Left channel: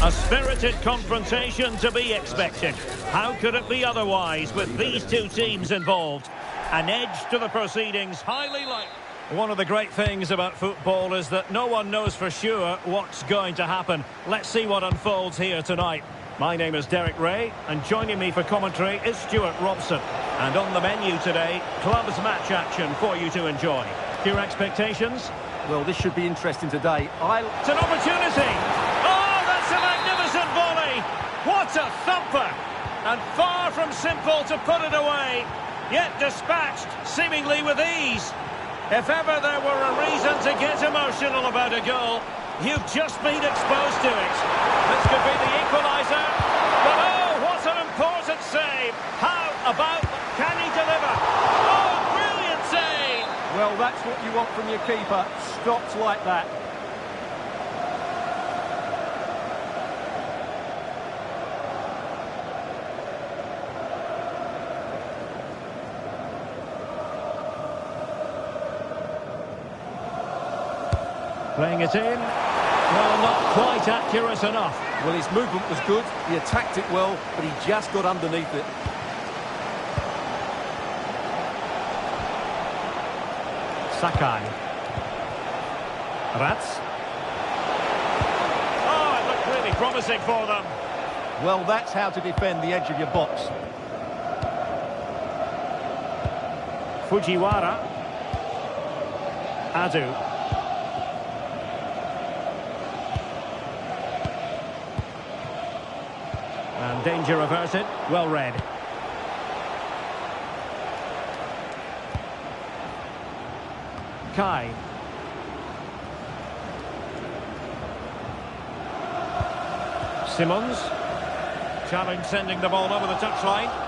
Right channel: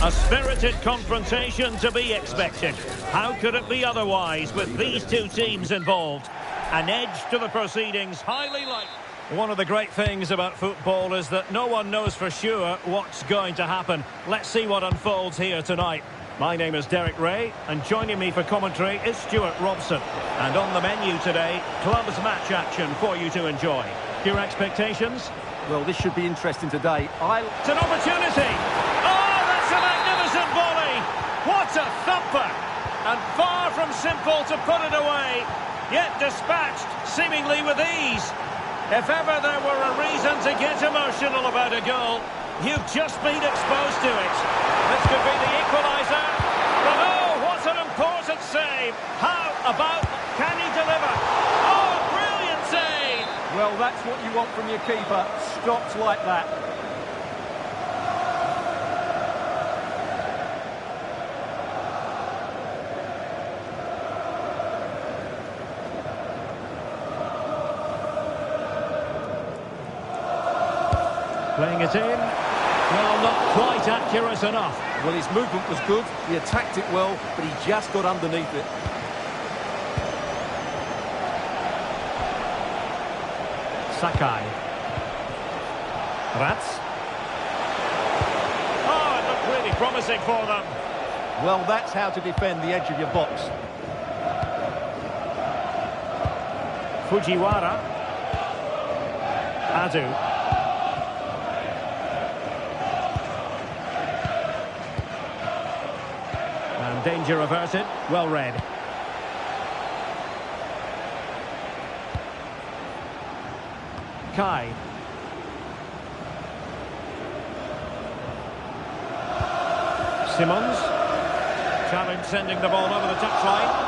A spirited confrontation to be expected. How could it be otherwise with these two teams involved? An edge to the proceedings, highly likely. One of the great things about football is that no one knows for sure what's going to happen. Let's see what unfolds here tonight. My name is Derek Ray, and joining me for commentary is Stuart Robson. And on the menu today, clubs match action for you to enjoy. Your expectations? Well, this should be interesting today. It's an opportunity! Oh, that's a magnificent volley! What a thumper! And far from simple to put it away, yet dispatched seemingly with ease. If ever there were a reason to get emotional about a goal, you've just been exposed to it. This could be the equaliser. But oh, what an important save. How about, can he deliver? Oh, a brilliant save. Well, that's what you want from your keeper. Stopped like that. Playing it in. Well, not quite accurate enough. Well, his movement was good. He attacked it well, but he just got underneath it. Sakai. Rats. Oh, it looked really promising for them. Well, that's how to defend the edge of your box. Fujiwara. Adu. And danger averted. Well read. Kai. Simmons. Challenge sending the ball over the touchline.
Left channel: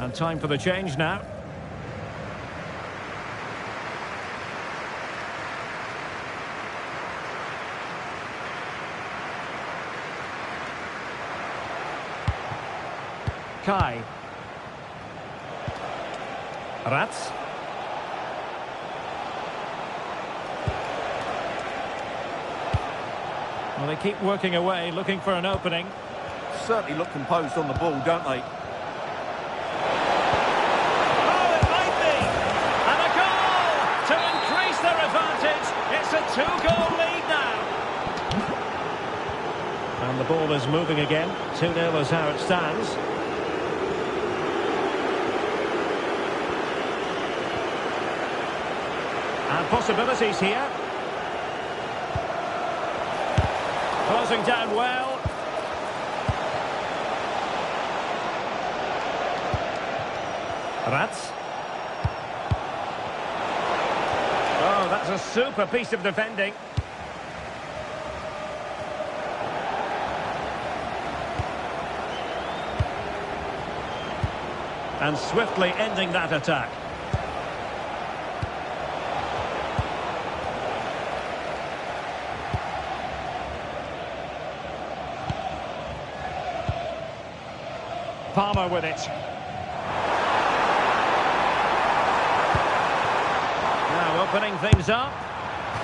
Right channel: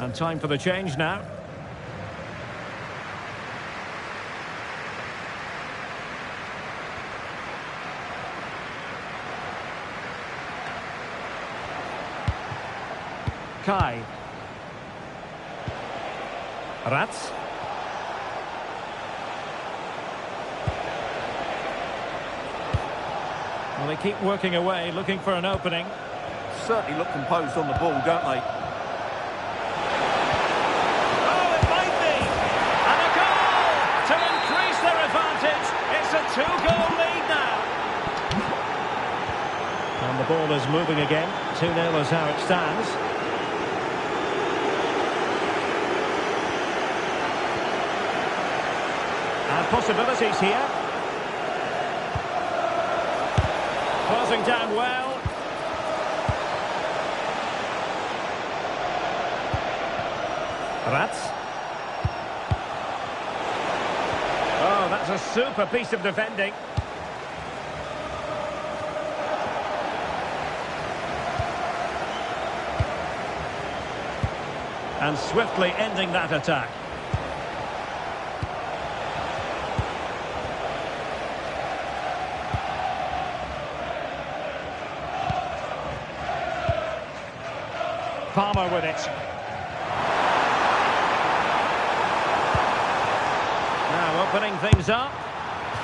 And time for the change now. Kai. Rats. Well, they keep working away, looking for an opening. Certainly look composed on the ball, don't they? It's a two-goal lead now. And the ball is moving again. 2-0 is how it stands. And possibilities here. Closing down well. Rats. Oh, that's a super piece of defending. And swiftly ending that attack. Palmer with it. Now opening things up.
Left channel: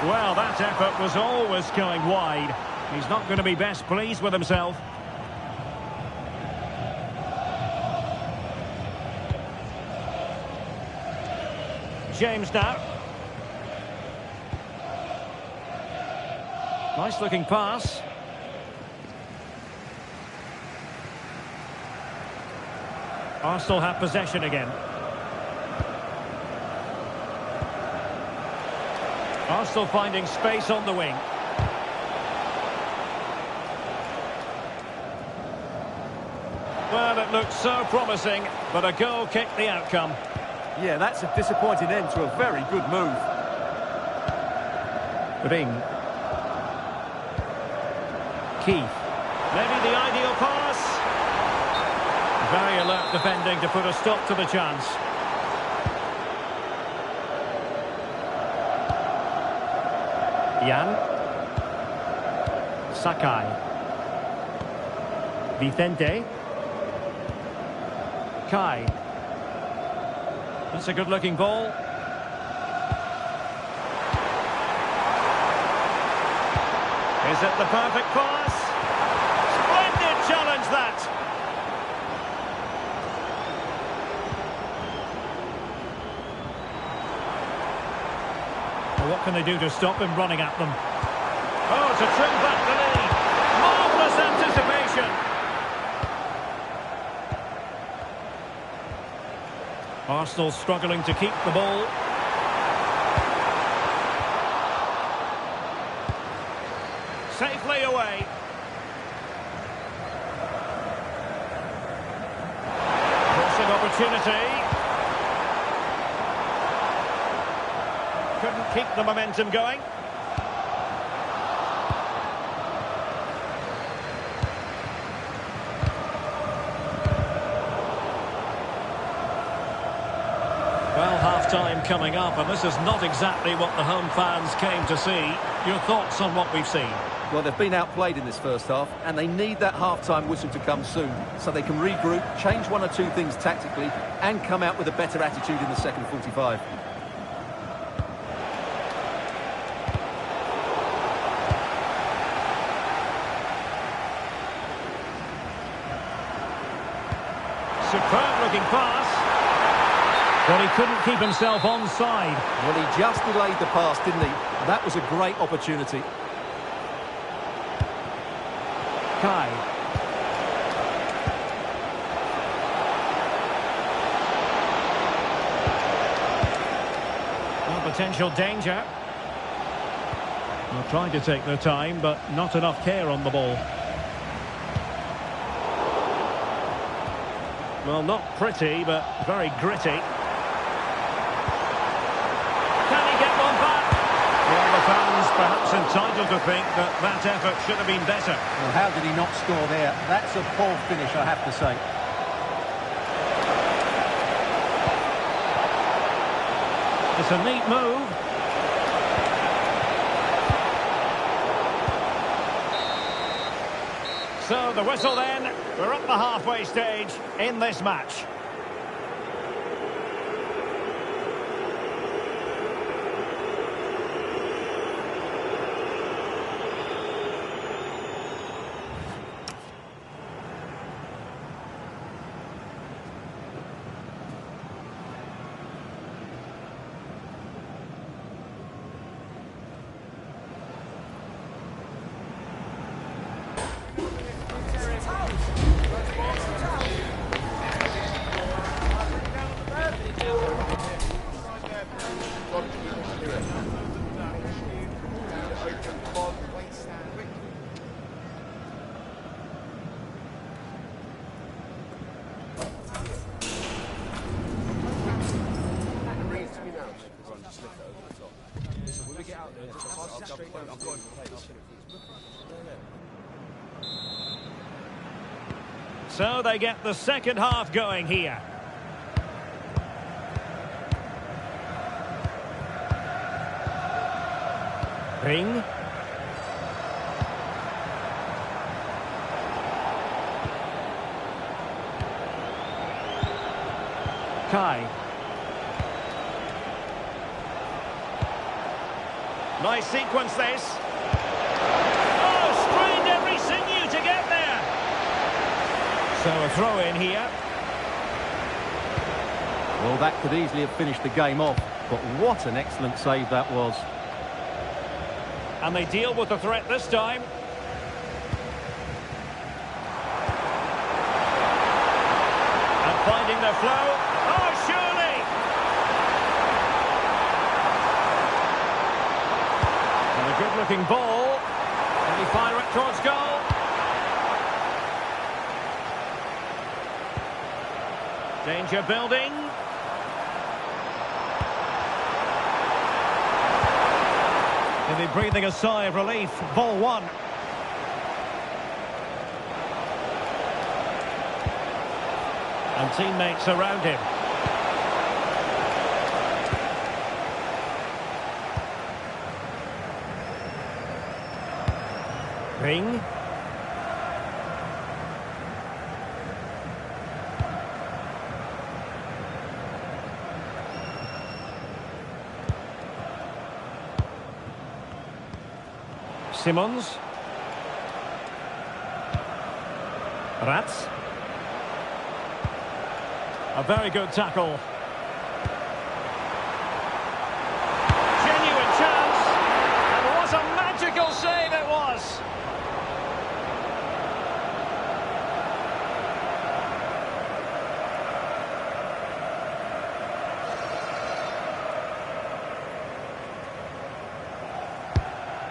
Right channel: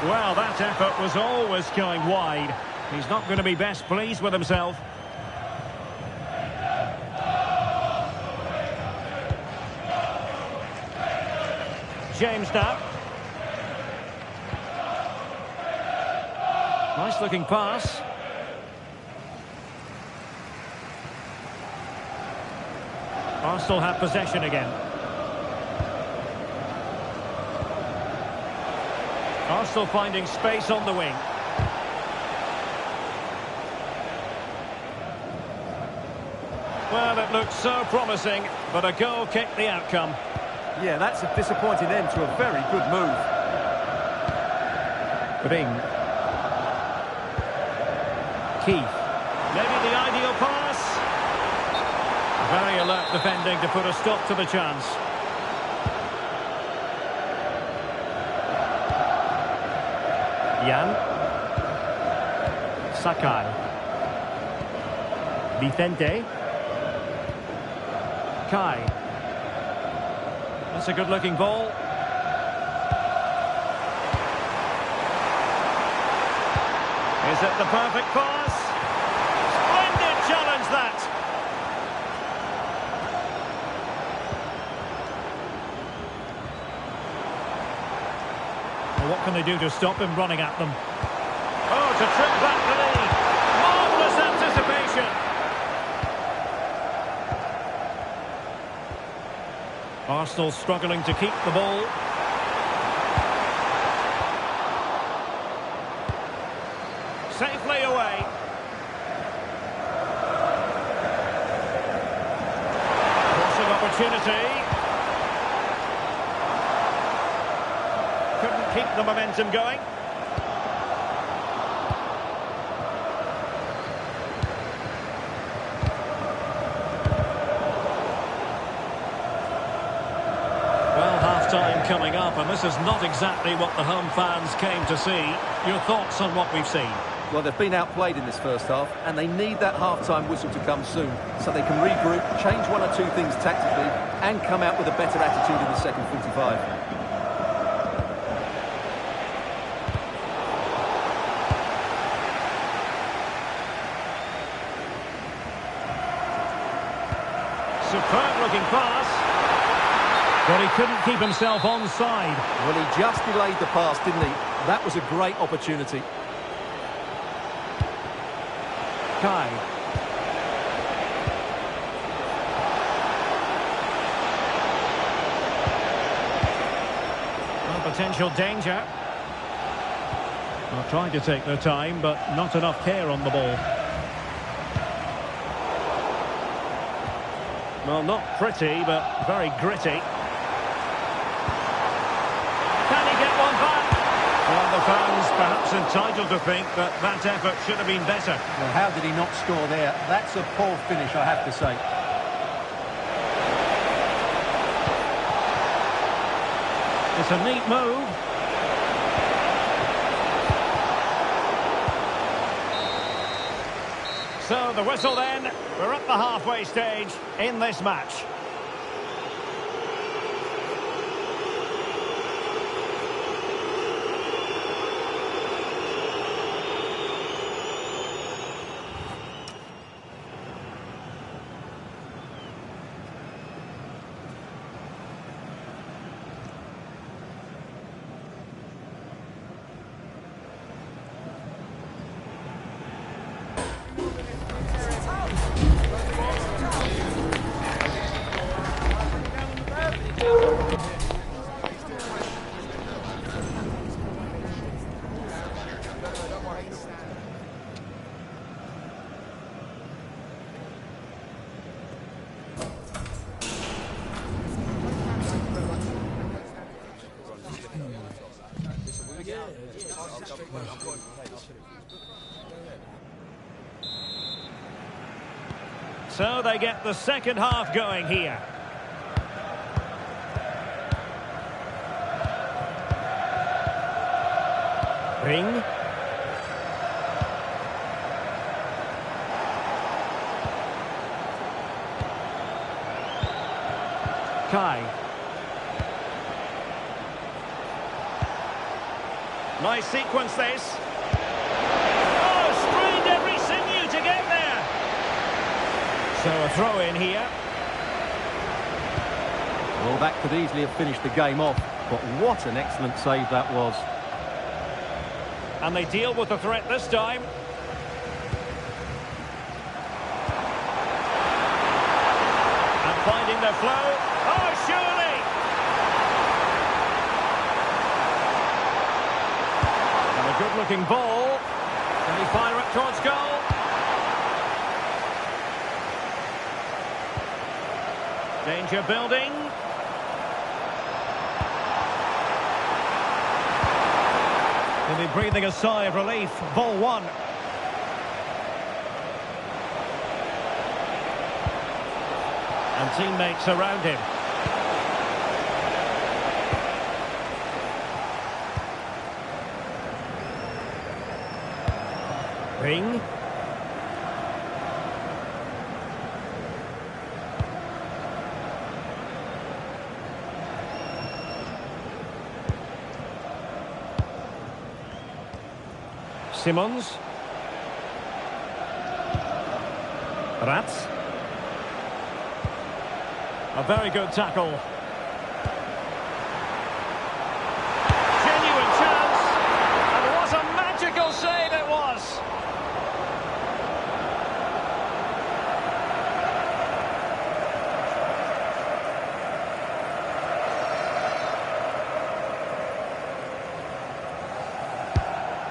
Well, that effort was always going wide. He's not going to be best pleased with himself. James now. Nice looking pass. Arsenal have possession again. Arsenal finding space on the wing. Well, it looked so promising, but a goal kicked the outcome. Yeah, that's a disappointing end to a very good move. Ring. Keith. Maybe the ideal pass. Very alert defending to put a stop to the chance. Jan. Sakai. Vicente. Kai. That's a good-looking ball. Is it the perfect pass? Splendid challenge, that! Well, what can they do to stop him running at them? Oh, to trim back the lead. Marvellous anticipation. Arsenal struggling to keep the ball. Safely away. Crossing opportunity. Couldn't keep the momentum going. Well, half-time coming up, and this is not exactly what the home fans came to see. Your thoughts on what we've seen? Well, they've been outplayed in this first half, and they need that half-time whistle to come soon, so they can regroup, change one or two things tactically, and come out with a better attitude in the second 45. Superb-looking pass. But he couldn't keep himself onside. Well, he just delayed the pass, didn't he? That was a great opportunity. Kai. Well, potential danger. Well, trying to take their time, but not enough care on the ball. Well, not pretty, but very gritty. Can he get one back? Well, the fans perhaps entitled to think that that effort should have been better. Well, how did he not score there? That's a poor finish, I have to say. It's a neat move. So the whistle then. We're at the halfway stage in this match. So they get the second half going here. Ring. Kai. Nice sequence this. Oh, strained every sinew to get there. So a throw in here. Well, that could easily have finished the game off, but what an excellent save that was. And they deal with the threat this time. And finding their flow. Oh, surely! And a good-looking ball. Can he fire it towards goal? Danger building. He'll be breathing a sigh of relief. Ball one. And teammates around him. Ring. Simons. Rats. A very good tackle. Genuine chance. And what a magical save it was.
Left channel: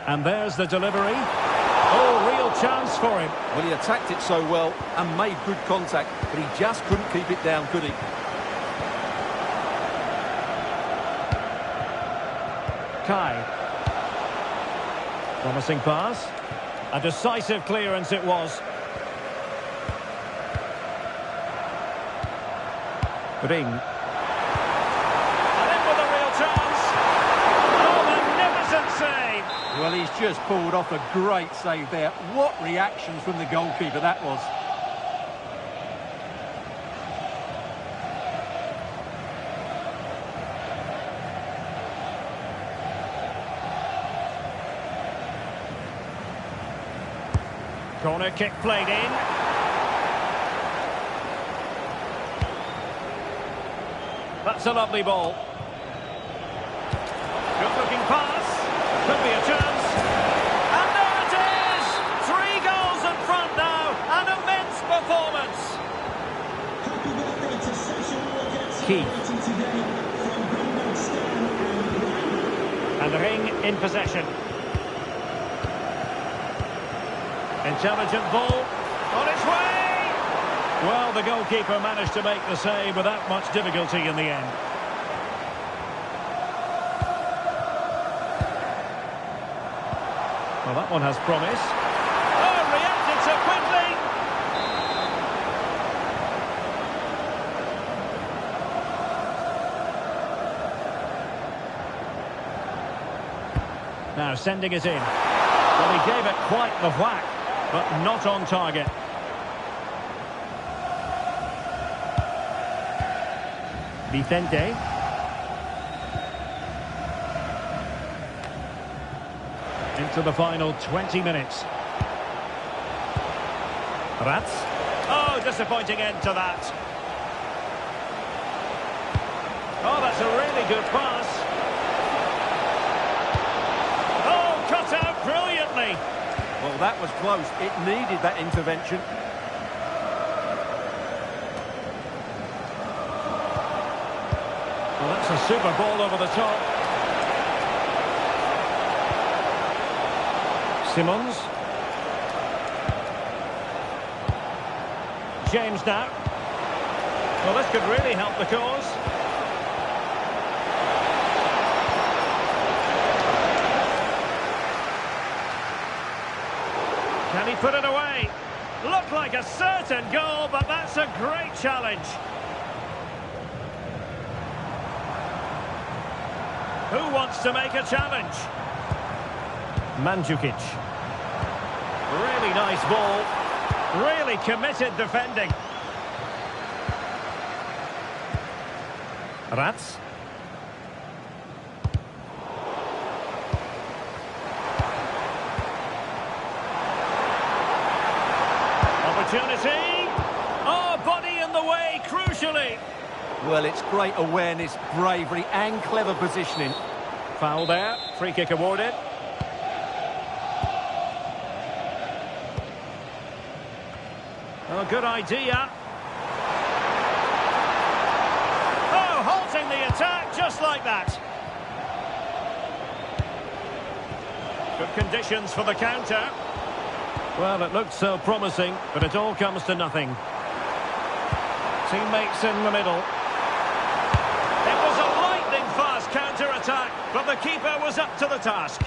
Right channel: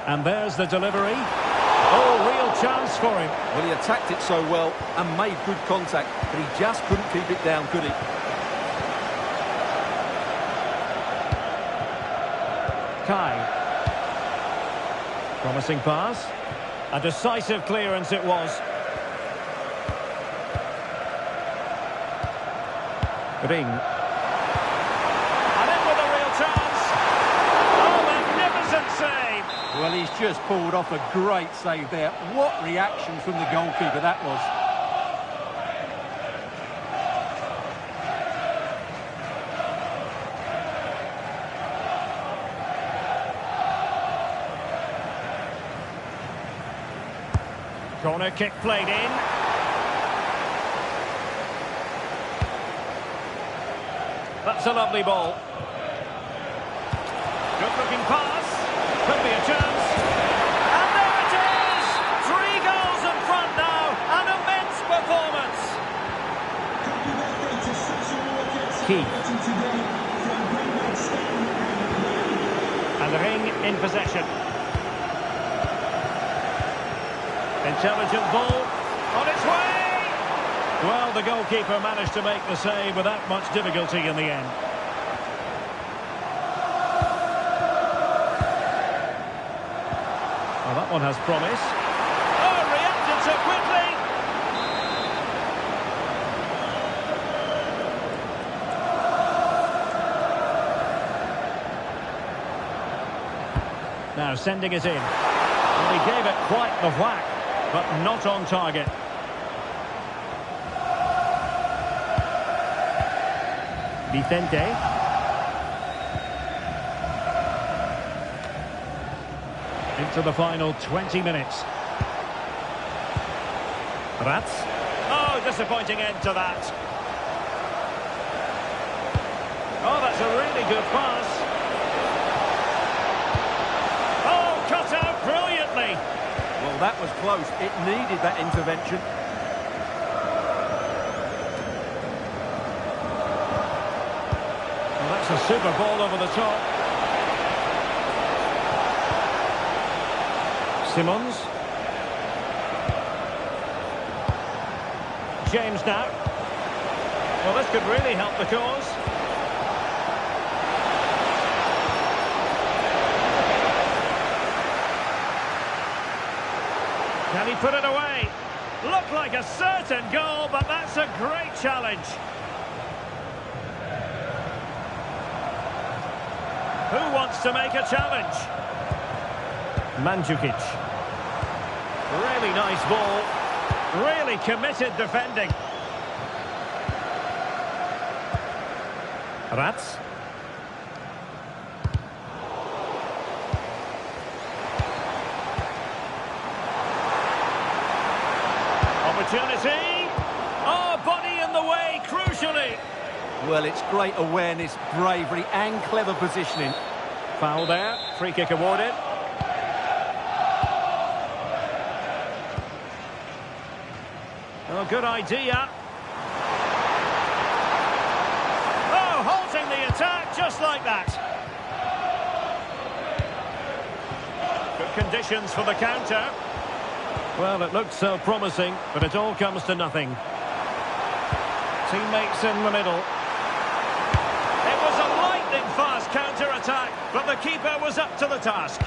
And there's the delivery. Oh, real chance for him. Well, he attacked it so well and made good contact, but he just couldn't keep it down, could he? Kai. Promising pass. A decisive clearance it was. Ring. And in with a real chance. Oh, magnificent save. Well, he's just pulled off a great save there. What reaction from the goalkeeper that was. Corner kick played in. That's a lovely ball. Good looking pass. Could be a chance. And there it is! 3 goals in front now. An immense performance. Happy birthday to Sasha Walker. Keith. Celebrating today from Greenbelt Stan and Graham. And the Ring in possession. Intelligent ball. On its way! Well, the goalkeeper managed to make the save without much difficulty in the end. Well, that one has promise. Oh, reacted so quickly! Now sending it in. Well, he gave it quite the whack, but not on target. Vicente. Into the final 20 minutes. Rats. Oh, disappointing end to that. Oh, that's a really good pass. Oh, cut out brilliantly. Well, that was close. It needed that intervention. Well, that's a super ball over the top. Simons. James now. Well, this could really help the cause. Can he put it away? Looked like a certain goal, but that's a great challenge. Who wants to make a challenge? Mandzukic. Really nice ball. Really committed defending. Rats. Opportunity. Oh, body in the way, crucially. Well, it's great awareness, bravery and clever positioning. Foul there. Free kick awarded. Oh, good idea. Oh, halting the attack just like that. Good conditions for the counter. Well, it looked so promising, but it all comes to nothing. Teammates in the middle. It was a lightning-fast counter-attack, but the keeper was up to the task.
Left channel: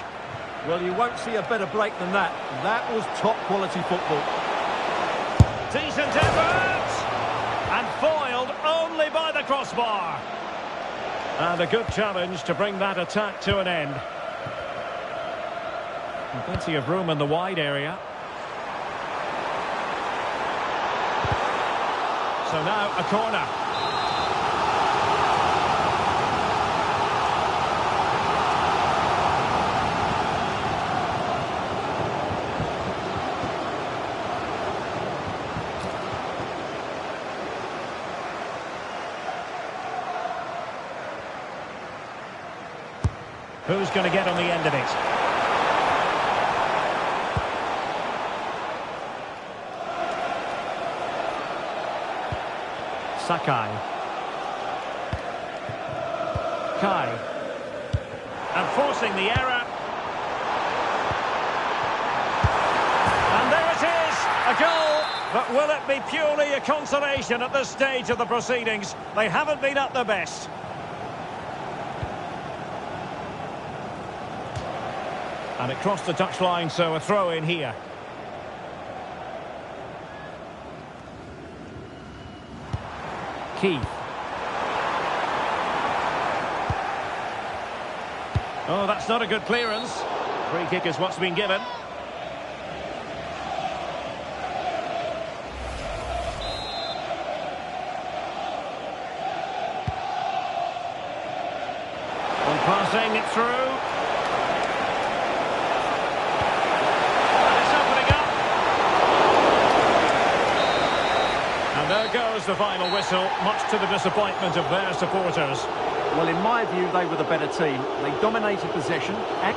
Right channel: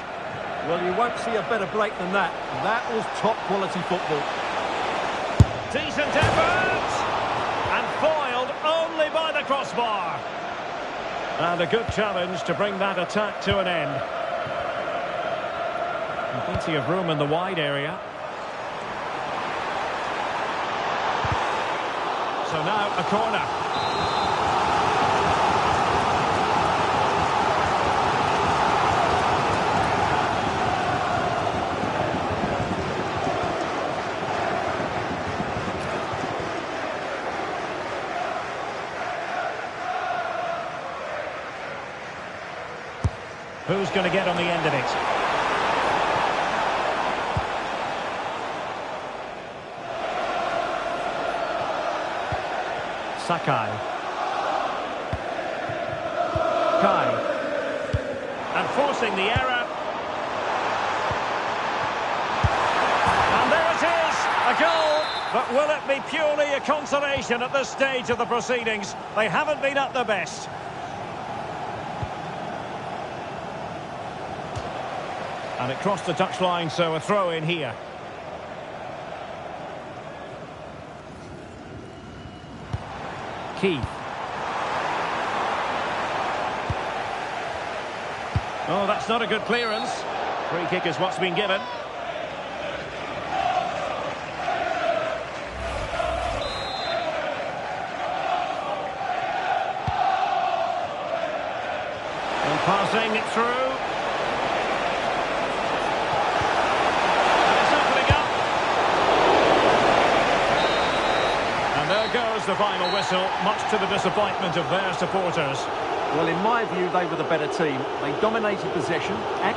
Well, you won't see a better break than that. That was top-quality football. Decent effort! And foiled only by the crossbar. And a good challenge to bring that attack to an end. And plenty of room in the wide area. So now a corner. Who's going to get on the end of it? Sakai. Kai. And forcing the error. And there it is, a goal. But will it be purely a consolation at this stage of the proceedings? They haven't been at their best. And it crossed the touchline, so a throw in here. Keith. Oh, that's not a good clearance. Free kick is what's been given. And passing it through. And there goes the final whistle, much to the disappointment of their supporters. Well, in my view, they were the better team. They dominated possession and...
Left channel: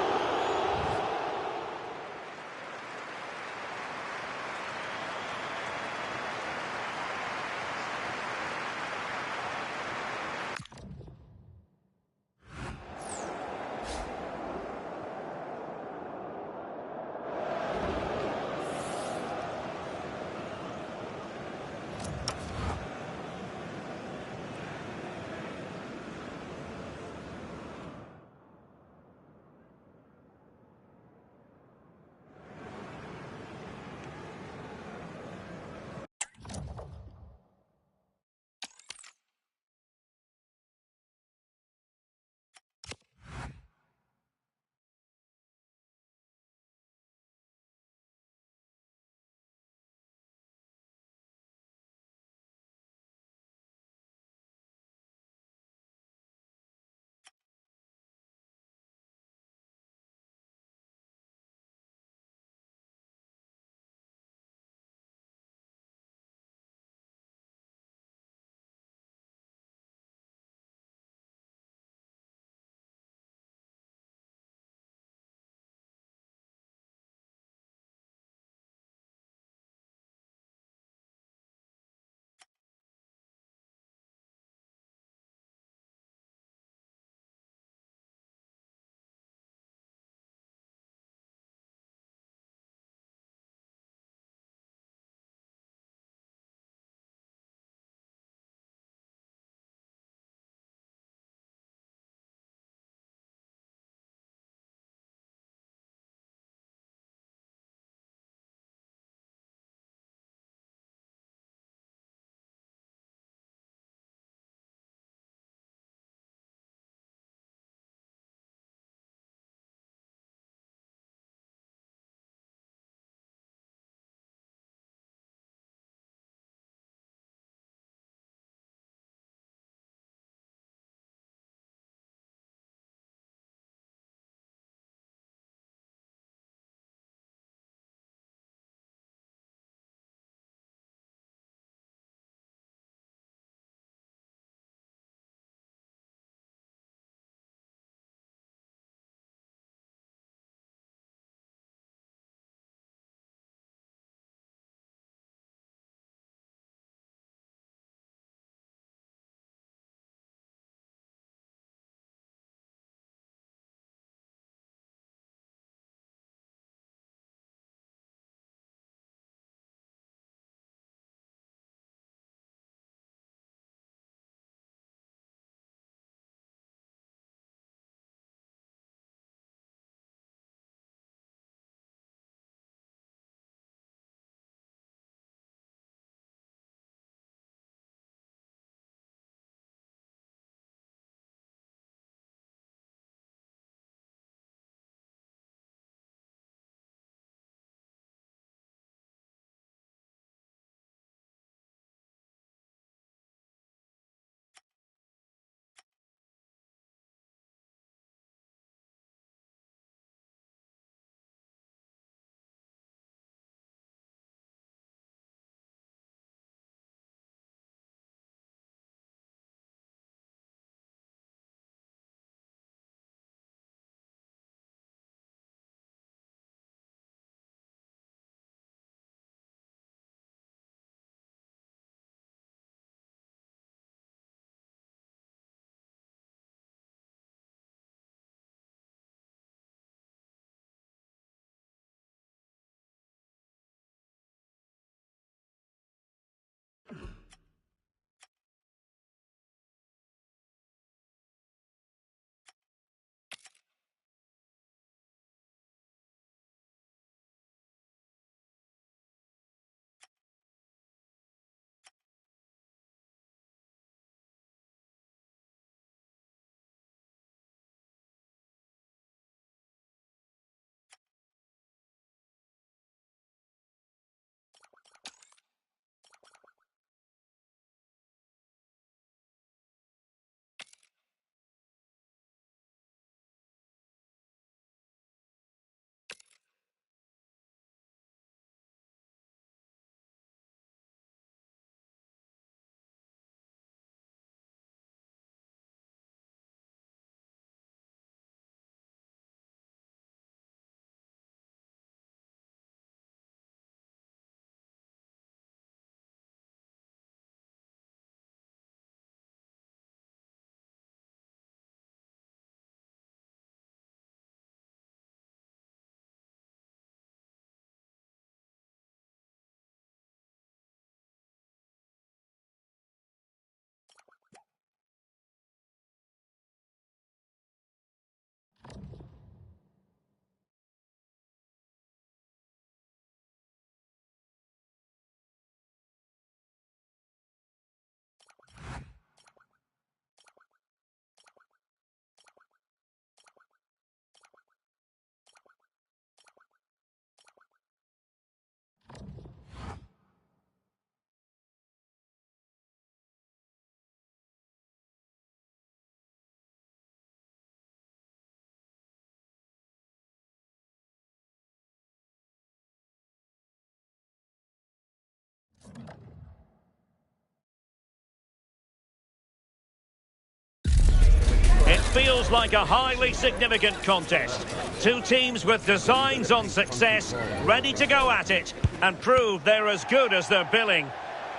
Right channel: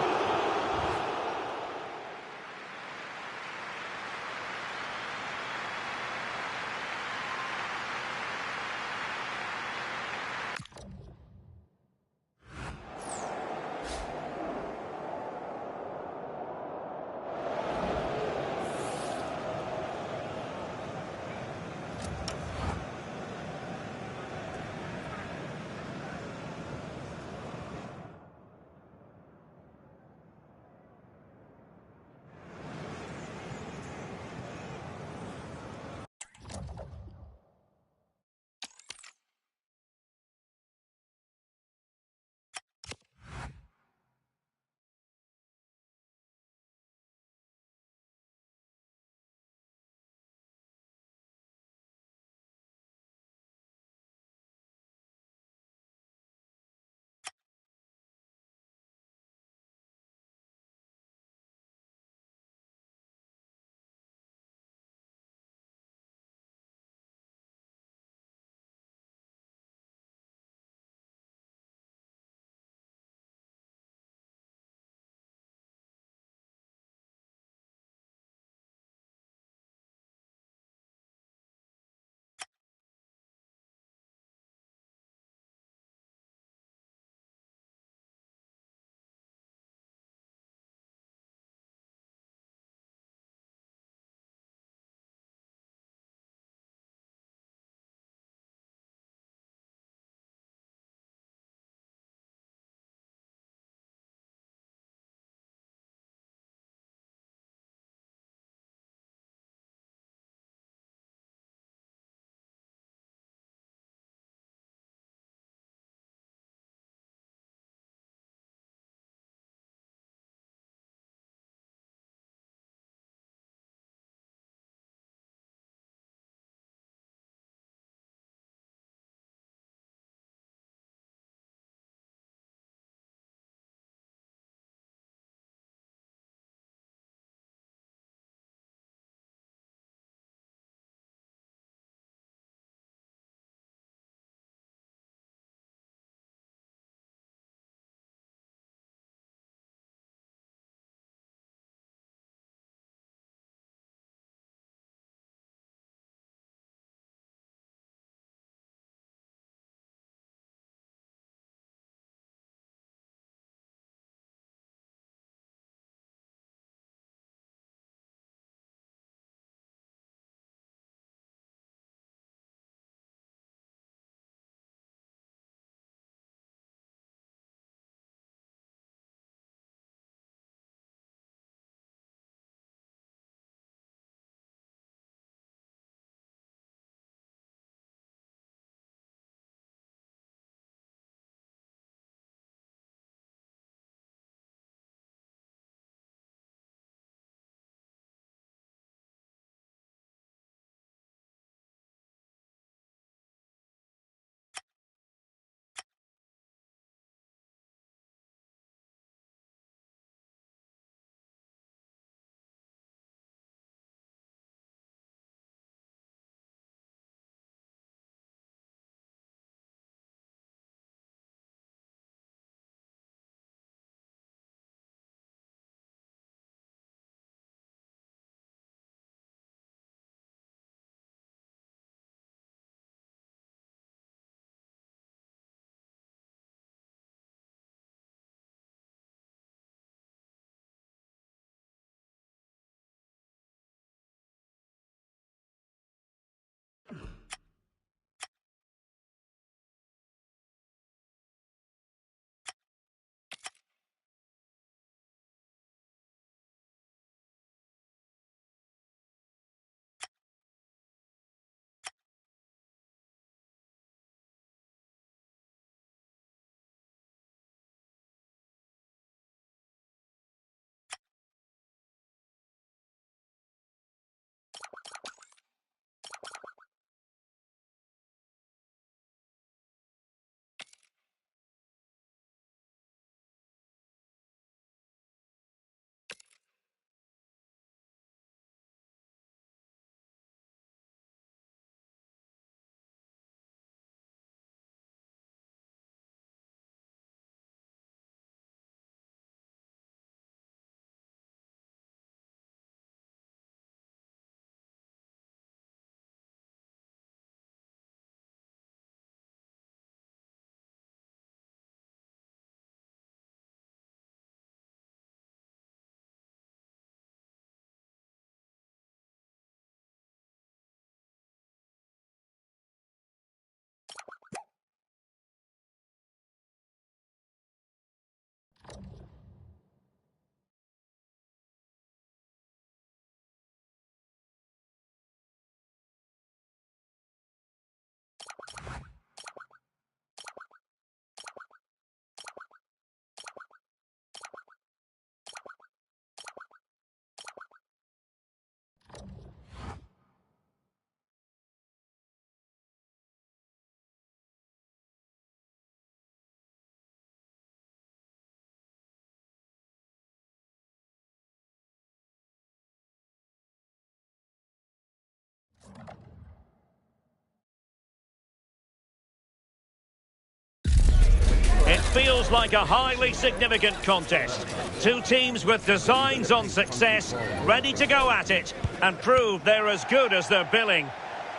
feels like a highly significant contest. Two teams with designs on success, ready to go at it and prove they're as good as their billing.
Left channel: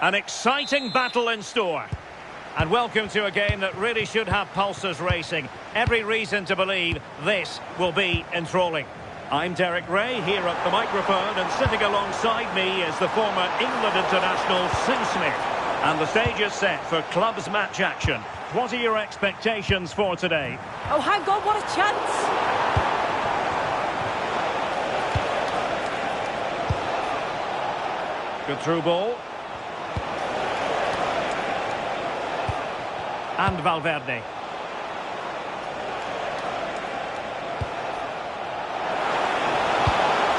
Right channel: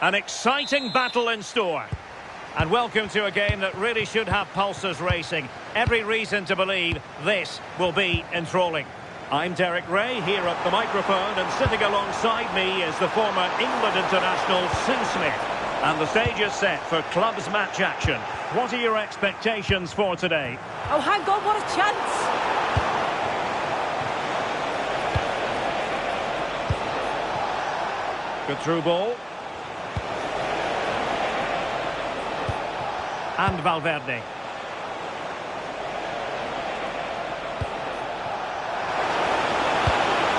An exciting battle in store. And welcome to a game that really should have pulses racing. Every reason to believe this will be enthralling. I'm Derek Ray here at the microphone, and sitting alongside me is the former England international Sue Smith. And the stage is set for clubs match action. What are your expectations for today? Oh, hang on, what a chance! Good through ball. And Valverde.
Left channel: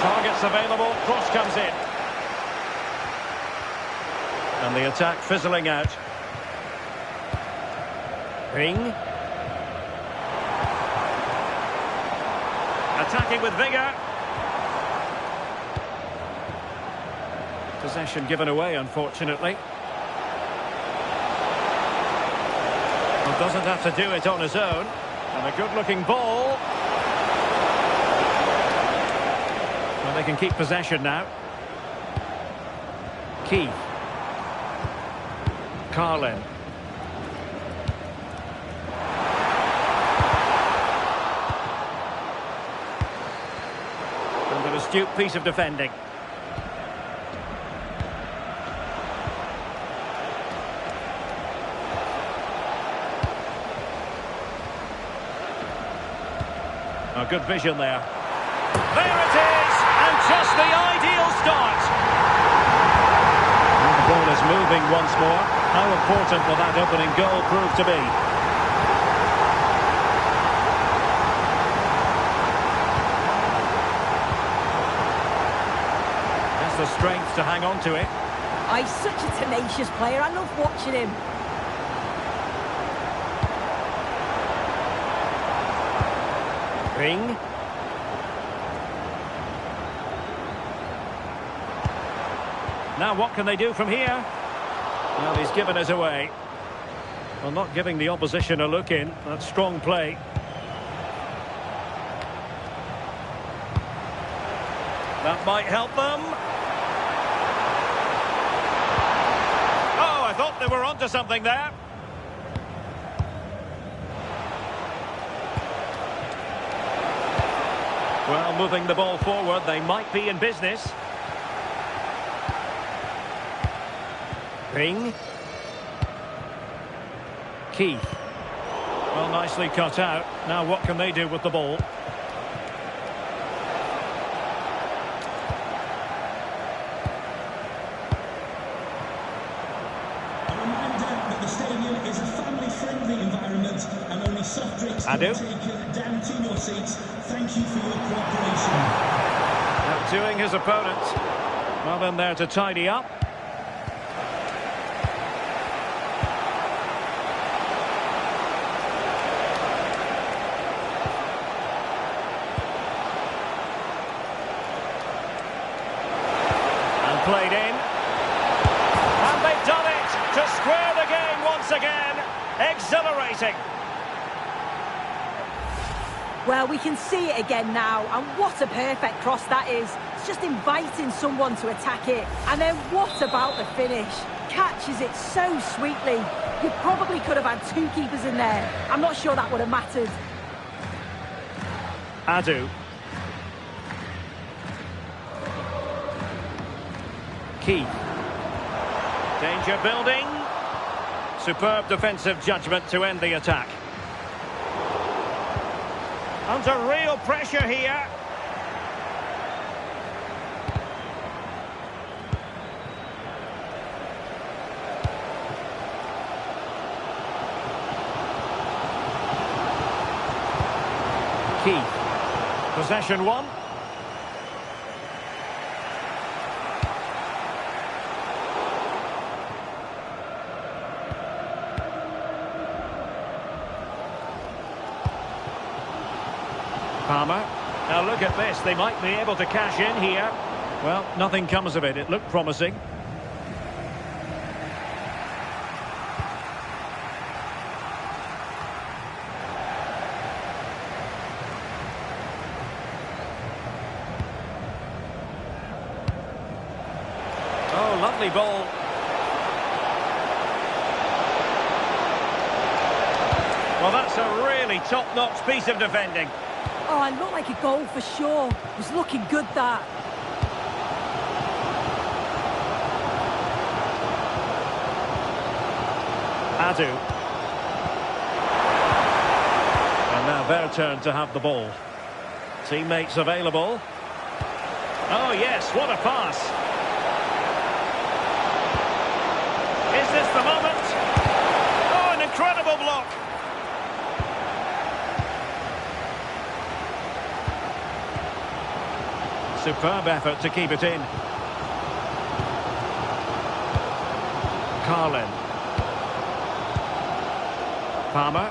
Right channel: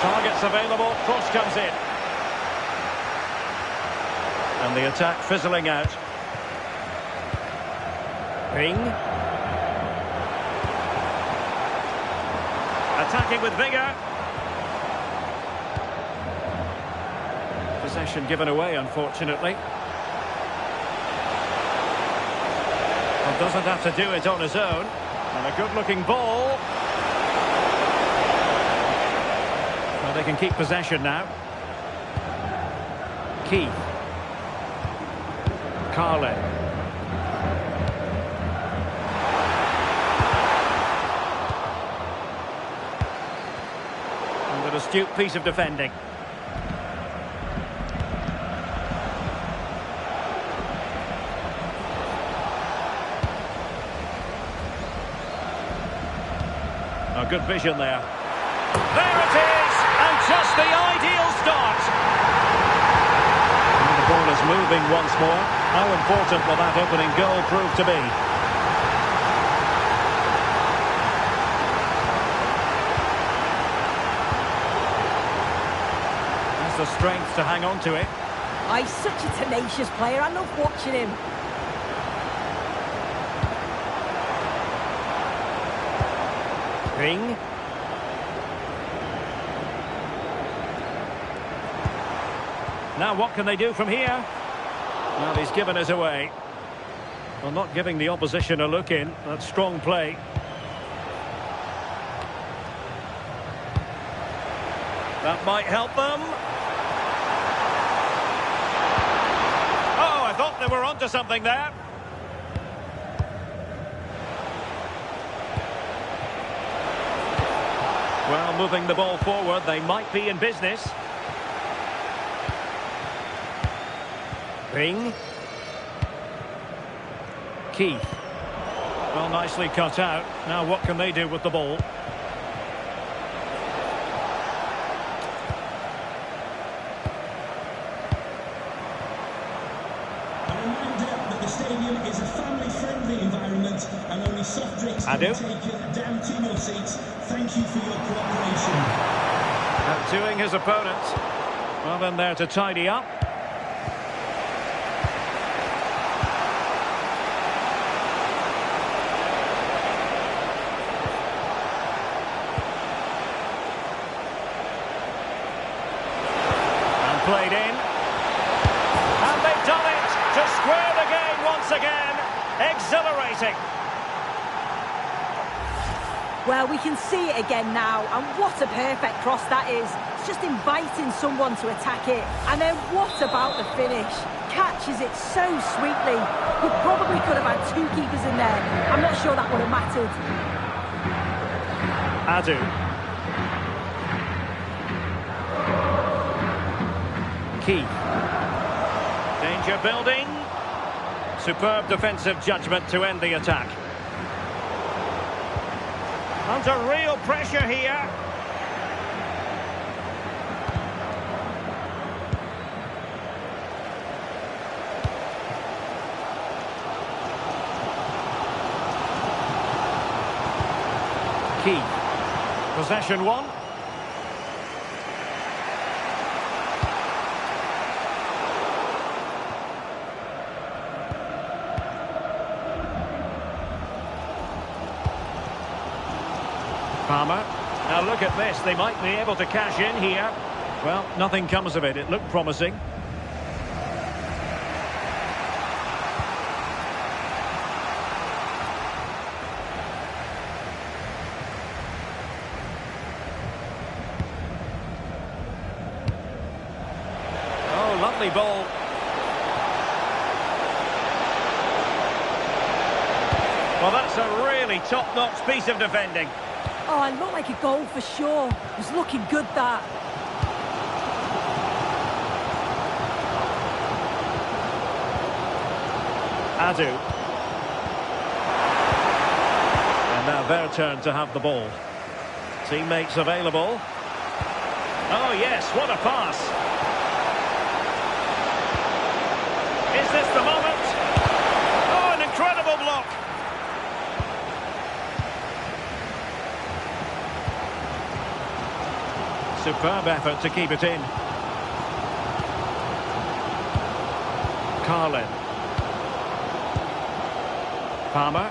Targets available, cross comes in. And the attack fizzling out. Ring. Attacking with vigour. Possession given away, unfortunately. Well, doesn't have to do it on his own. And a good-looking ball. Well, they can keep possession now. Keith. Carlin. And an astute piece of defending. A good vision there. There it is! And just the ideal start. Well, the ball is moving once more. How important will that opening goal prove to be? Has the strength to hang on to it. Oh, he's such a tenacious player. I love watching him. Ring. Now what can they do from here? Well, he's given us away. Well, not giving the opposition a look in. That's strong play. That might help them. Oh, I thought they were onto something there. Well, moving the ball forward, they might be in business. Ring. Keith. Well, nicely cut out. Now what can they do with the ball? A reminder that the stadium is a family-friendly environment and only soft drinks can be taken down to your seats. Thank you for your cooperation. Outdoing his opponent. Well, in there to tidy up. And played in. And they've done it to square the game once again. Exhilarating. Well, we can see it again now, and what a perfect cross that is. It's just inviting someone to attack it. And then what about the finish? Catches it so sweetly. You probably could have had two keepers in there. I'm not sure that would have mattered. Adu. Keith. Danger building. Superb defensive judgment to end the attack. Under real pressure here. Keith. Possession one. Palmer. Now look at this. They might be able to cash in here. Well, nothing comes of it. It looked promising. Lovely ball. Well, that's a really top-notch piece of defending. Oh, it looked like a goal for sure. It was looking good, that. Adu. And now their turn to have the ball. Teammates available. Oh, yes, what a pass. Is this the moment? Oh, an incredible block. Superb effort to keep it in. Carlin. Palmer.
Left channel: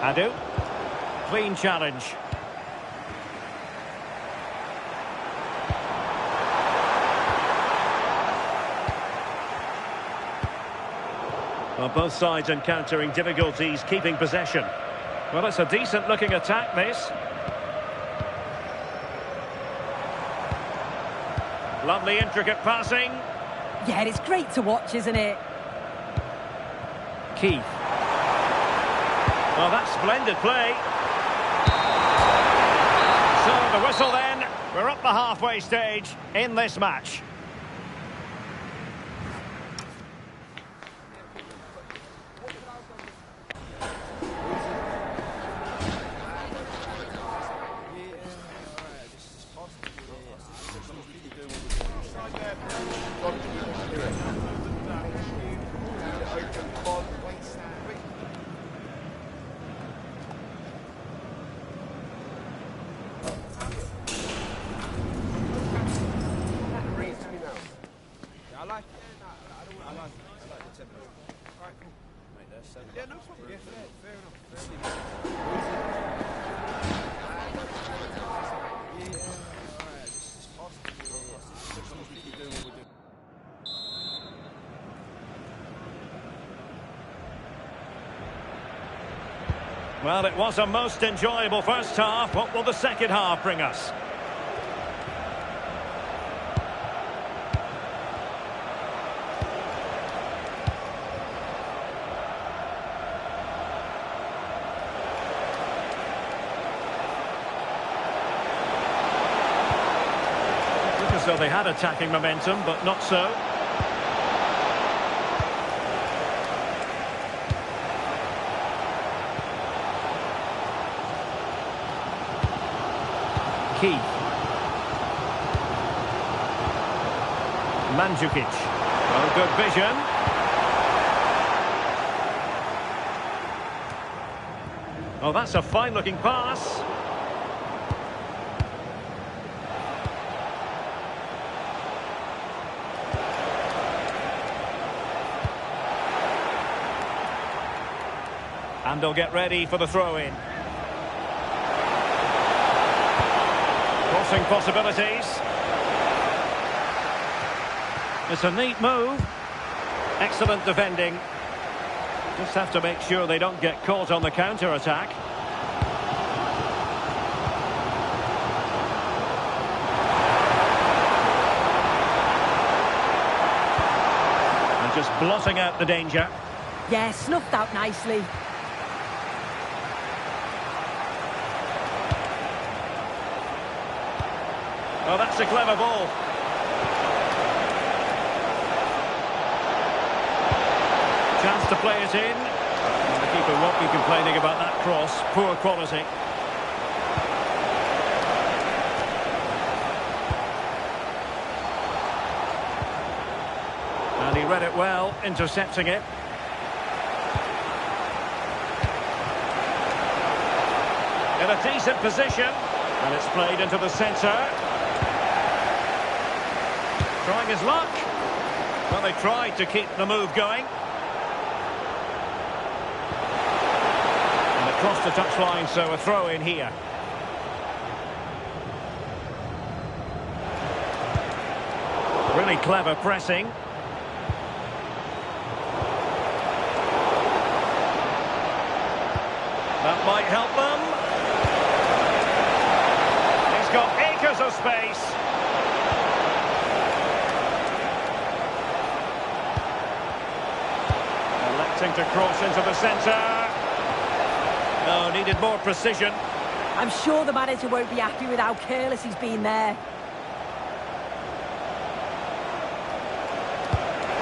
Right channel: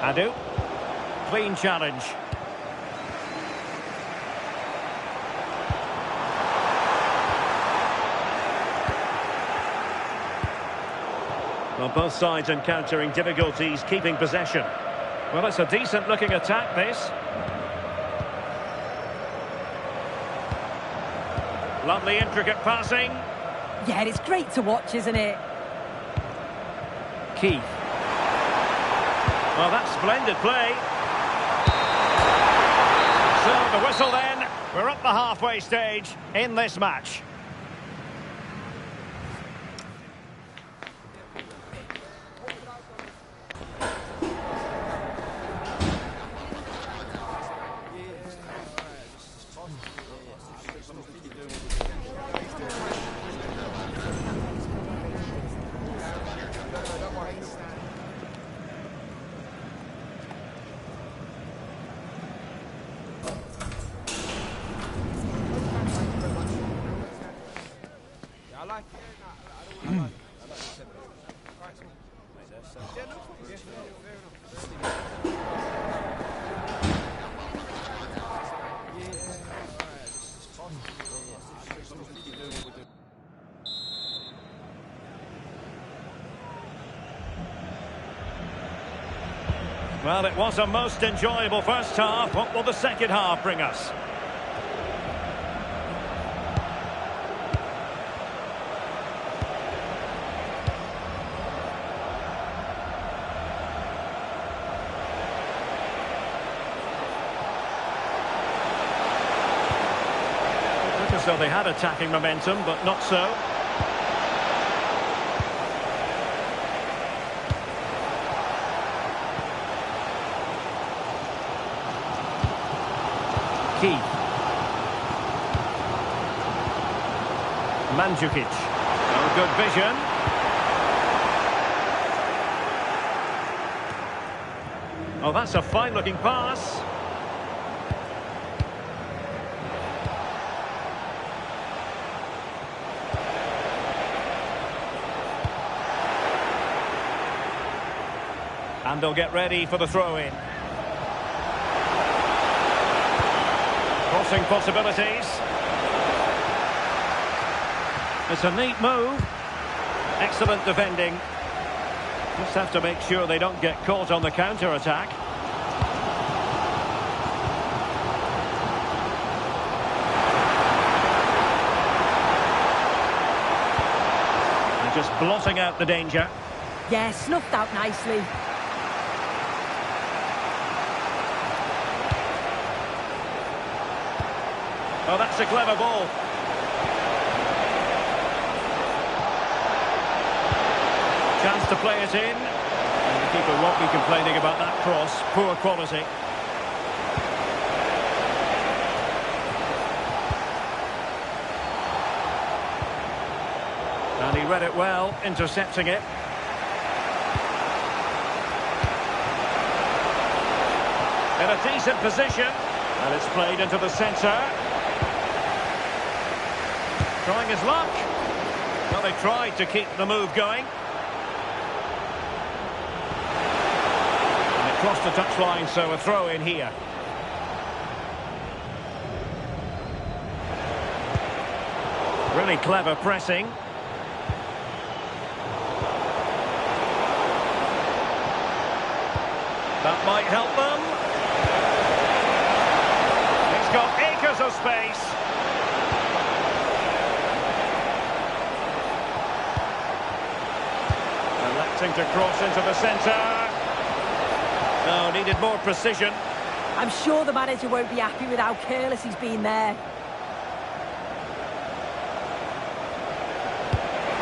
Adu. Clean challenge. Well, both sides encountering difficulties keeping possession. Well, it's a decent looking attack, this. Lovely intricate passing. Yeah, it's great to watch, isn't it? Keith. Well, that's splendid play. So the whistle then. We're up the halfway stage in this match. Well, it was a most enjoyable first half. What will the second half bring us? It looked as though they had attacking momentum, but not so. Keith. Mandzukic. Well, good vision. Oh, that's a fine-looking pass. And they'll get ready for the throw-in. Crossing possibilities. It's a neat move. Excellent defending. Just have to make sure they don't get caught on the counter-attack. And just blotting out the danger. Yeah, snuffed out nicely. Oh, that's a clever ball. Chance to play it in. And the keeper won't be complaining about that cross. Poor quality. And he read it well, intercepting it. In a decent position. And it's played into the centre. Trying his luck. Well, they tried to keep the move going. And it crossed the touchline, so a throw in here. Really clever pressing. That might help them. He's got acres of space. Electing to cross into the centre. No, needed more precision. I'm sure the manager won't be happy with how careless he's been there.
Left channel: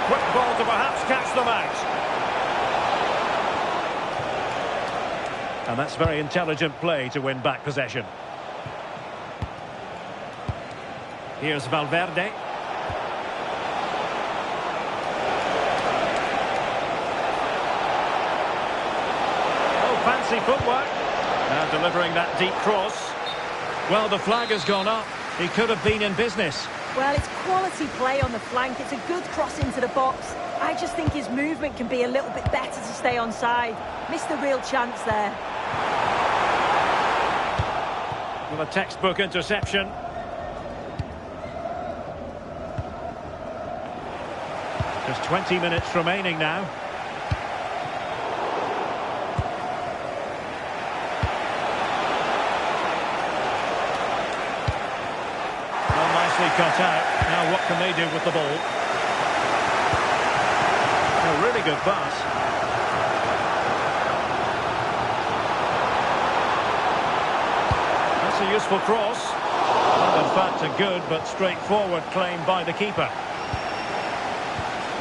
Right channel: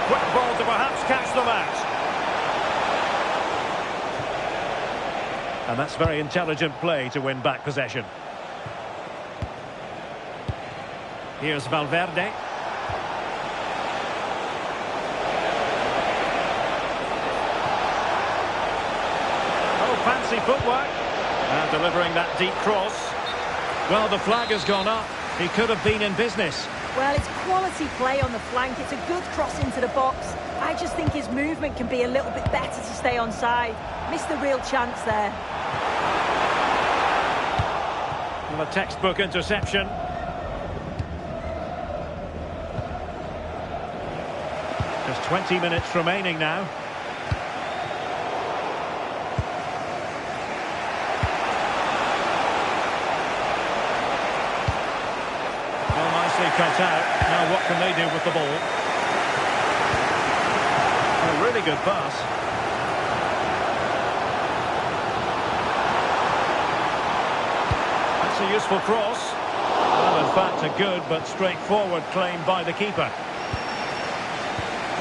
Quick ball to perhaps catch them out. And that's very intelligent play to win back possession. Here's Valverde. Oh, fancy footwork. Now delivering that deep cross. Well, the flag has gone up. He could have been in business. Well, it's quality play on the flank. It's a good cross into the box. I just think his movement can be a little bit better to stay onside. Missed a real chance there. Well, a textbook interception. Just 20 minutes remaining now. Well, nicely cut out. Now what can they do with the ball? A really good pass. That's a useful cross. Well, in fact, a good but straightforward claim by the keeper.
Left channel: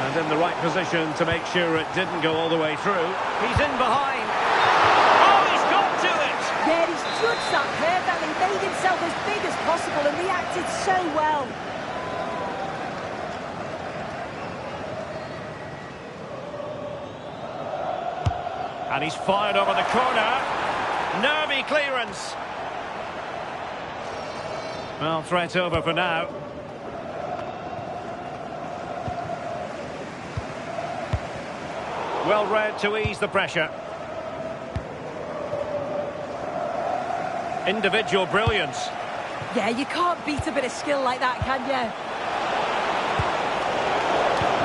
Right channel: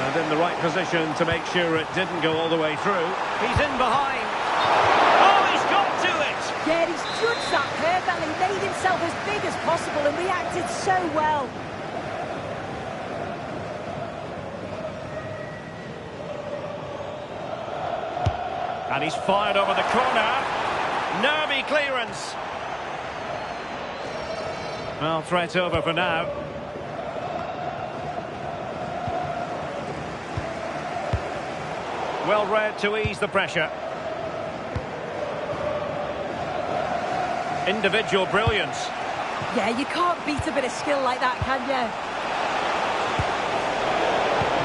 And in the right position to make sure it didn't go all the way through. He's in behind. Oh, he's got to it! Yeah, he's judged that perfectly, made himself as big as possible and reacted so well. And he's fired over the corner. Nervy clearance. Well, threat over for now. Well read to ease the pressure. Individual brilliance. Yeah, you can't beat a bit of skill like that, can you?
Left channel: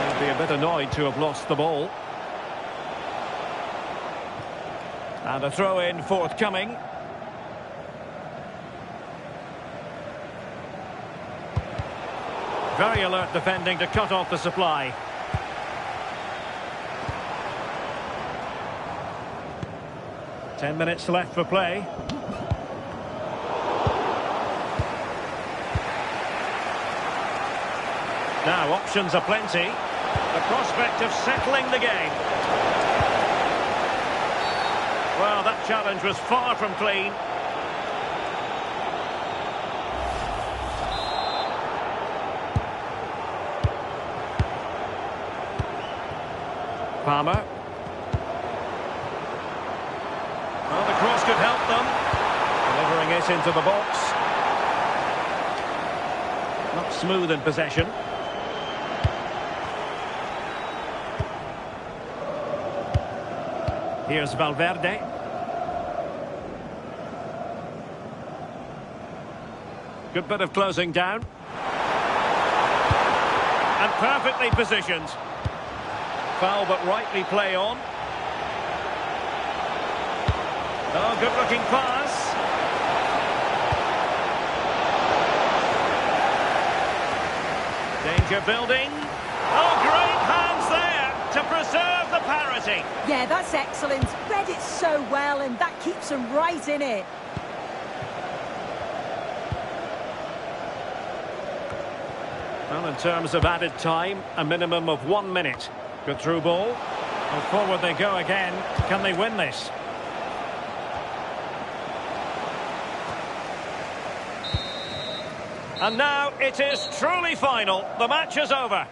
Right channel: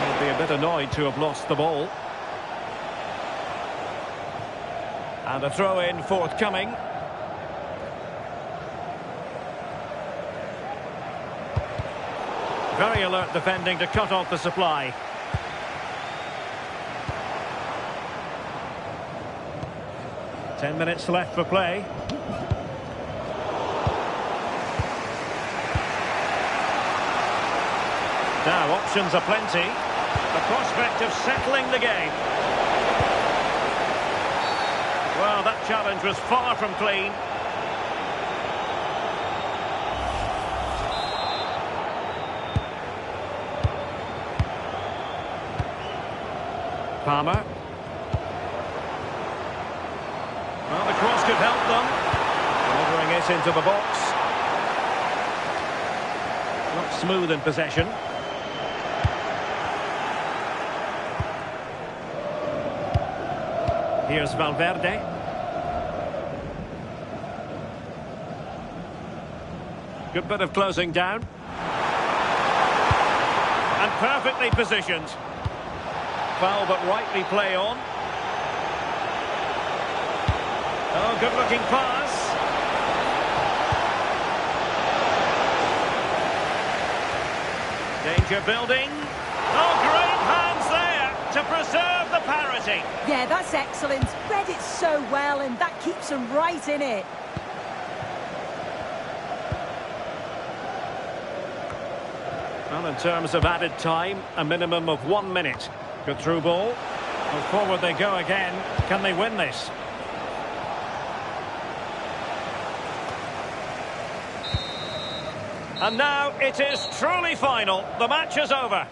He'll be a bit annoyed to have lost the ball. And a throw-in forthcoming. Very alert defending to cut off the supply. Ten minutes left for play. Now options are plenty. The prospect of settling the game. Well, that challenge was far from clean. Palmer. Well, the cross could help them. Delivering it into the box. Not smooth in possession. Here's Valverde. Good bit of closing down. And perfectly positioned. Foul but rightly play on. Oh, good-looking pass. Danger building. Oh, great hands there to preserve the parity. Yeah, that's excellent. Read it so well, and that keeps them right in it. Well, in terms of added time, a minimum of 1 minute. Good through ball. Well, forward they go again. Can they win this? And now it is truly final. The match is over.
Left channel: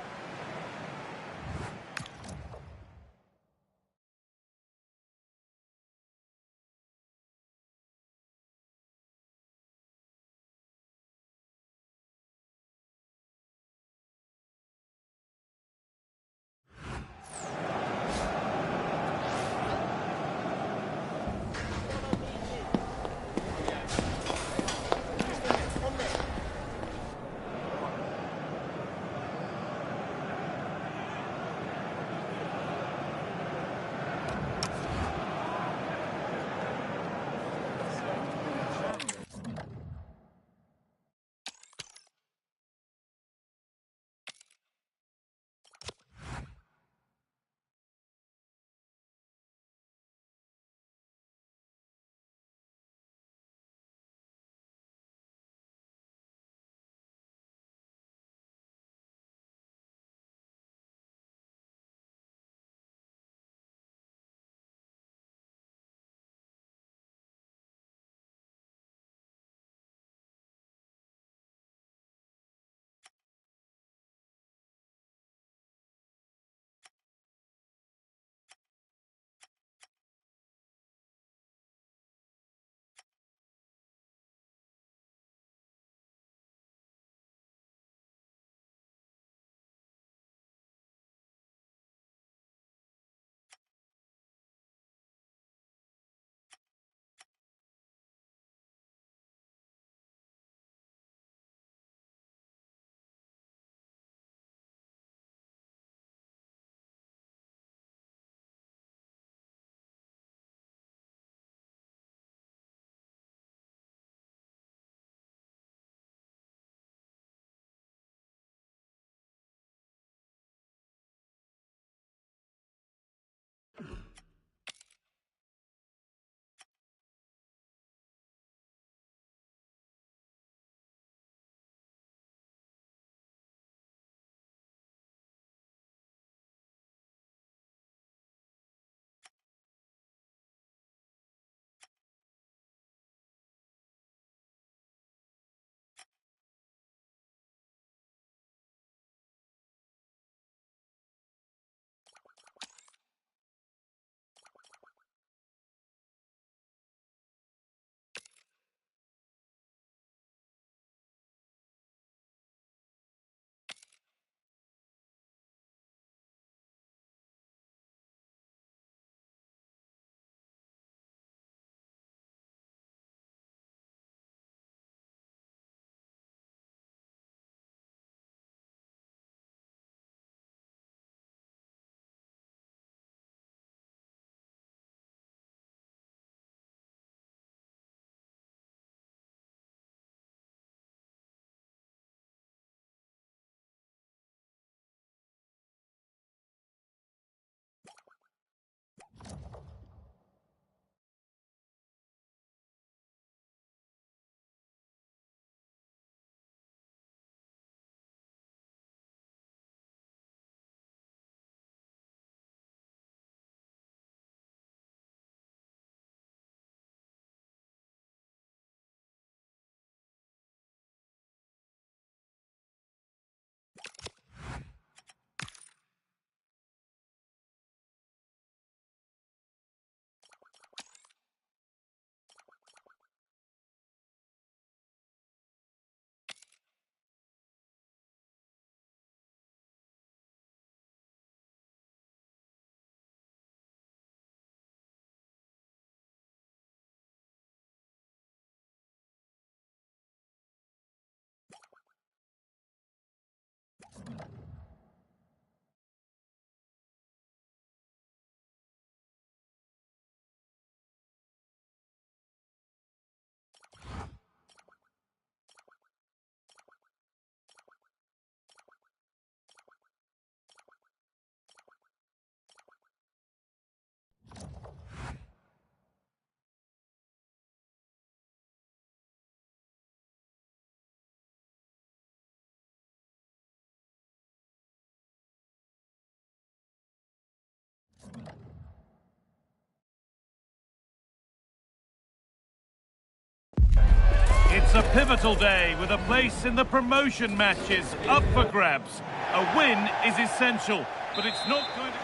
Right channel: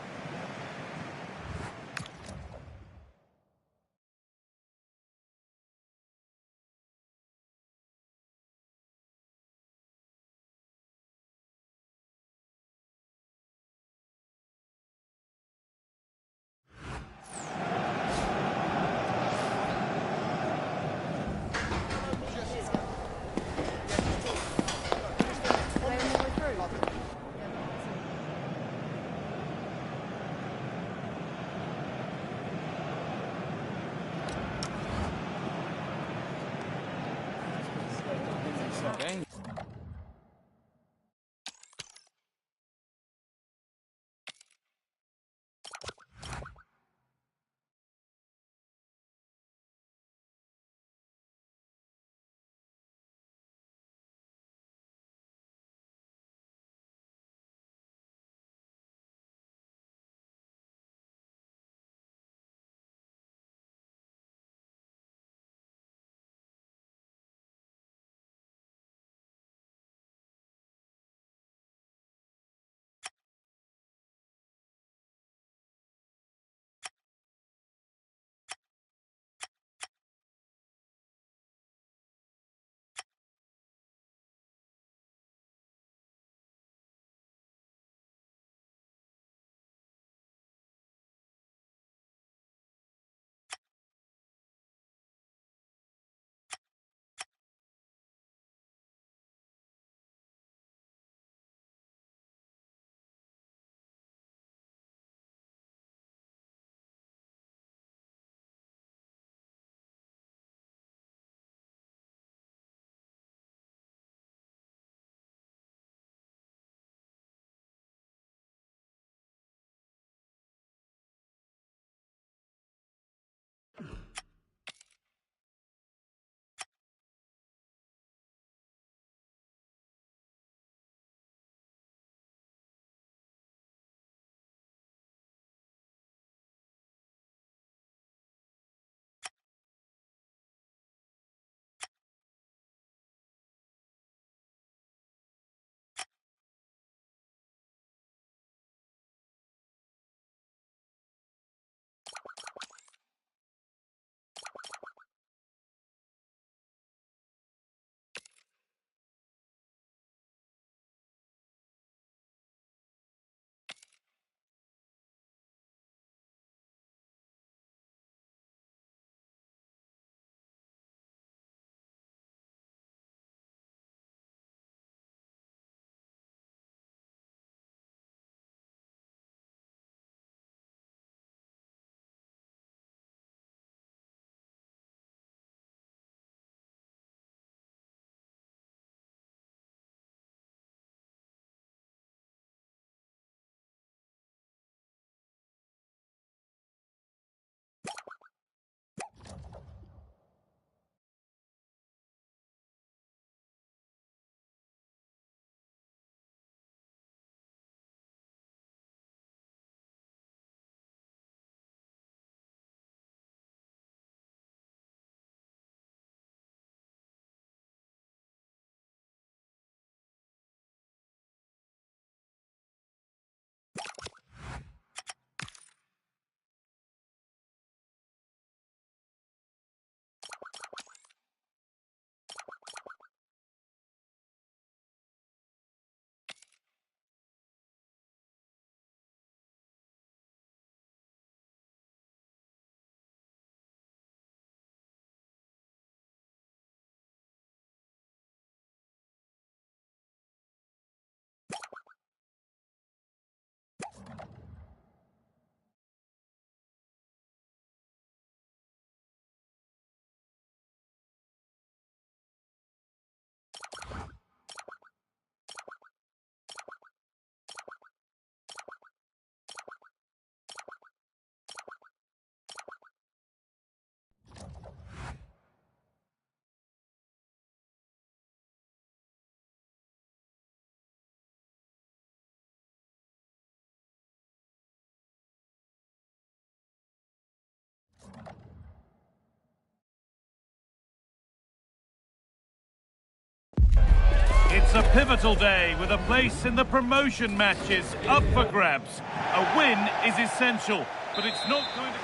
It's a pivotal day with a place in the promotion matches up for grabs. A win is essential, but it's not going to...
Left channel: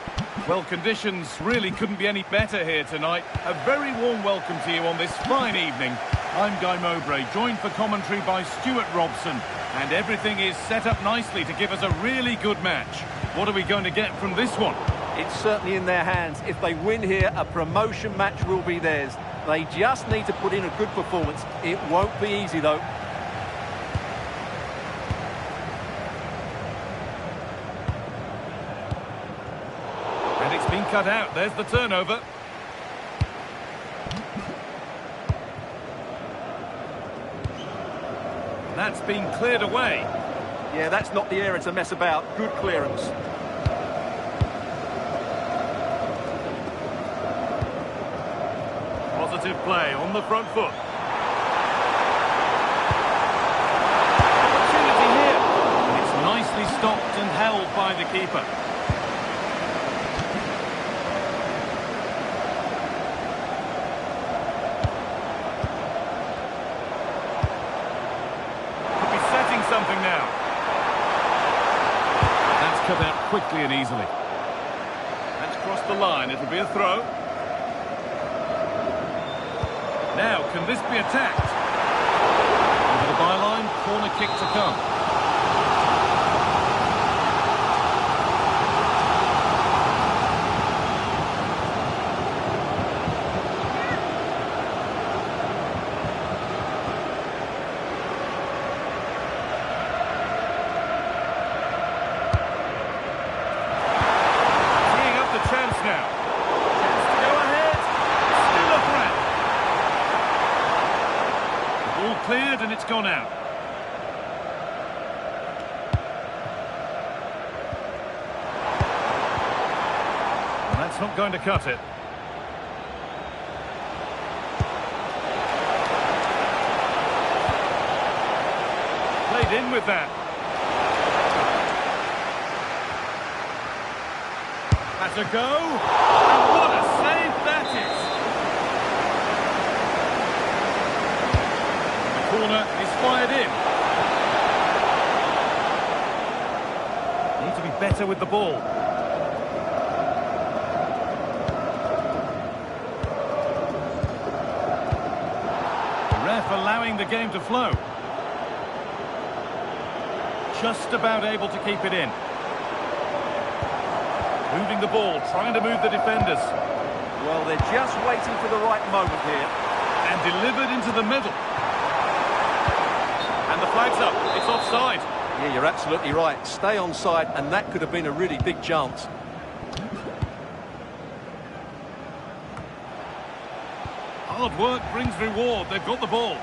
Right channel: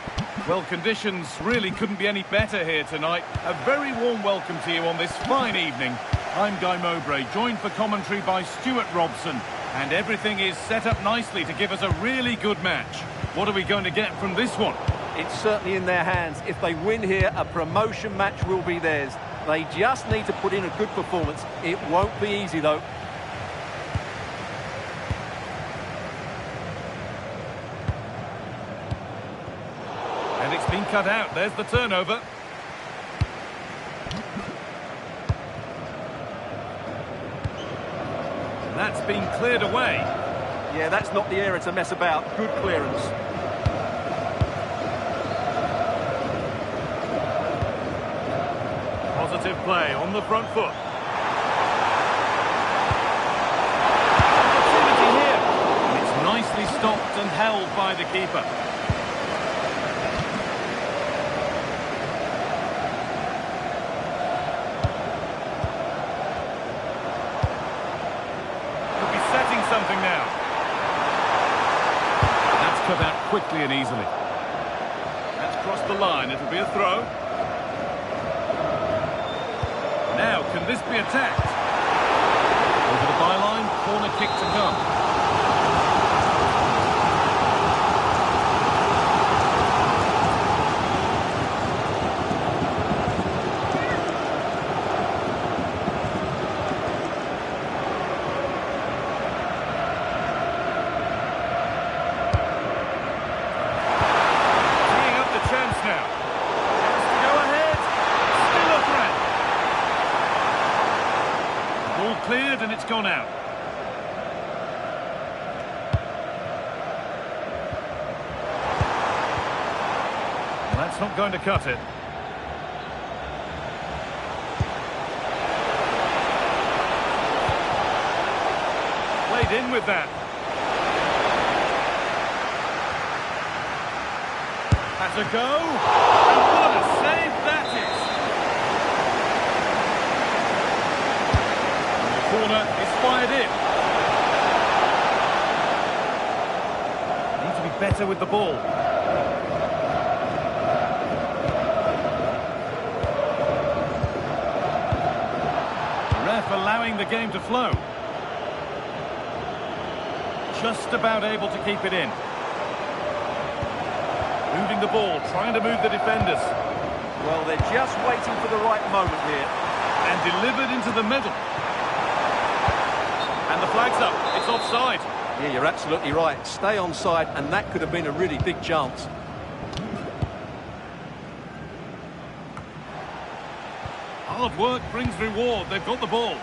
Well, conditions really couldn't be any better here tonight. A very warm welcome to you on this fine evening. I'm Guy Mowbray, joined for commentary by Stuart Robson, and everything is set up nicely to give us a really good match. What are we going to get from this one? It's certainly in their hands. If they win here, a promotion match will be theirs. They just need to put in a good performance. It won't be easy, though. And it's been cut out. There's the turnover. That's been cleared away. Yeah, that's not the area to mess about. Good clearance. Positive play on the front foot. Opportunity here. And it's nicely stopped and held by the keeper. Could be setting something now. That's cut out quickly and easily. That's crossed the line. It'll be a throw. Now, can this be attacked? Over the byline, corner kick to come. Teeing up the chance now. Chance to go ahead. Still a threat. All cleared and it's gone out. Well, that's not going to cut it. Played in with that. Has a go. And what a save that is. Corner is fired in. Need to be better with the ball. The ref allowing the game to flow. Just about able to keep it in. Moving the ball, trying to move the defenders. Well, they're just waiting for the right moment here. And delivered into the middle. And the flag's up. It's offside. Yeah, you're absolutely right. Stay onside, and that could have been a really big chance. Hard work brings reward. They've got the ball.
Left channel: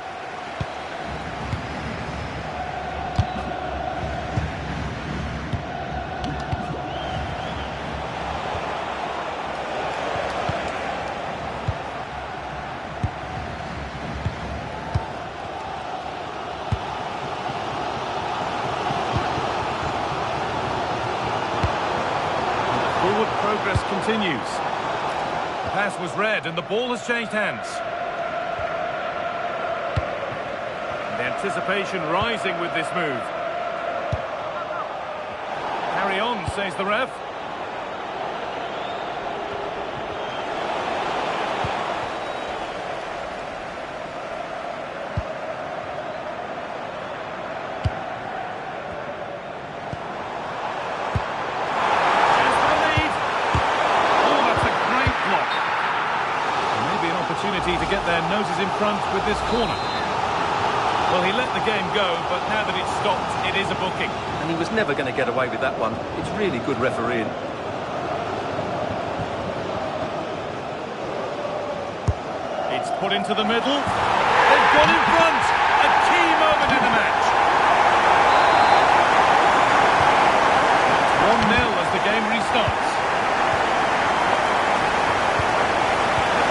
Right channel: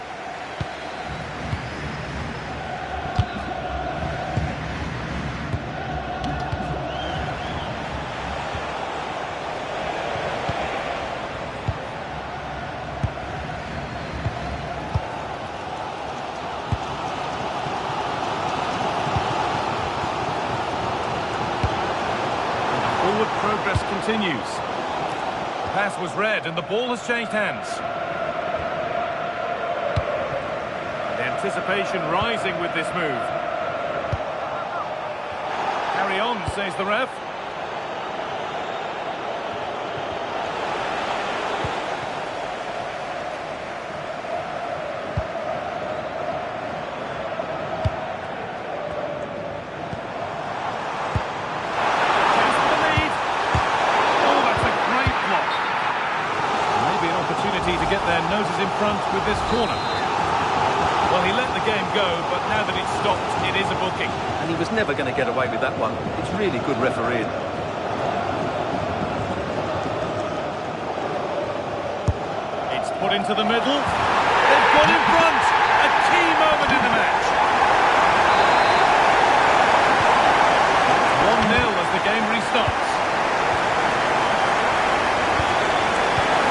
Forward progress continues. The pass was read and the ball has changed hands. And the anticipation rising with this move. Carry on, says the ref. Opportunity to get their noses in front with this corner. Well, he let the game go, but now that it's stopped, it is a booking. And he was never going to get away with that one. It's really good refereeing. It's put into the middle. They've gone in front. A key moment in the match. It's 1-0 as the game restarts.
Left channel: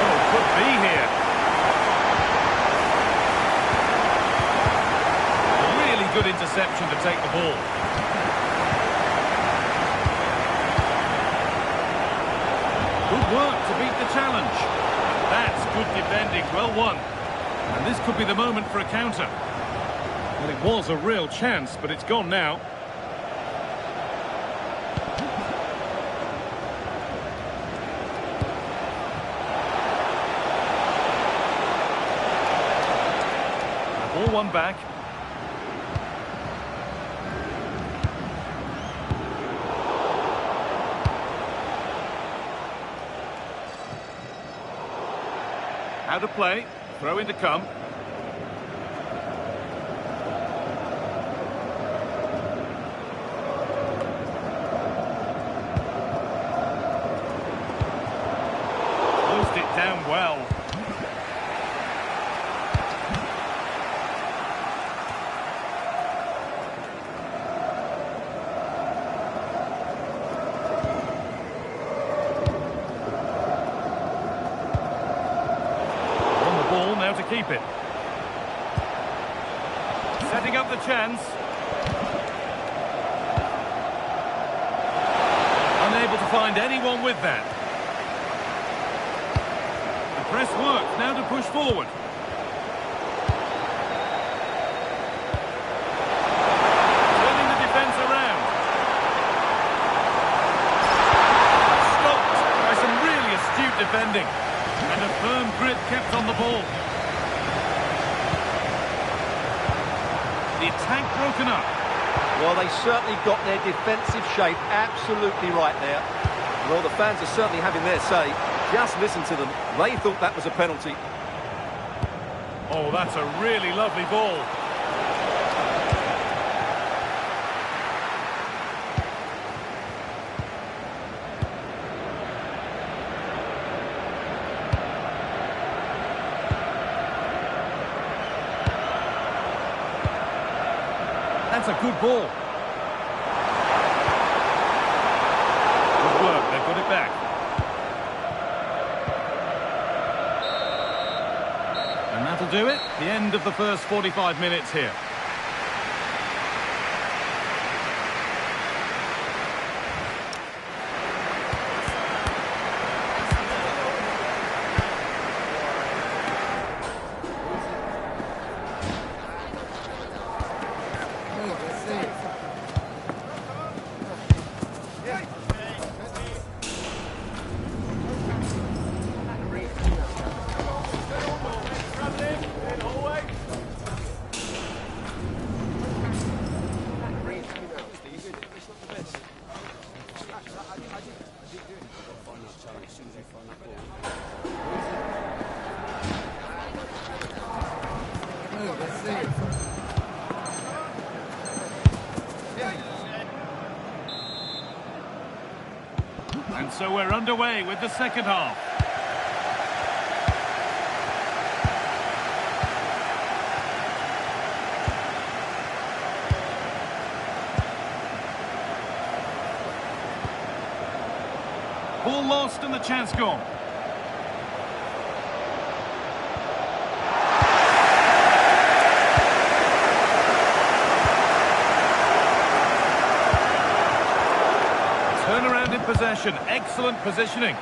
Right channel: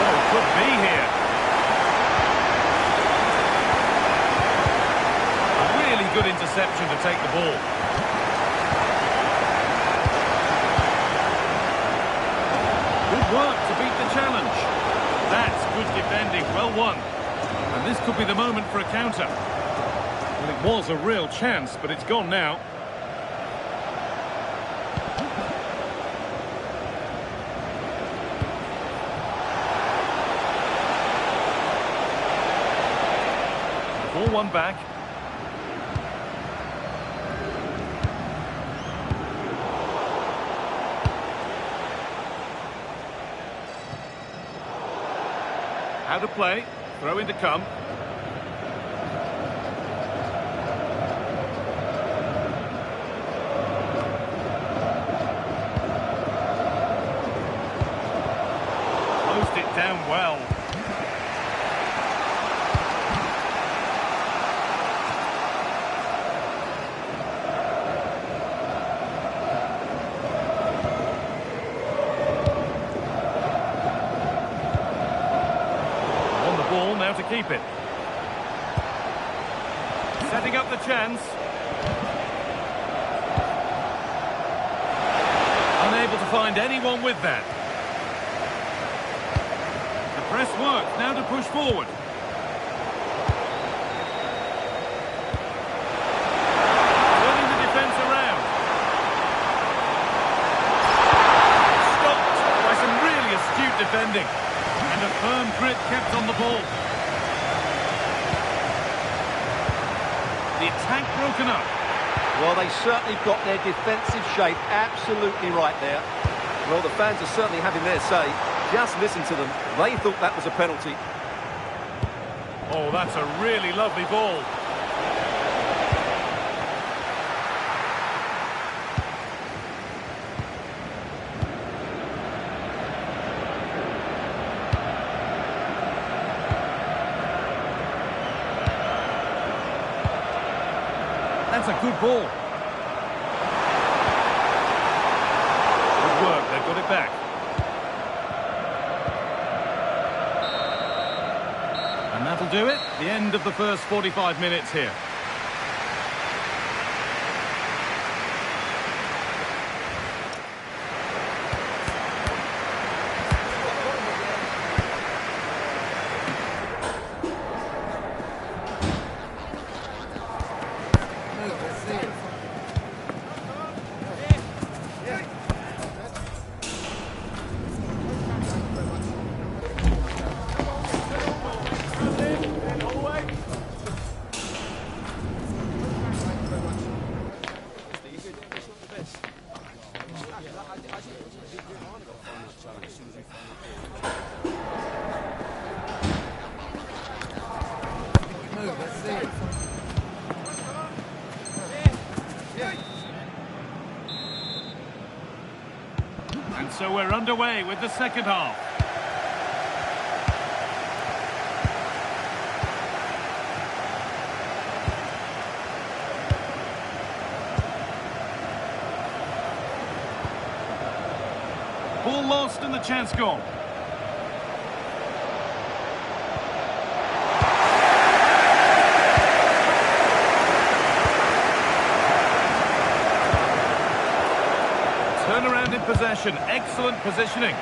Oh, could be here. A really good interception to take the ball. Good work to beat the challenge. That's good defending, well won. And this could be the moment for a counter. Well, it was a real chance, but it's gone now. The ball won back. How to play, throw in to come. Closed it down well. Ball now to keep it. Setting up the chance. Unable to find anyone with that. The press works, now to push forward. Turning the defence around. Stopped by some really astute defending. And a firm grip kept on the ball. The attack broken up. Well, they certainly got their defensive shape absolutely right there. Well, the fans are certainly having their say. Just listen to them. They thought that was a penalty. Oh, that's a really lovely ball. That's a good ball. Good work, they've got it back. And that'll do it. The end of the first 45 minutes here. And so we're underway with the second half. Ball lost and the chance gone. Turnaround in possession, excellent positioning.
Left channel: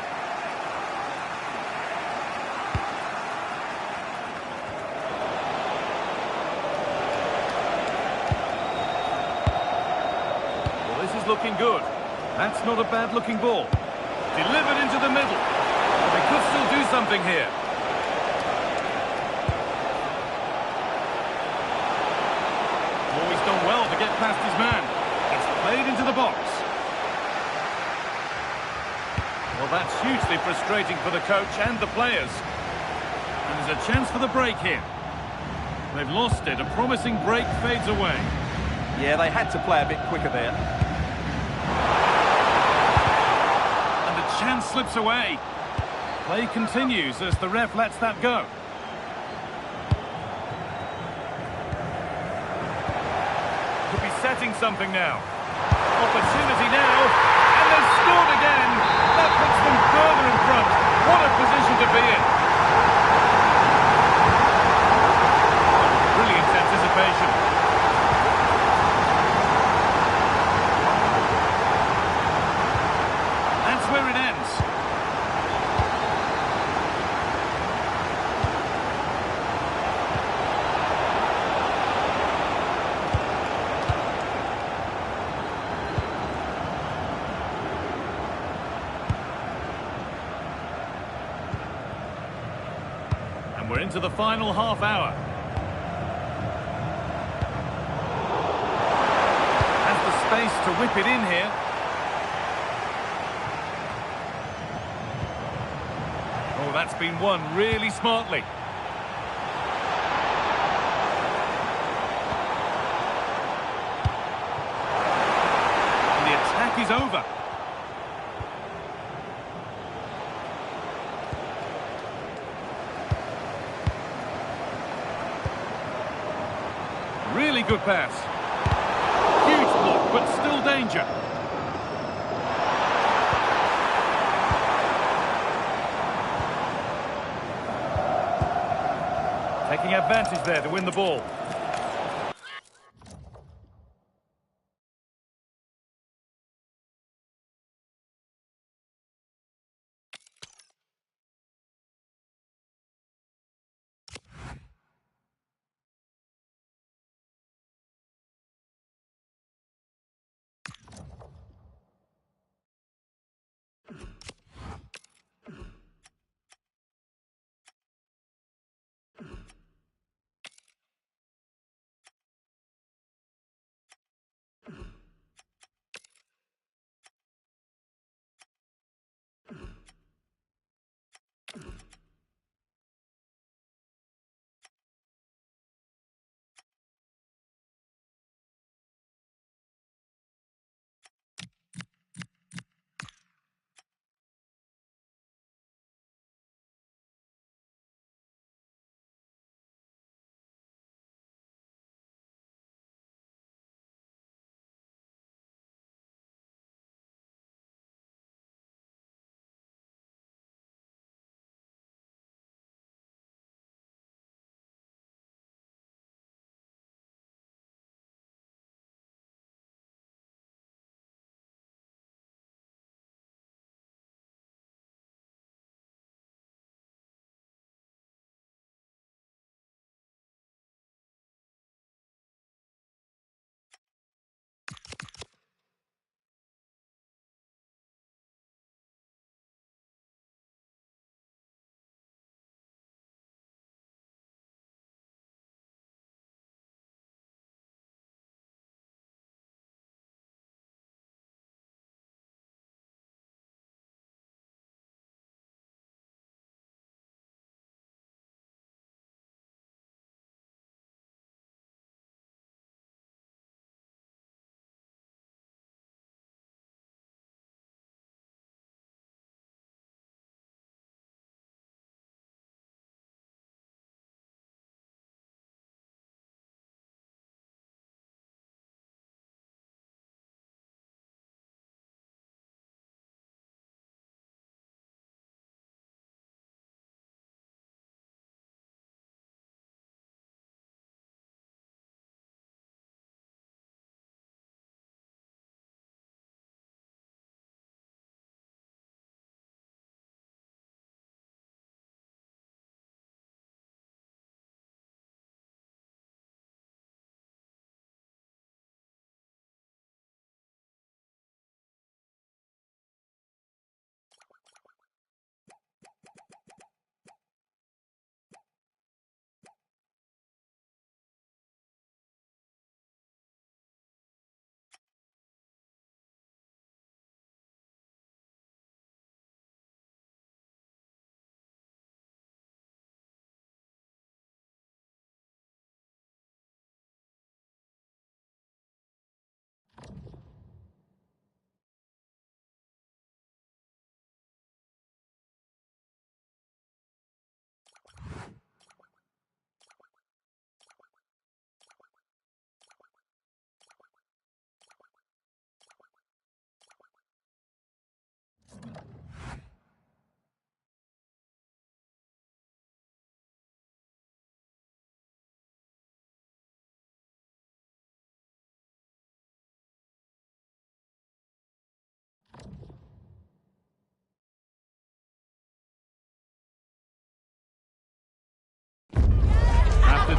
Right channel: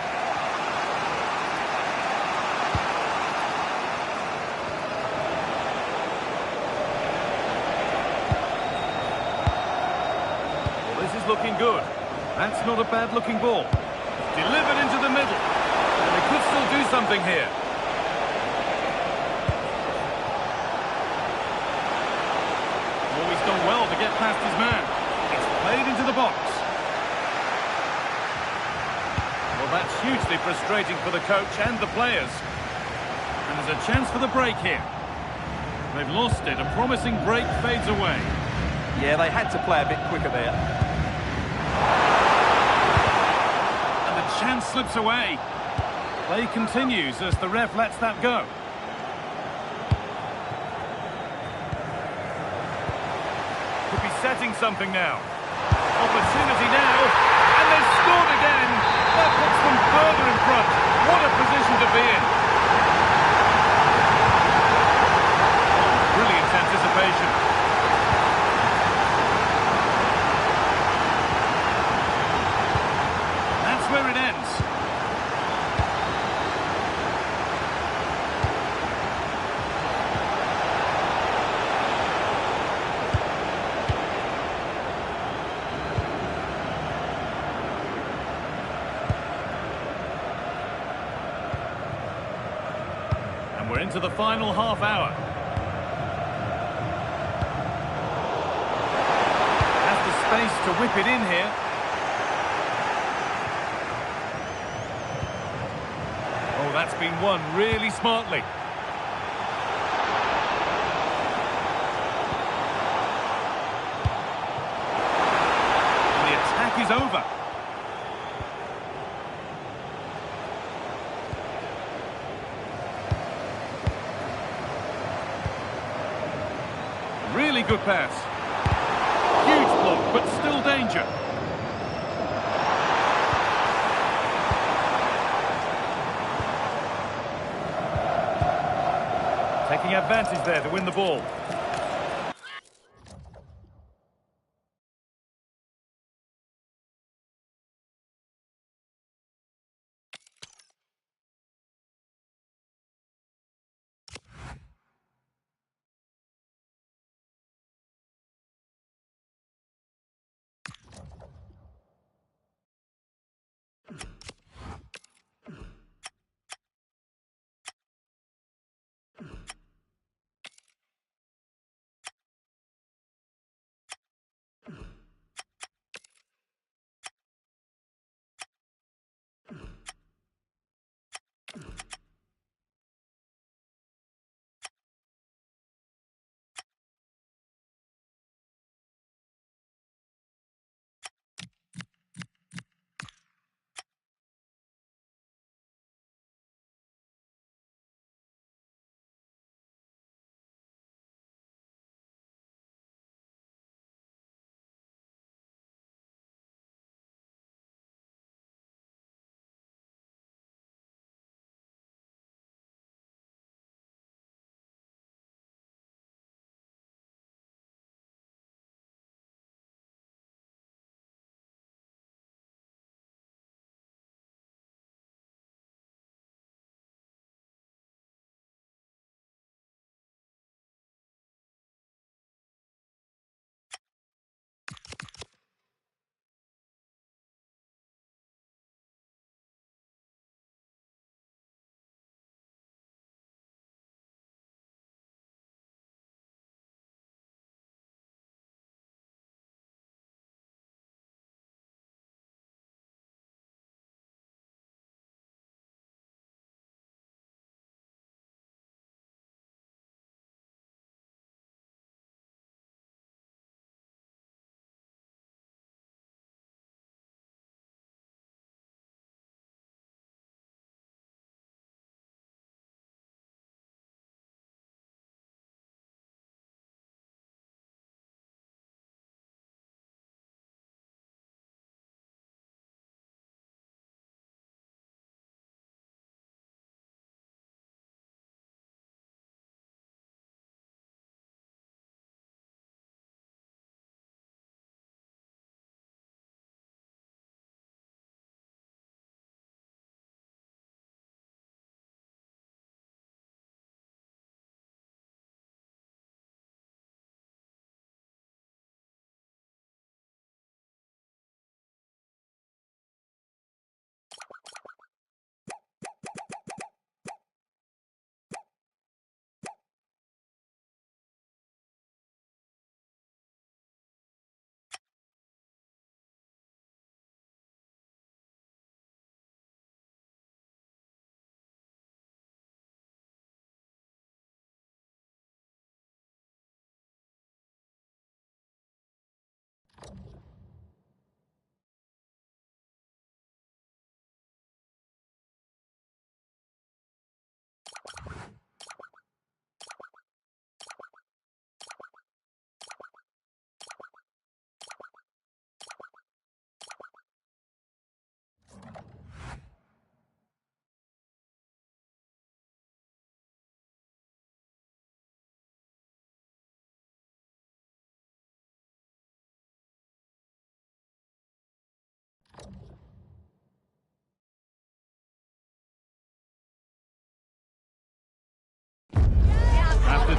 Well, this is looking good. That's not a bad looking ball. Delivered into the middle. Well, they could still do something here. Always done well to get past his man. It's played into the box. Well, that's hugely frustrating for the coach and the players. And there's a chance for the break here. They've lost it. A promising break fades away. Yeah, they had to play a bit quicker there. And the chance slips away. Play continues as the ref lets that go. Could be setting something now. Opportunity now, and they've scored again. That puts them further in front. What a position to be in. Oh, brilliant anticipation. That's where it ends. And we're into the final half hour. Has the space to whip it in here. Oh, that's been won really smartly. And the attack is over. Really good pass. Huge block, but still danger. Taking advantage there to win the ball.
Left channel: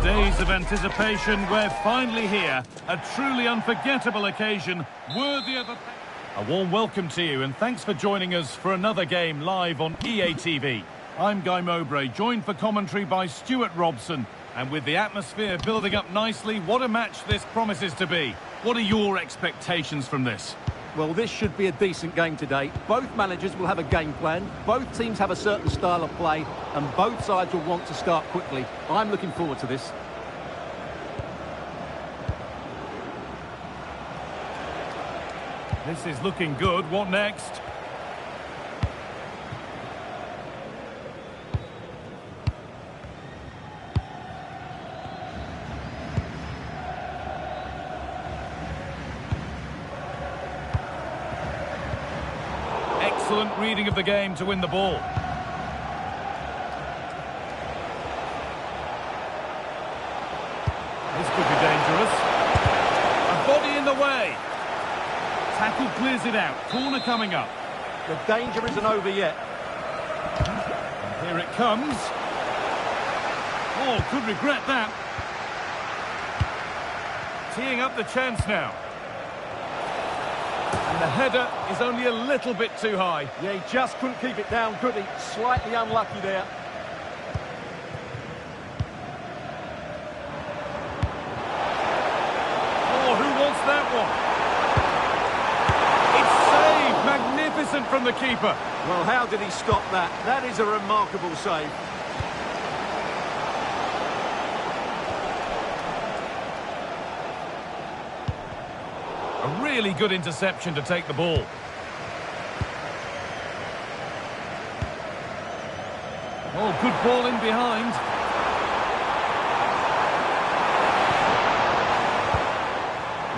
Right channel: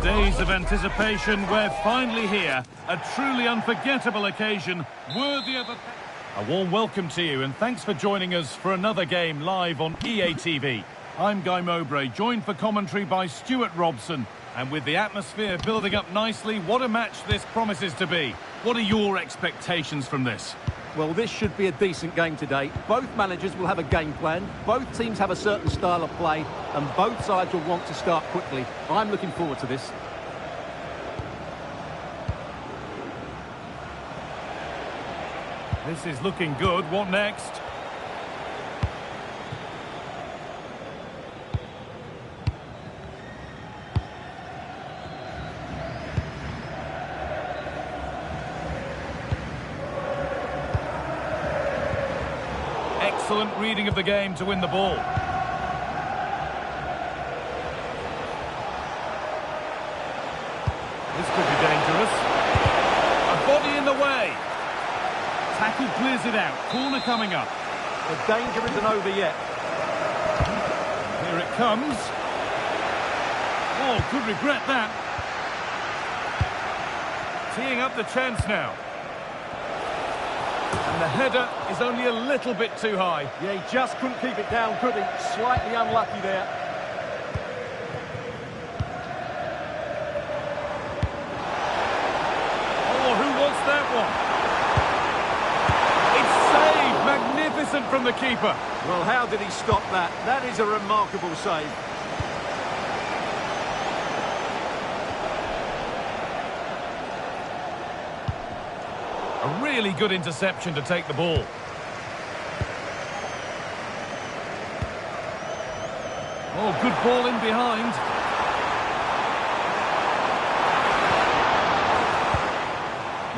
days of anticipation, we're finally here. A truly unforgettable occasion, worthy of a warm welcome to you, and thanks for joining us for another game live on EA TV. I'm Guy Mowbray, joined for commentary by Stuart Robson. And with the atmosphere building up nicely, what a match this promises to be. What are your expectations from this? Well, this should be a decent game today. Both managers will have a game plan, both teams have a certain style of play, and both sides will want to start quickly. I'm looking forward to this. This is looking good. What next? Excellent reading of the game to win the ball. This could be dangerous. A body in the way. Tackle clears it out. Corner coming up. The danger isn't over yet. And here it comes. Oh, could regret that. Teeing up the chance now. And the header is only a little bit too high. Yeah, he just couldn't keep it down, could he? Slightly unlucky there. Oh, who wants that one? It's saved. Magnificent from the keeper. Well, how did he stop that? That is a remarkable save. A really good interception to take the ball. Oh, good ball in behind.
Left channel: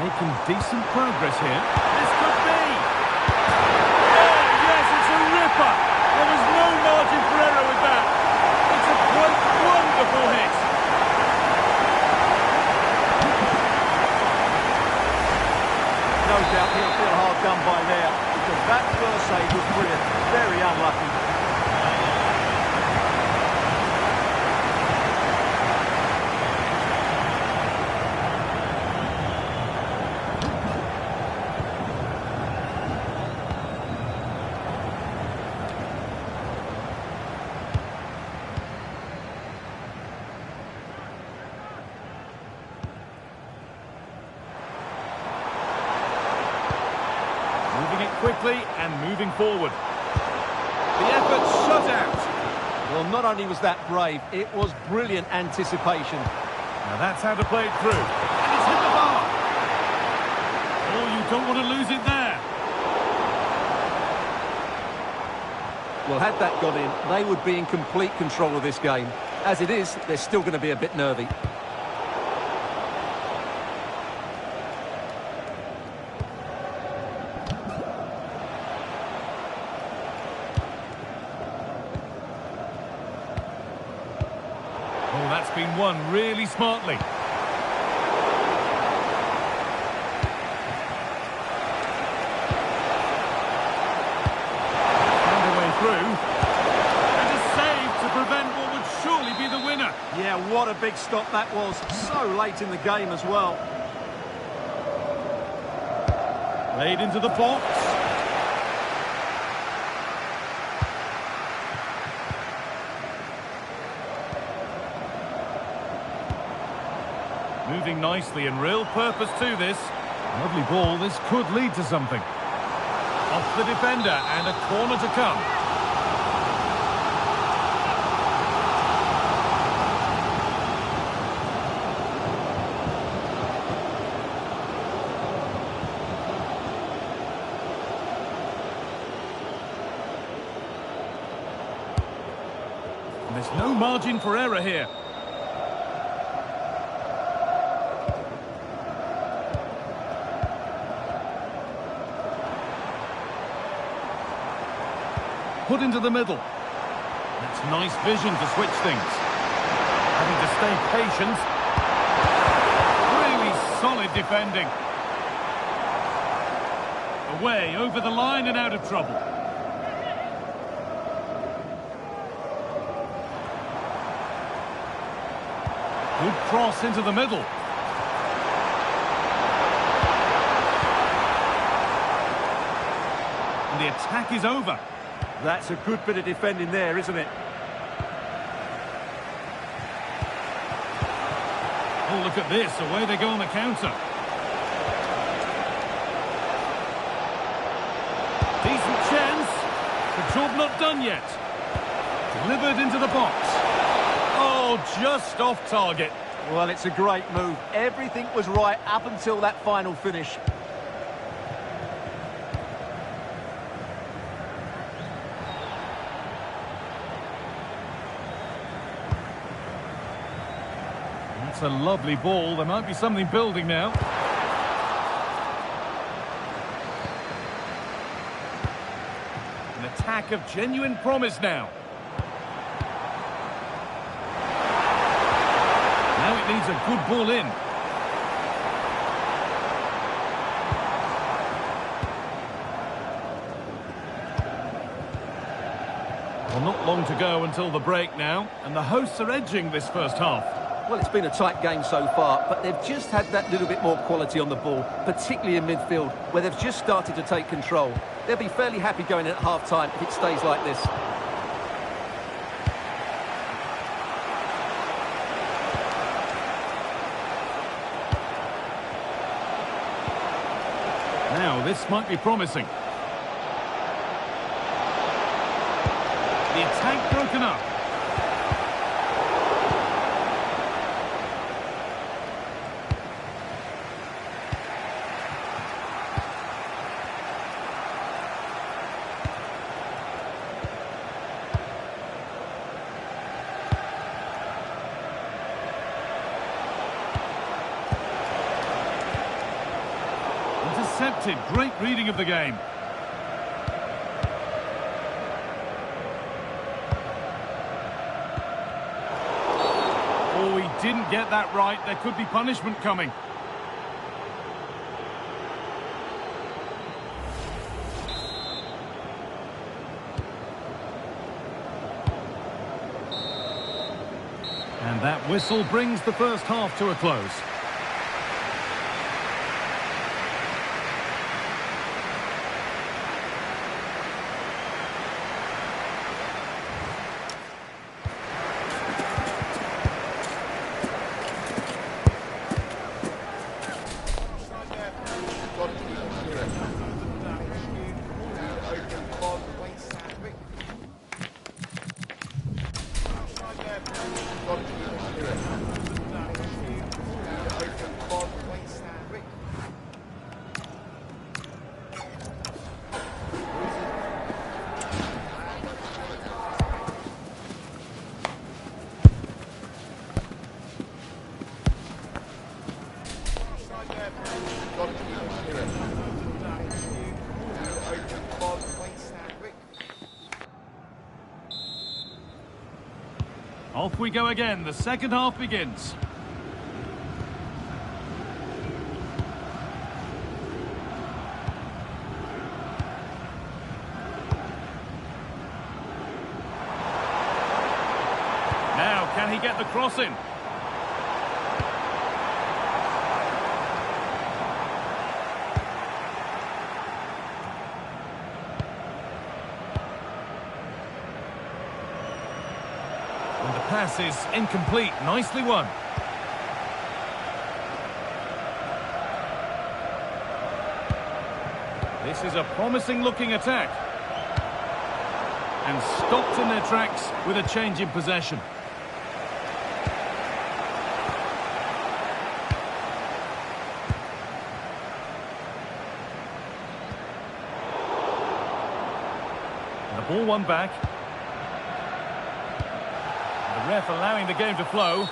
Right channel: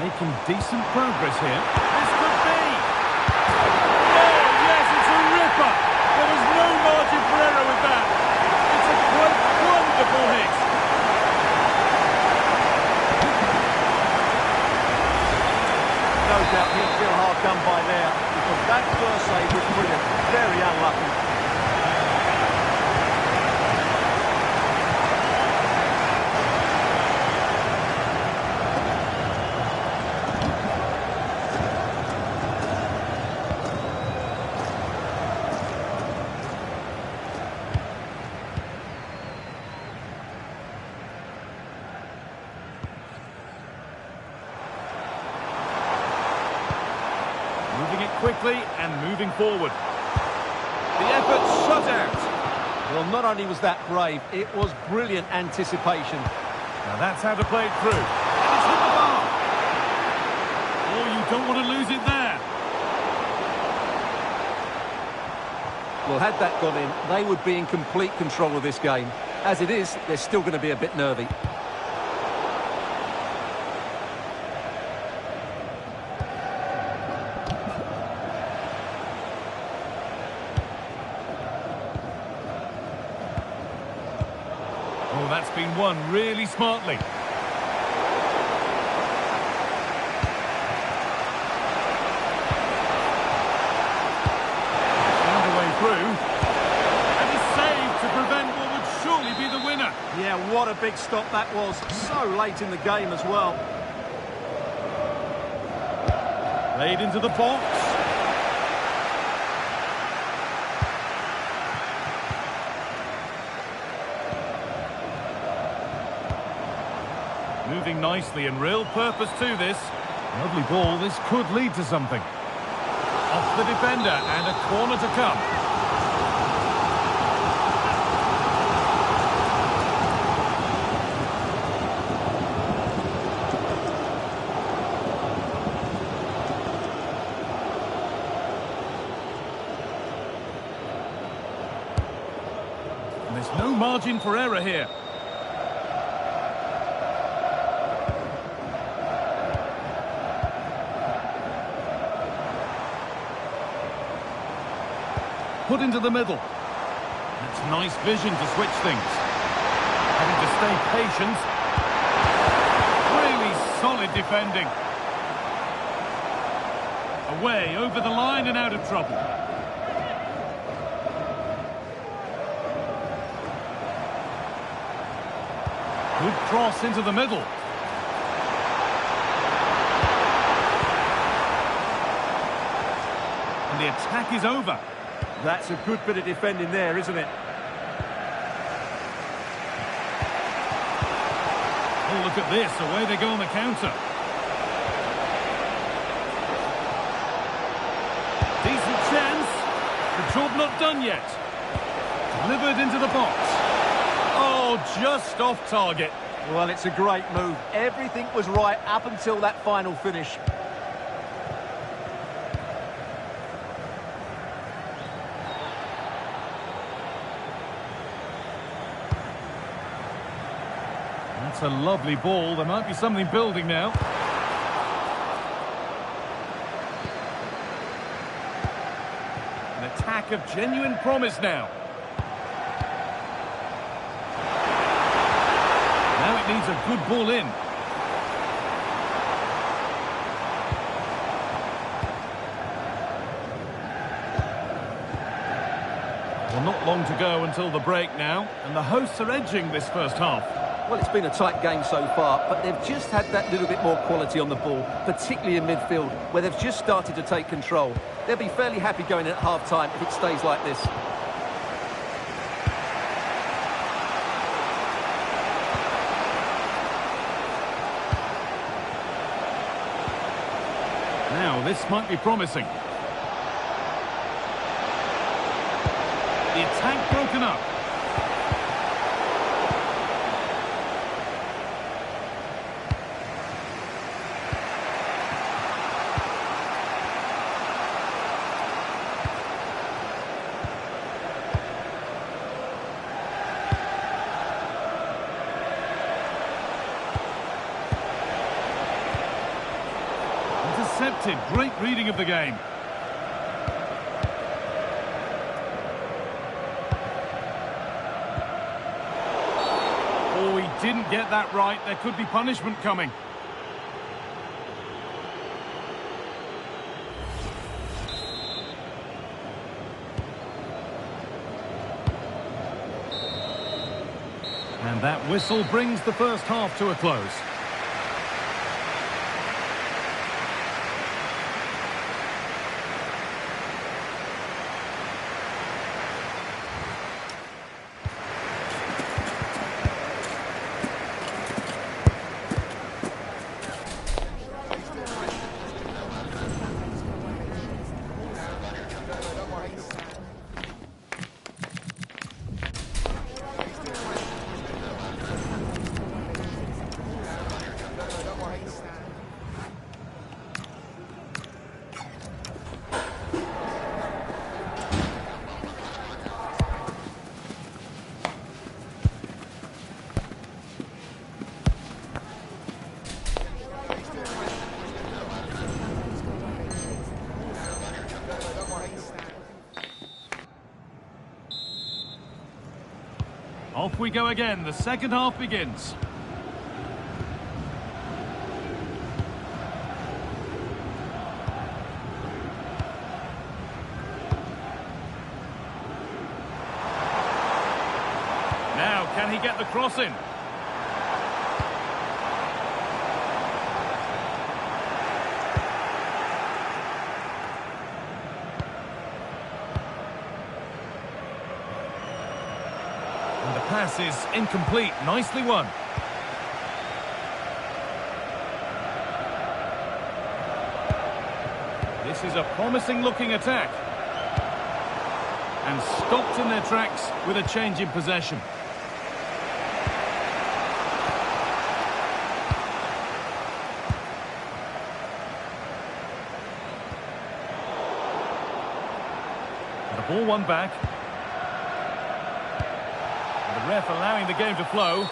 Making decent progress here. This could be. Oh, yes, it's a ripper. There was no margin for error with that. It's a quite wonderful hit. No doubt he'll feel hard done by there, because that first save was brilliant. Very unlucky. Moving it quickly and moving forward. The effort shut out. Well, not only was that brave, it was brilliant anticipation. Now that's how to play it through. And it's hit the bar. Oh, you don't want to lose it there. Well, had that gone in, they would be in complete control of this game. As it is, they're still going to be a bit nervy. Oh, that's been won really smartly. Found a way through. And a save to prevent what would surely be the winner. Yeah, what a big stop that was. So late in the game as well. Played into the box. Moving nicely and real purpose to this. Lovely ball, this could lead to something. Off the defender and a corner to come. And there's no margin for error here. Put into the middle. That's nice vision to switch things. Having to stay patient. Really solid defending. Away, over the line and out of trouble. Good cross into the middle. And the attack is over. That's a good bit of defending there, isn't it? Oh, look at this. Away they go on the counter. Decent chance. The job not done yet. Delivered into the box. Oh, just off target. Well, it's a great move. Everything was right up until that final finish. That's a lovely ball. There might be something building now. An attack of genuine promise now. Now it needs a good ball in. Well, not long to go until the break now, and the hosts are edging this first half. Well, it's been a tight game so far, but they've just had that little bit more quality on the ball, particularly in midfield, where they've just started to take control. They'll be fairly happy going in at half-time if it stays like this. Now, this might be promising. The attack broken up. Intercepted. Great reading of the game. Oh, he didn't get that right. There could be punishment coming. And that whistle brings the first half to a close. Off we go again. The second half begins. Now, can he get the cross in? And the pass is incomplete. Nicely won. This is a promising looking attack. And stopped in their tracks with a change in possession. And the ball won back. The ref allowing the game to flow,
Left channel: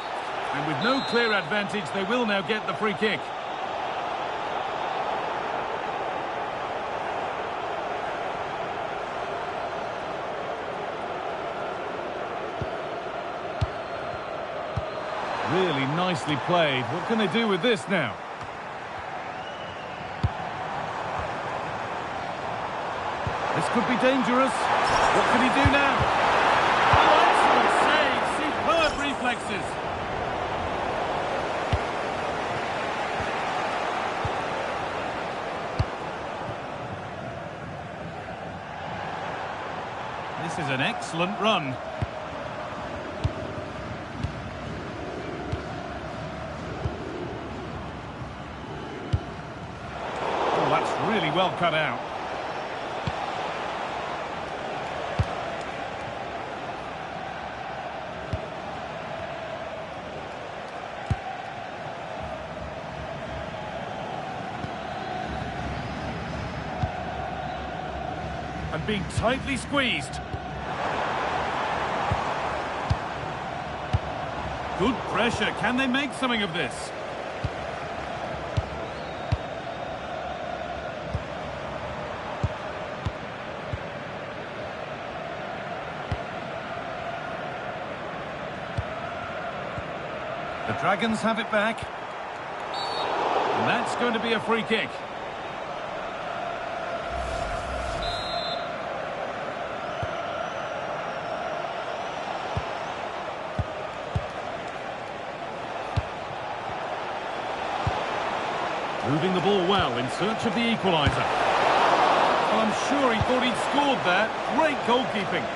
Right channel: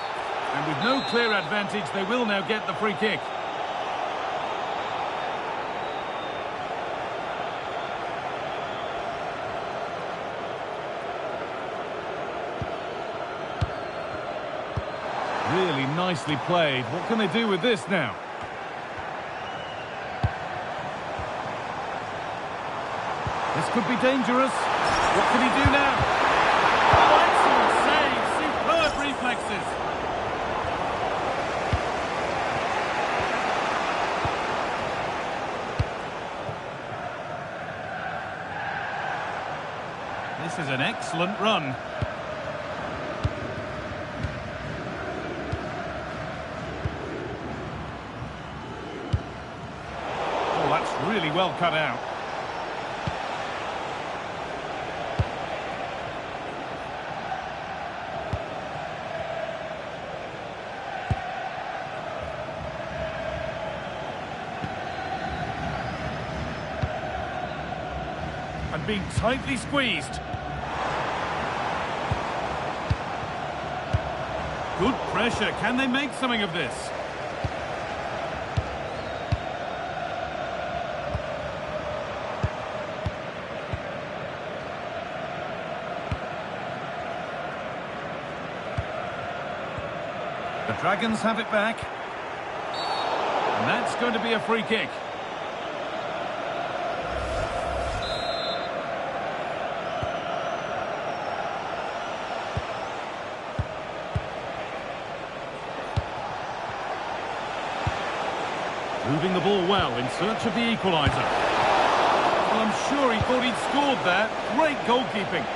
and with no clear advantage, they will now get the free kick. Really nicely played. What can they do with this now? This could be dangerous. What can he do now? Oh, excellent save. Superb reflexes. This is an excellent run. Oh, that's really well cut out. And being tightly squeezed. Good pressure. Can they make something of this? The Dragons have it back. And that's going to be a free kick. Moving the ball well in search of the equaliser. Well, I'm sure he thought he'd scored there. Great goalkeeping.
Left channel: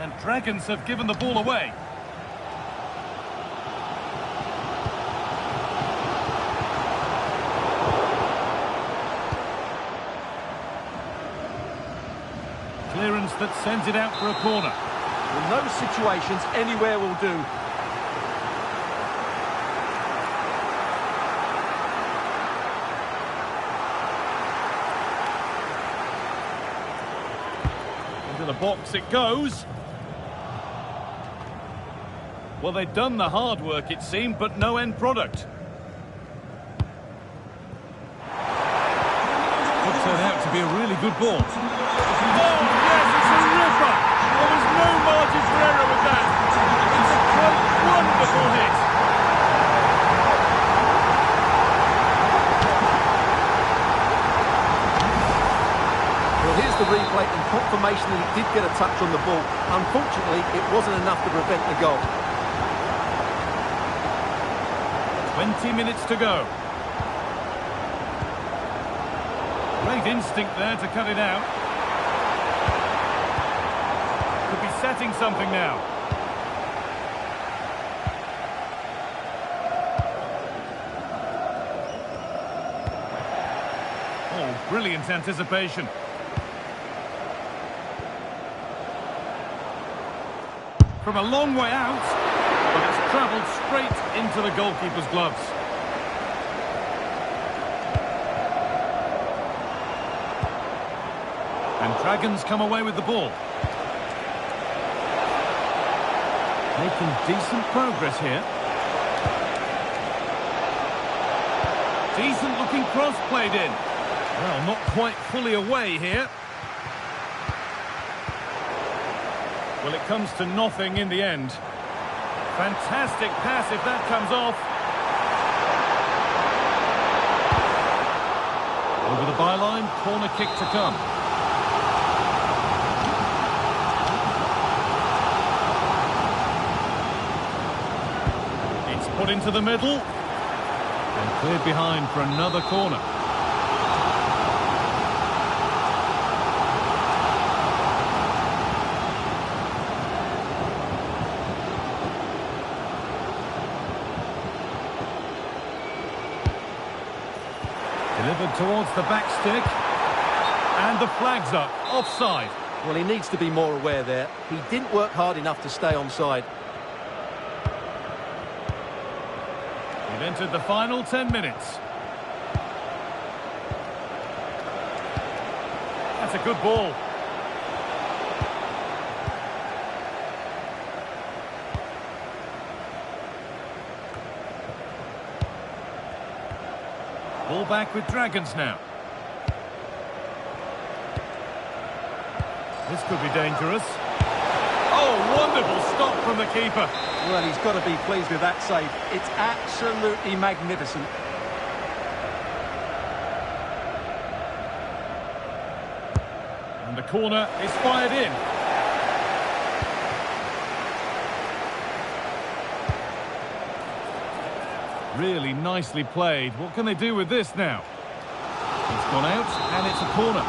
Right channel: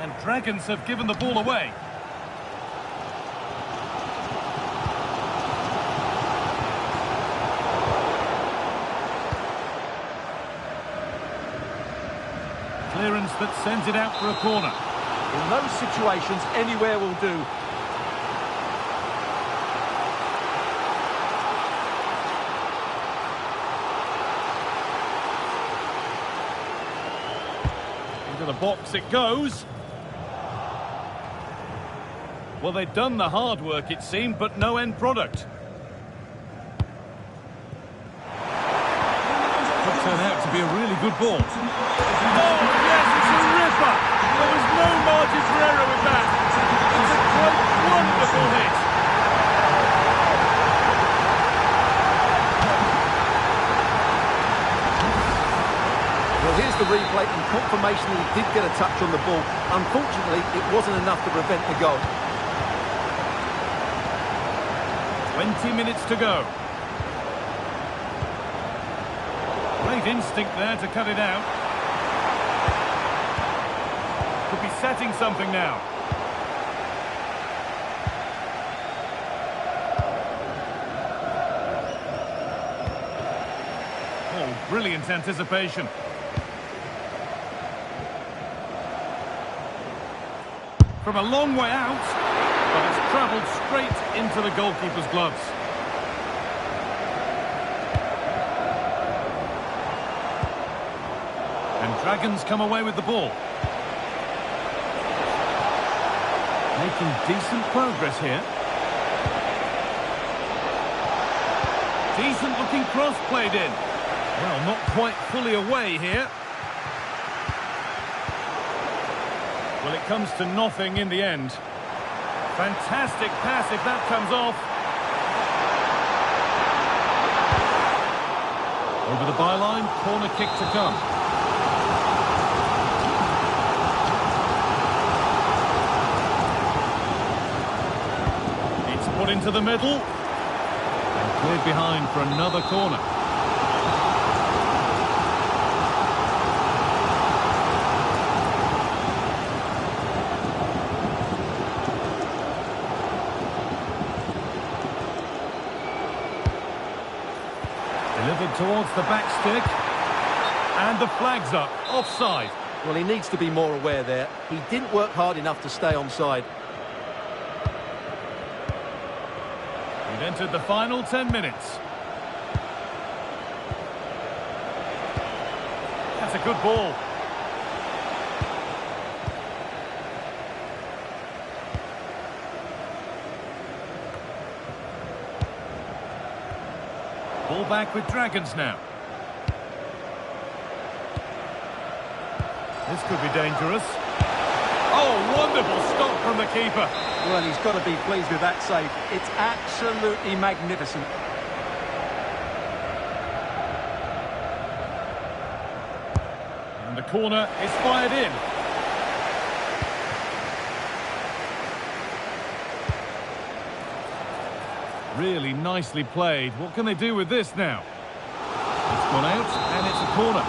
And Dragons have given the ball away. Clearance that sends it out for a corner. In those situations, anywhere will do. Into the box it goes. Well, they'd done the hard work, it seemed, but no end product. Could turn out to be a really good ball. Oh, yes, it's a ripper. There was no margin for error with that. It's a quite wonderful hit. Well, here's the replay and confirmation that he did get a touch on the ball. Unfortunately, it wasn't enough to prevent the goal. 20 minutes to go. Great instinct there to cut it out. Could be setting something now. Oh, brilliant anticipation. From a long way out, but it's travelled straight into the goalkeeper's gloves. And Dragons come away with the ball. Making decent progress here. Decent looking cross played in. Well, not quite fully away here. Well, it comes to nothing in the end. Fantastic pass if that comes off. Over the byline, corner kick to come. It's put into the middle. And cleared behind for another corner. Delivered towards the back stick. And the flag's up. Offside. Well, he needs to be more aware there. He didn't work hard enough to stay onside. We've entered the final 10 minutes. That's a good ball. Ball back with Dragons now. This could be dangerous. Oh, wonderful stop from the keeper. Well, he's got to be pleased with that save. It's absolutely magnificent. And the corner is fired in. Really nicely played. What can they do with this now? It's gone out, and it's a corner.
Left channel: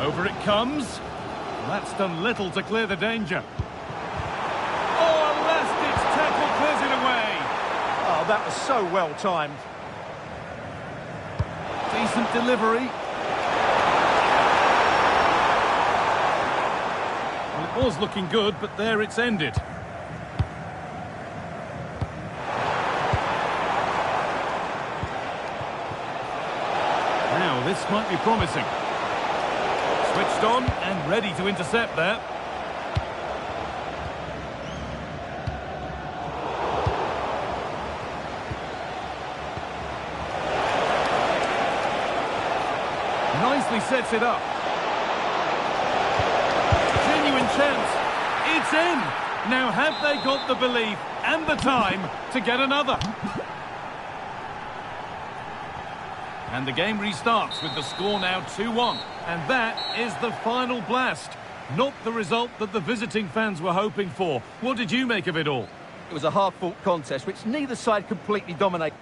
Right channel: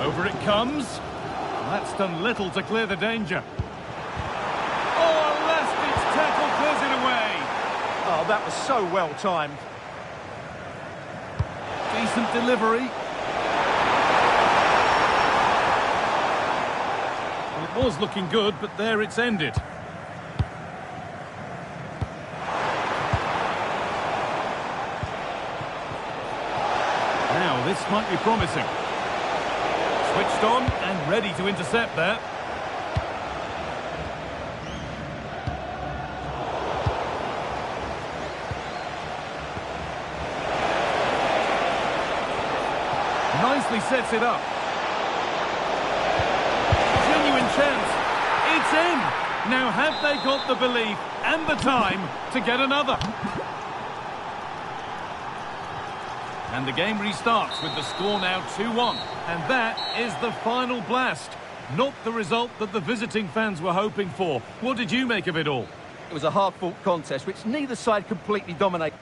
Over it comes. That's done little to clear the danger. Oh, a last-ditch tackle clears it away. Oh, that was so well timed. Decent delivery. Well, it was looking good, but there it's ended. Now, this might be promising. Switched on and ready to intercept there. Nicely sets it up. Genuine chance. It's in. Now have they got the belief and the time to get another? And the game restarts with the score now 2-1. And that is the final blast. Not the result that the visiting fans were hoping for. What did you make of it all? It was a hard-fought contest, which neither side completely dominated.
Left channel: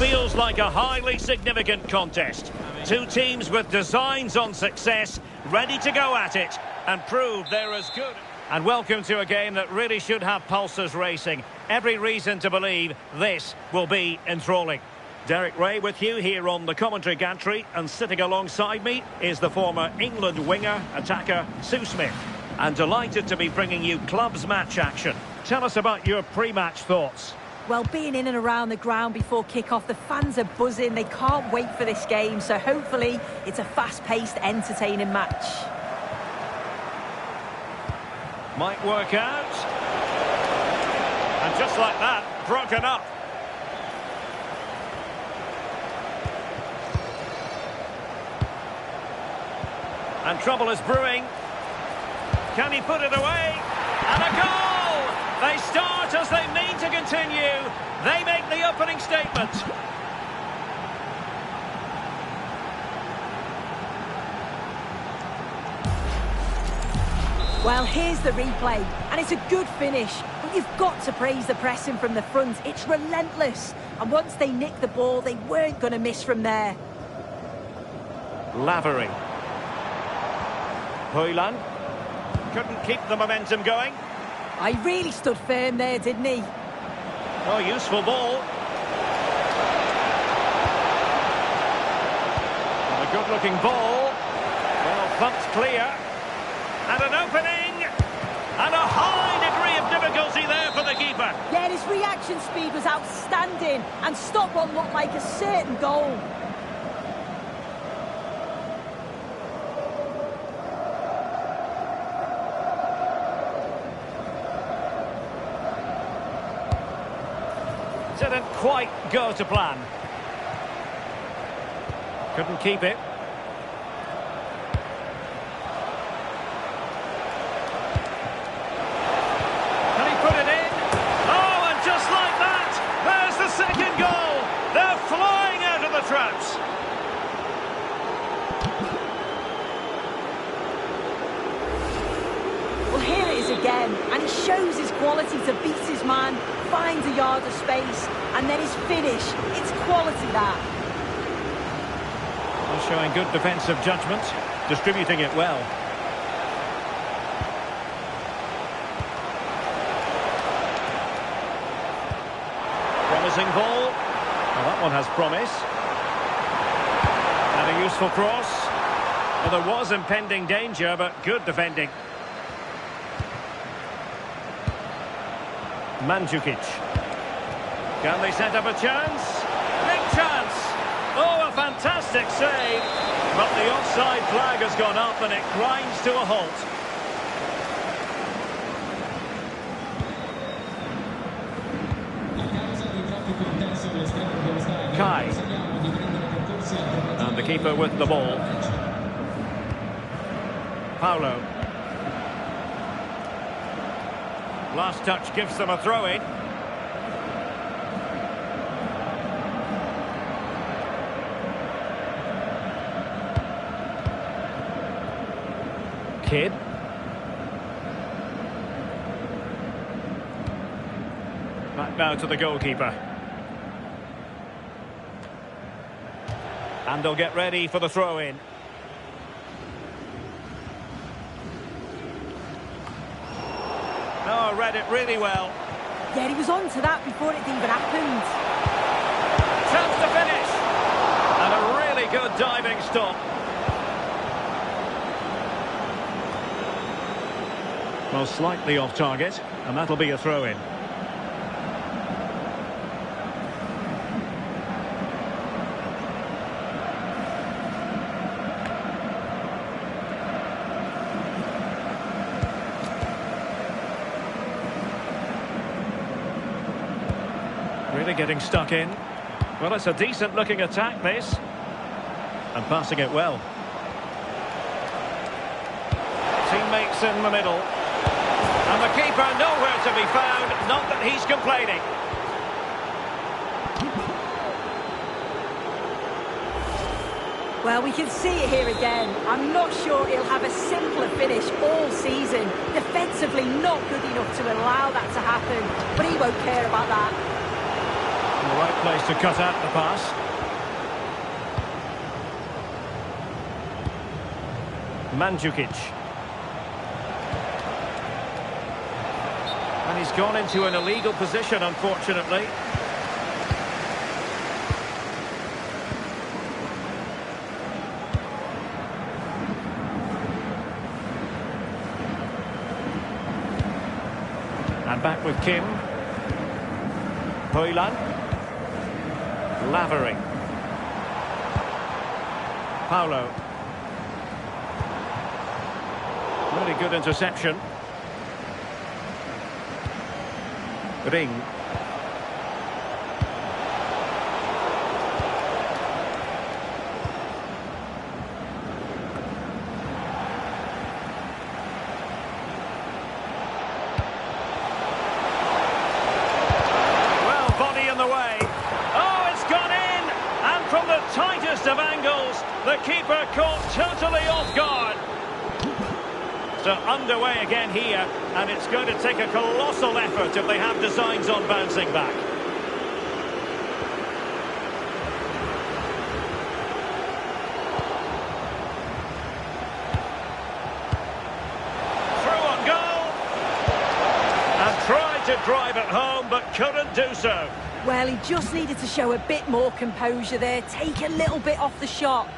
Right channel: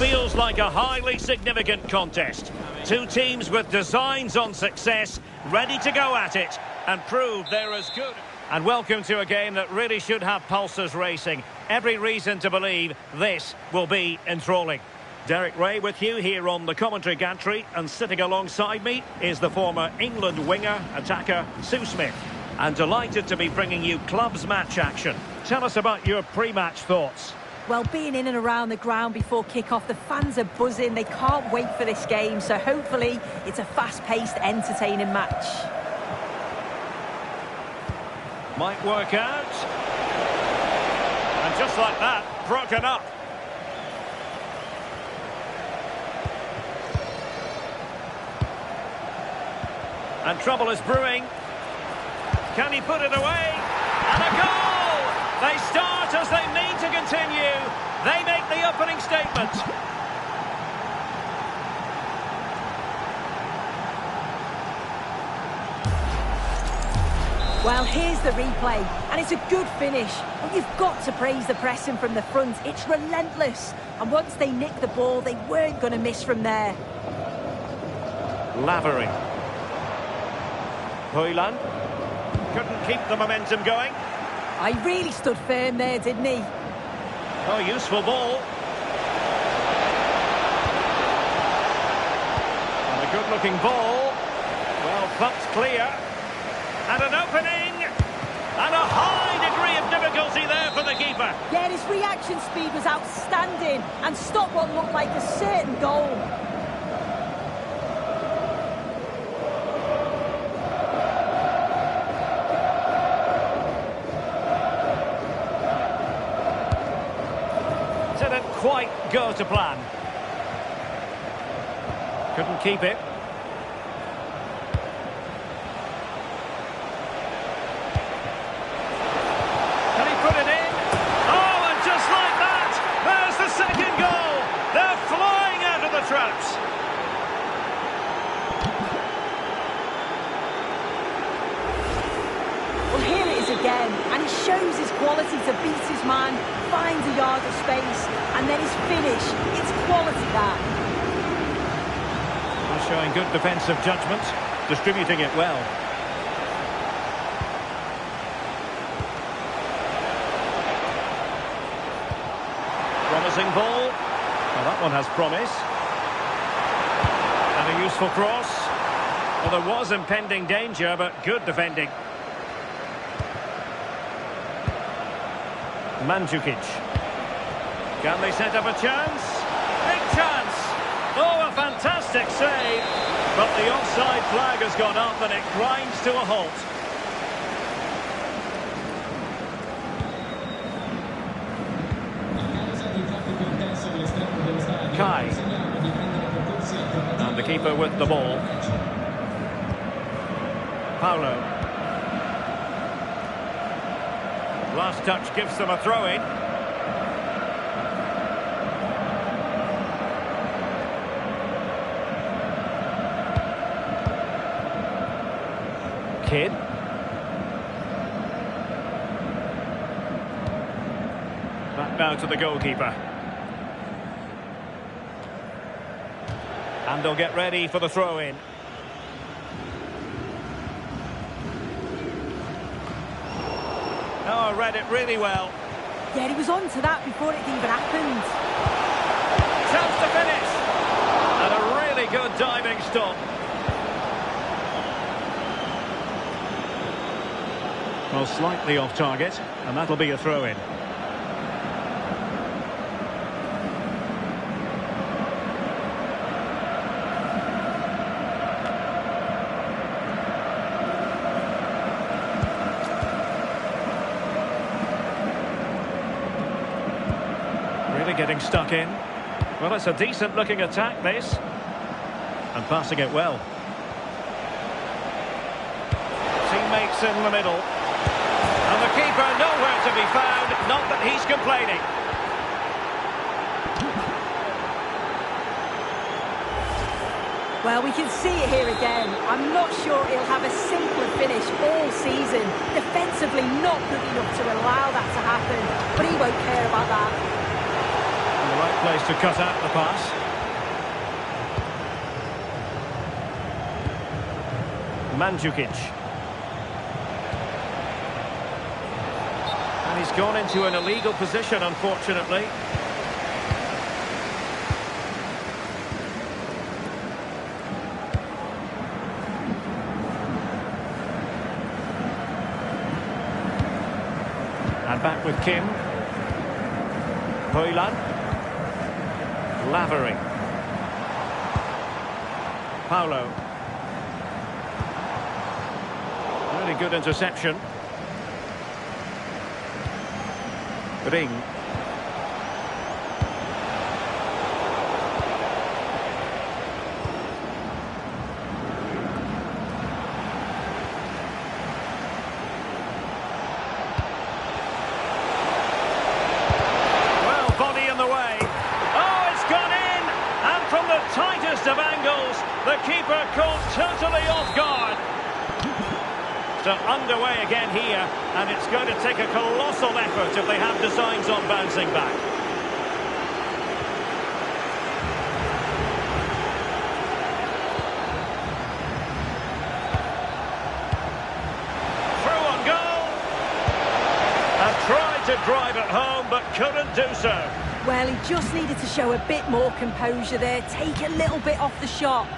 feels like a highly significant contest. Two teams with designs on success, ready to go at it and prove they're as good. And welcome to a game that really should have pulses racing. Every reason to believe this will be enthralling. Derek Ray with you here on the commentary gantry, and sitting alongside me is the former England winger, attacker, Sue Smith. And delighted to be bringing you clubs match action. Tell us about your pre-match thoughts. Well, being in and around the ground before kick-off, the fans are buzzing. They can't wait for this game, so hopefully it's a fast-paced, entertaining match. Might work out. And just like that, broken up. And trouble is brewing. Can he put it away? And a goal! They start as they mean to continue. They make the opening statement. Well, here's the replay, and it's a good finish, but you've got to praise the pressing from the front. It's relentless, and once they nicked the ball, they weren't going to miss from there. Lavery. Hoyland. Couldn't keep the momentum going. I really stood firm there, didn't he? Oh, useful ball. And a good-looking ball. Well, thumped clear. And an opening. And a high degree of difficulty there for the keeper. Yeah, his reaction speed was outstanding and stopped what looked like a certain goal. Didn't quite go to plan. Couldn't keep it. Can he put it in? Oh, and just like that, there's the second goal. They're flying out of the traps. Well, here it is again, and he shows his quality to beat his man, finds a yard of space, and then his finish. It's quality, that. Well, showing good defensive judgment, distributing it well. Promising ball. Well, that one has promise. And a useful cross. Well, there was impending danger, but good defending. Mandzukic. Can they set up a chance? Big chance! Oh, a fantastic save! But the offside flag has gone up and it grinds to a halt. Kai. And the keeper with the ball. Paulo. Last touch gives them a throw-in. Kidd. Back now to the goalkeeper. And they'll get ready for the throw-in. Oh, read it really well. Yeah, he was on to that before it even happened. Chance to finish. And a really good diving stop. Well, slightly off target, and that'll be a throw-in. Really getting stuck in. Well, it's a decent-looking attack, this. And passing it well. Teammates in the middle. And the keeper nowhere to be found. Not that he's complaining. Well, we can see it here again. I'm not sure he'll have a simpler finish all season. Defensively, not good enough to allow that to happen. But he won't care about that. the right place to cut out the pass. Mandzukic. And he's gone into an illegal position, unfortunately. And back with Kim. Hoyland. Lavery. Paulo. Really good interception. Ring. Well, body in the way. Oh, it's gone in! And from the tightest of angles, the keeper caught totally off guard. So underway again here, and it's going to take a colossal effort if they have designs on bouncing back. Through on goal! And tried to drive it home, but couldn't do so. Well, he just needed to show a bit more composure there, take a little bit off the shot.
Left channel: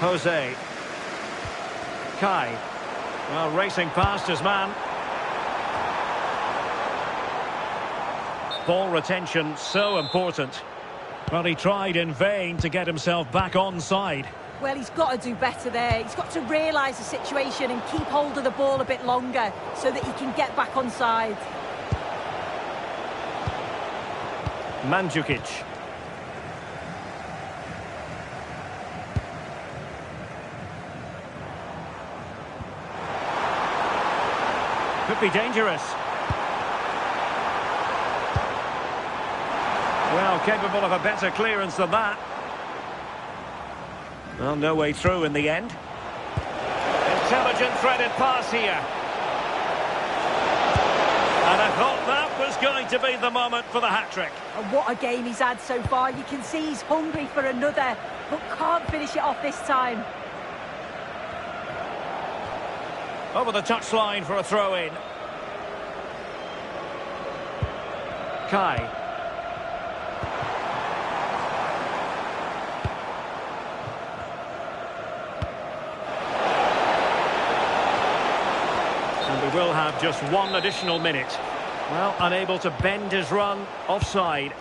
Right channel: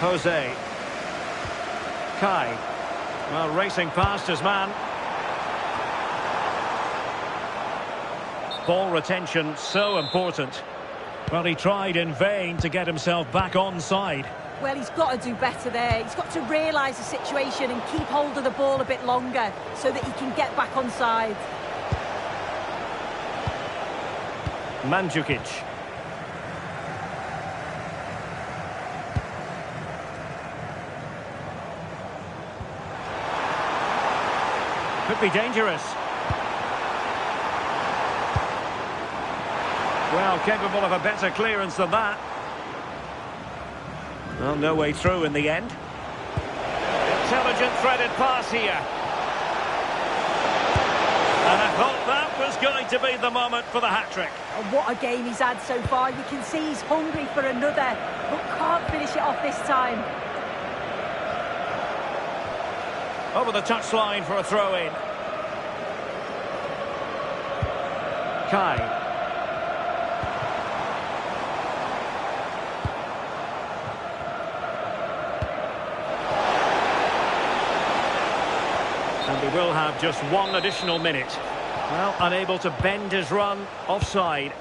Jose. Kai. Well, racing past his man. Ball retention, so important. Well, he tried in vain to get himself back onside. Well, he's got to do better there. He's got to realise the situation and keep hold of the ball a bit longer so that he can get back onside. Mandzukic. Could be dangerous. Well, capable of a better clearance than that. Well, no way through in the end. Intelligent threaded pass here. And I thought that was going to be the moment for the hat-trick. And what a game he's had so far. You can see he's hungry for another, but can't finish it off this time. Over the touchline for a throw-in. Kai. And we will have just one additional minute. Well, unable to bend his run, offside.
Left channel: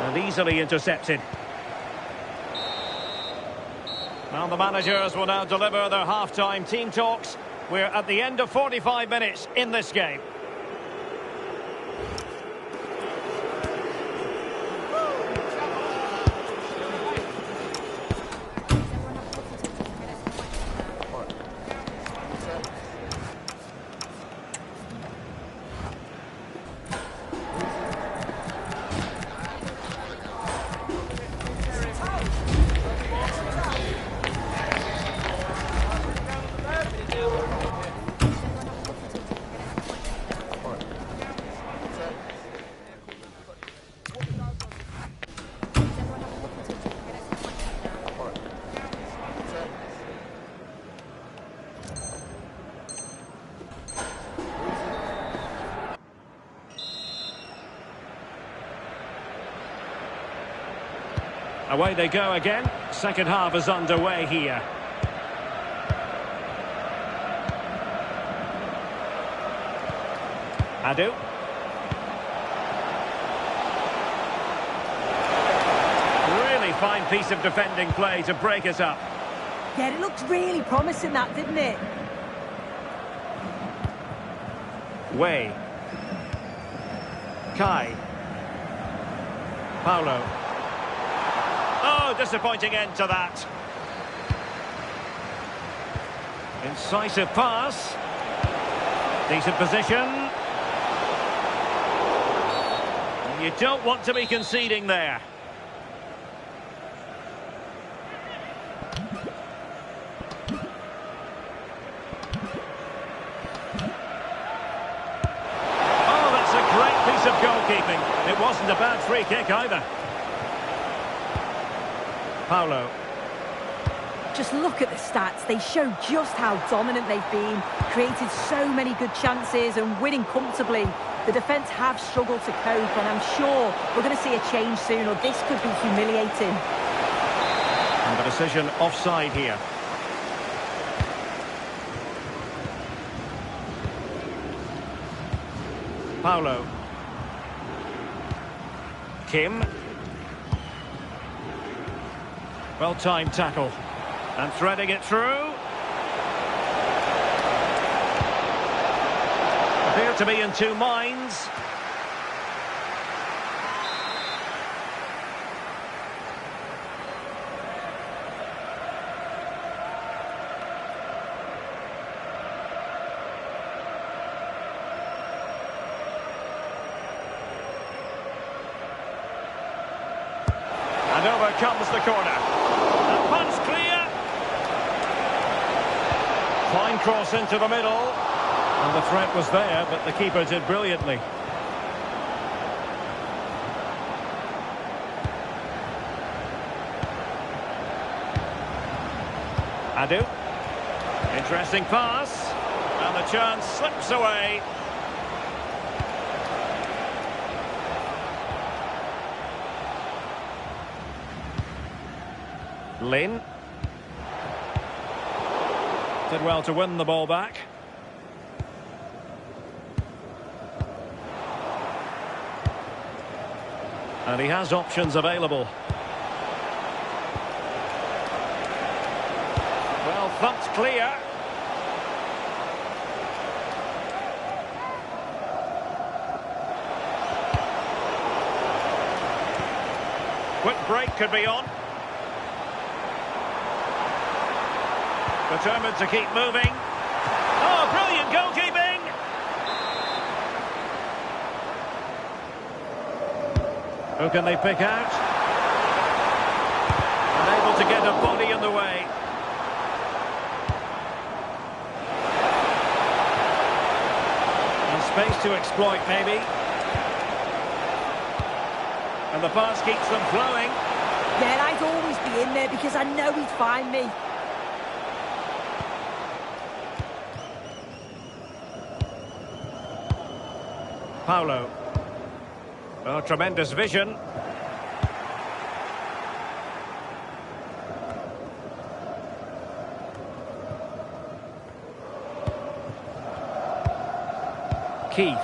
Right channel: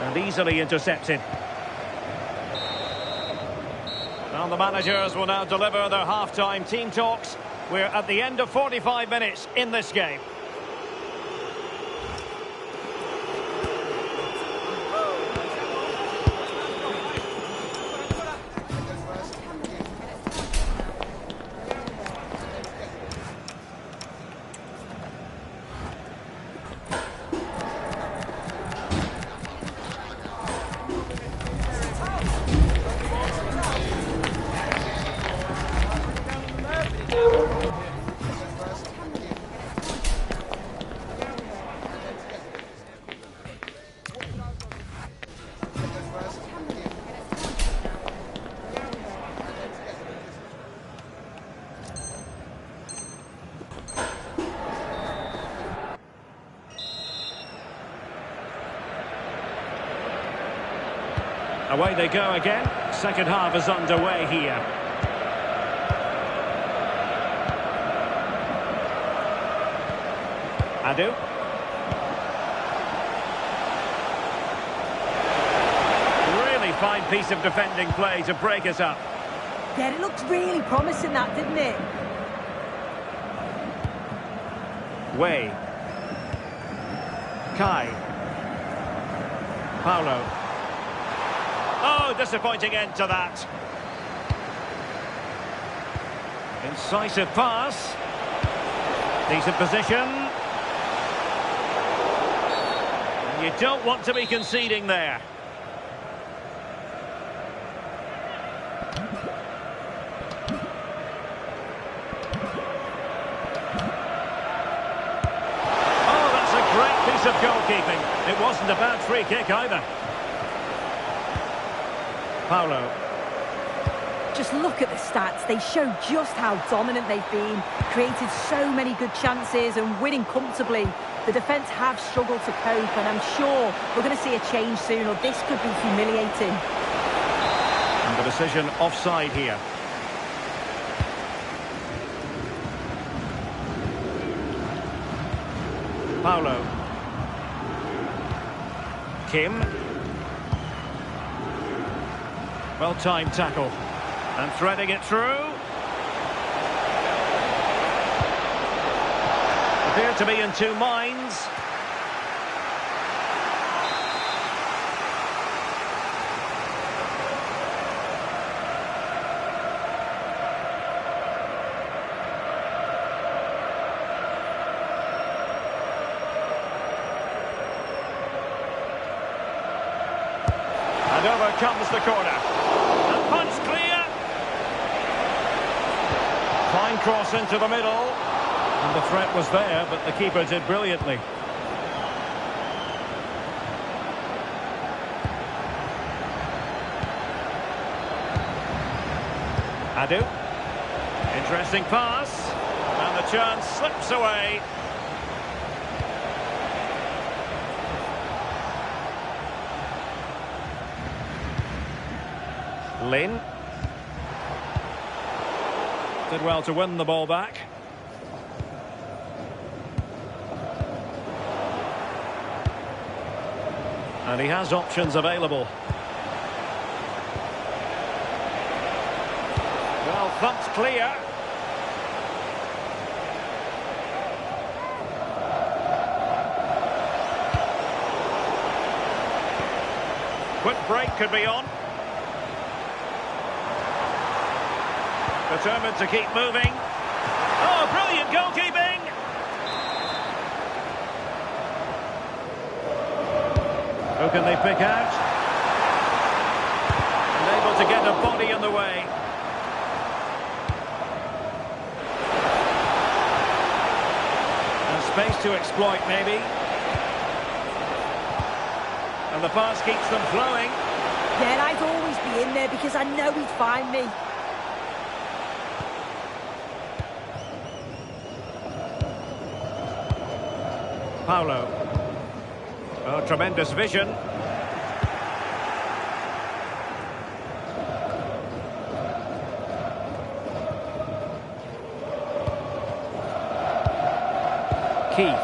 And easily intercepted. Well, the managers will now deliver their half-time team talks. We're at the end of 45 minutes in this game. Away they go again. Second half is underway here. Adu. Really fine piece of defending play to break us up. Yeah, it looked really promising, that, didn't it? Way. Kai. Paulo. Oh, disappointing end to that. Incisive pass. Decent position. You don't want to be conceding there. Oh, that's a great piece of goalkeeping. It wasn't a bad free kick either. Paulo. Just look at the stats. They show just how dominant they've been. Created so many good chances and winning comfortably. The defence have struggled to cope, and I'm sure we're going to see a change soon, or this could be humiliating. And the decision offside here. Paulo. Kim. Well-timed tackle. And threading it through. Appear to be in two minds. And over comes the corner. A punch clear. Fine cross into the middle. And the threat was there, but the keeper did brilliantly. Adu. Interesting pass. And the chance slips away. Lin. Did well to win the ball back. And he has options available. Well, thumped clear. Quick break could be on. Determined to keep moving. Oh, brilliant goalkeeping! Who can they pick out? And able to get a body in the way. And space to exploit, maybe. And the pass keeps them flowing. Yeah, I'd always be in there because I know he'd find me. Paulo. Oh, tremendous vision. Keith.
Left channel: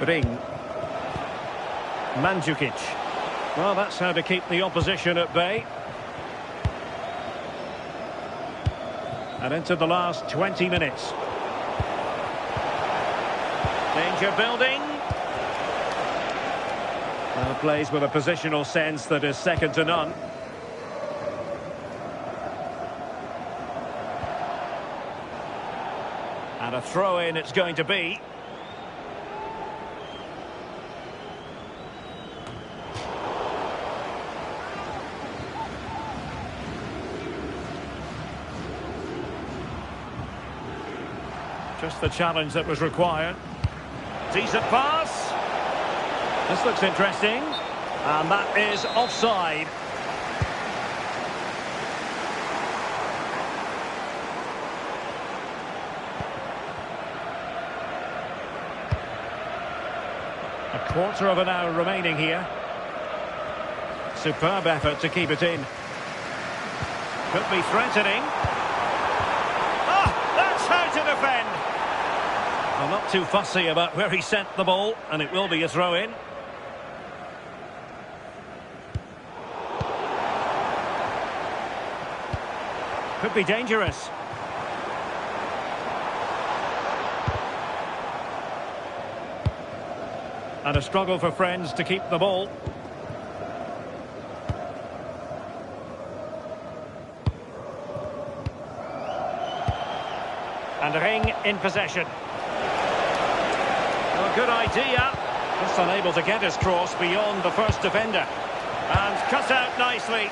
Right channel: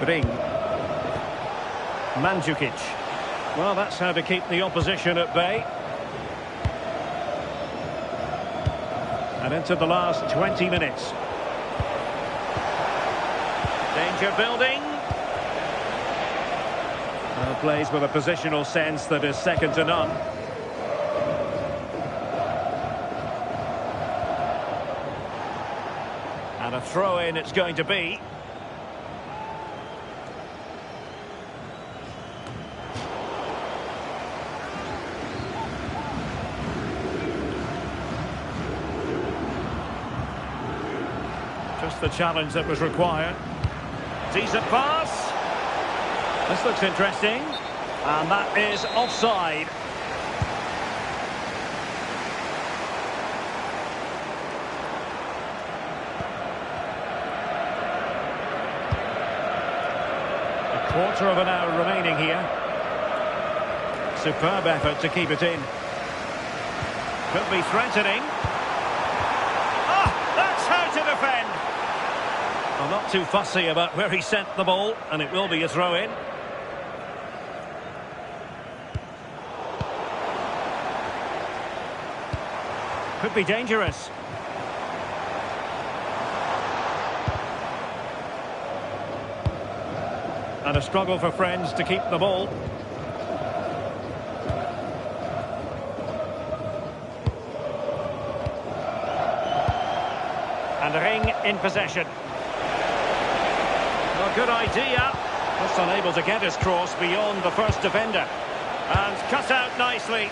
Ring. Mandzukic. Well, that's how to keep the opposition at bay. And into the last 20 minutes. Danger building. Plays with a positional sense that is second to none. And a throw-in it's going to be. Just the challenge that was required. Decent pass. This looks interesting. And that is offside. A quarter of an hour remaining here. Superb effort to keep it in. Could be threatening. Ah, that's how to defend. I'm not too fussy about where he sent the ball, and it will be a throw-in. Could be dangerous. And a struggle for friends to keep the ball. And Ring in possession. good idea. Just unable to get his cross beyond the first defender. And cut out nicely.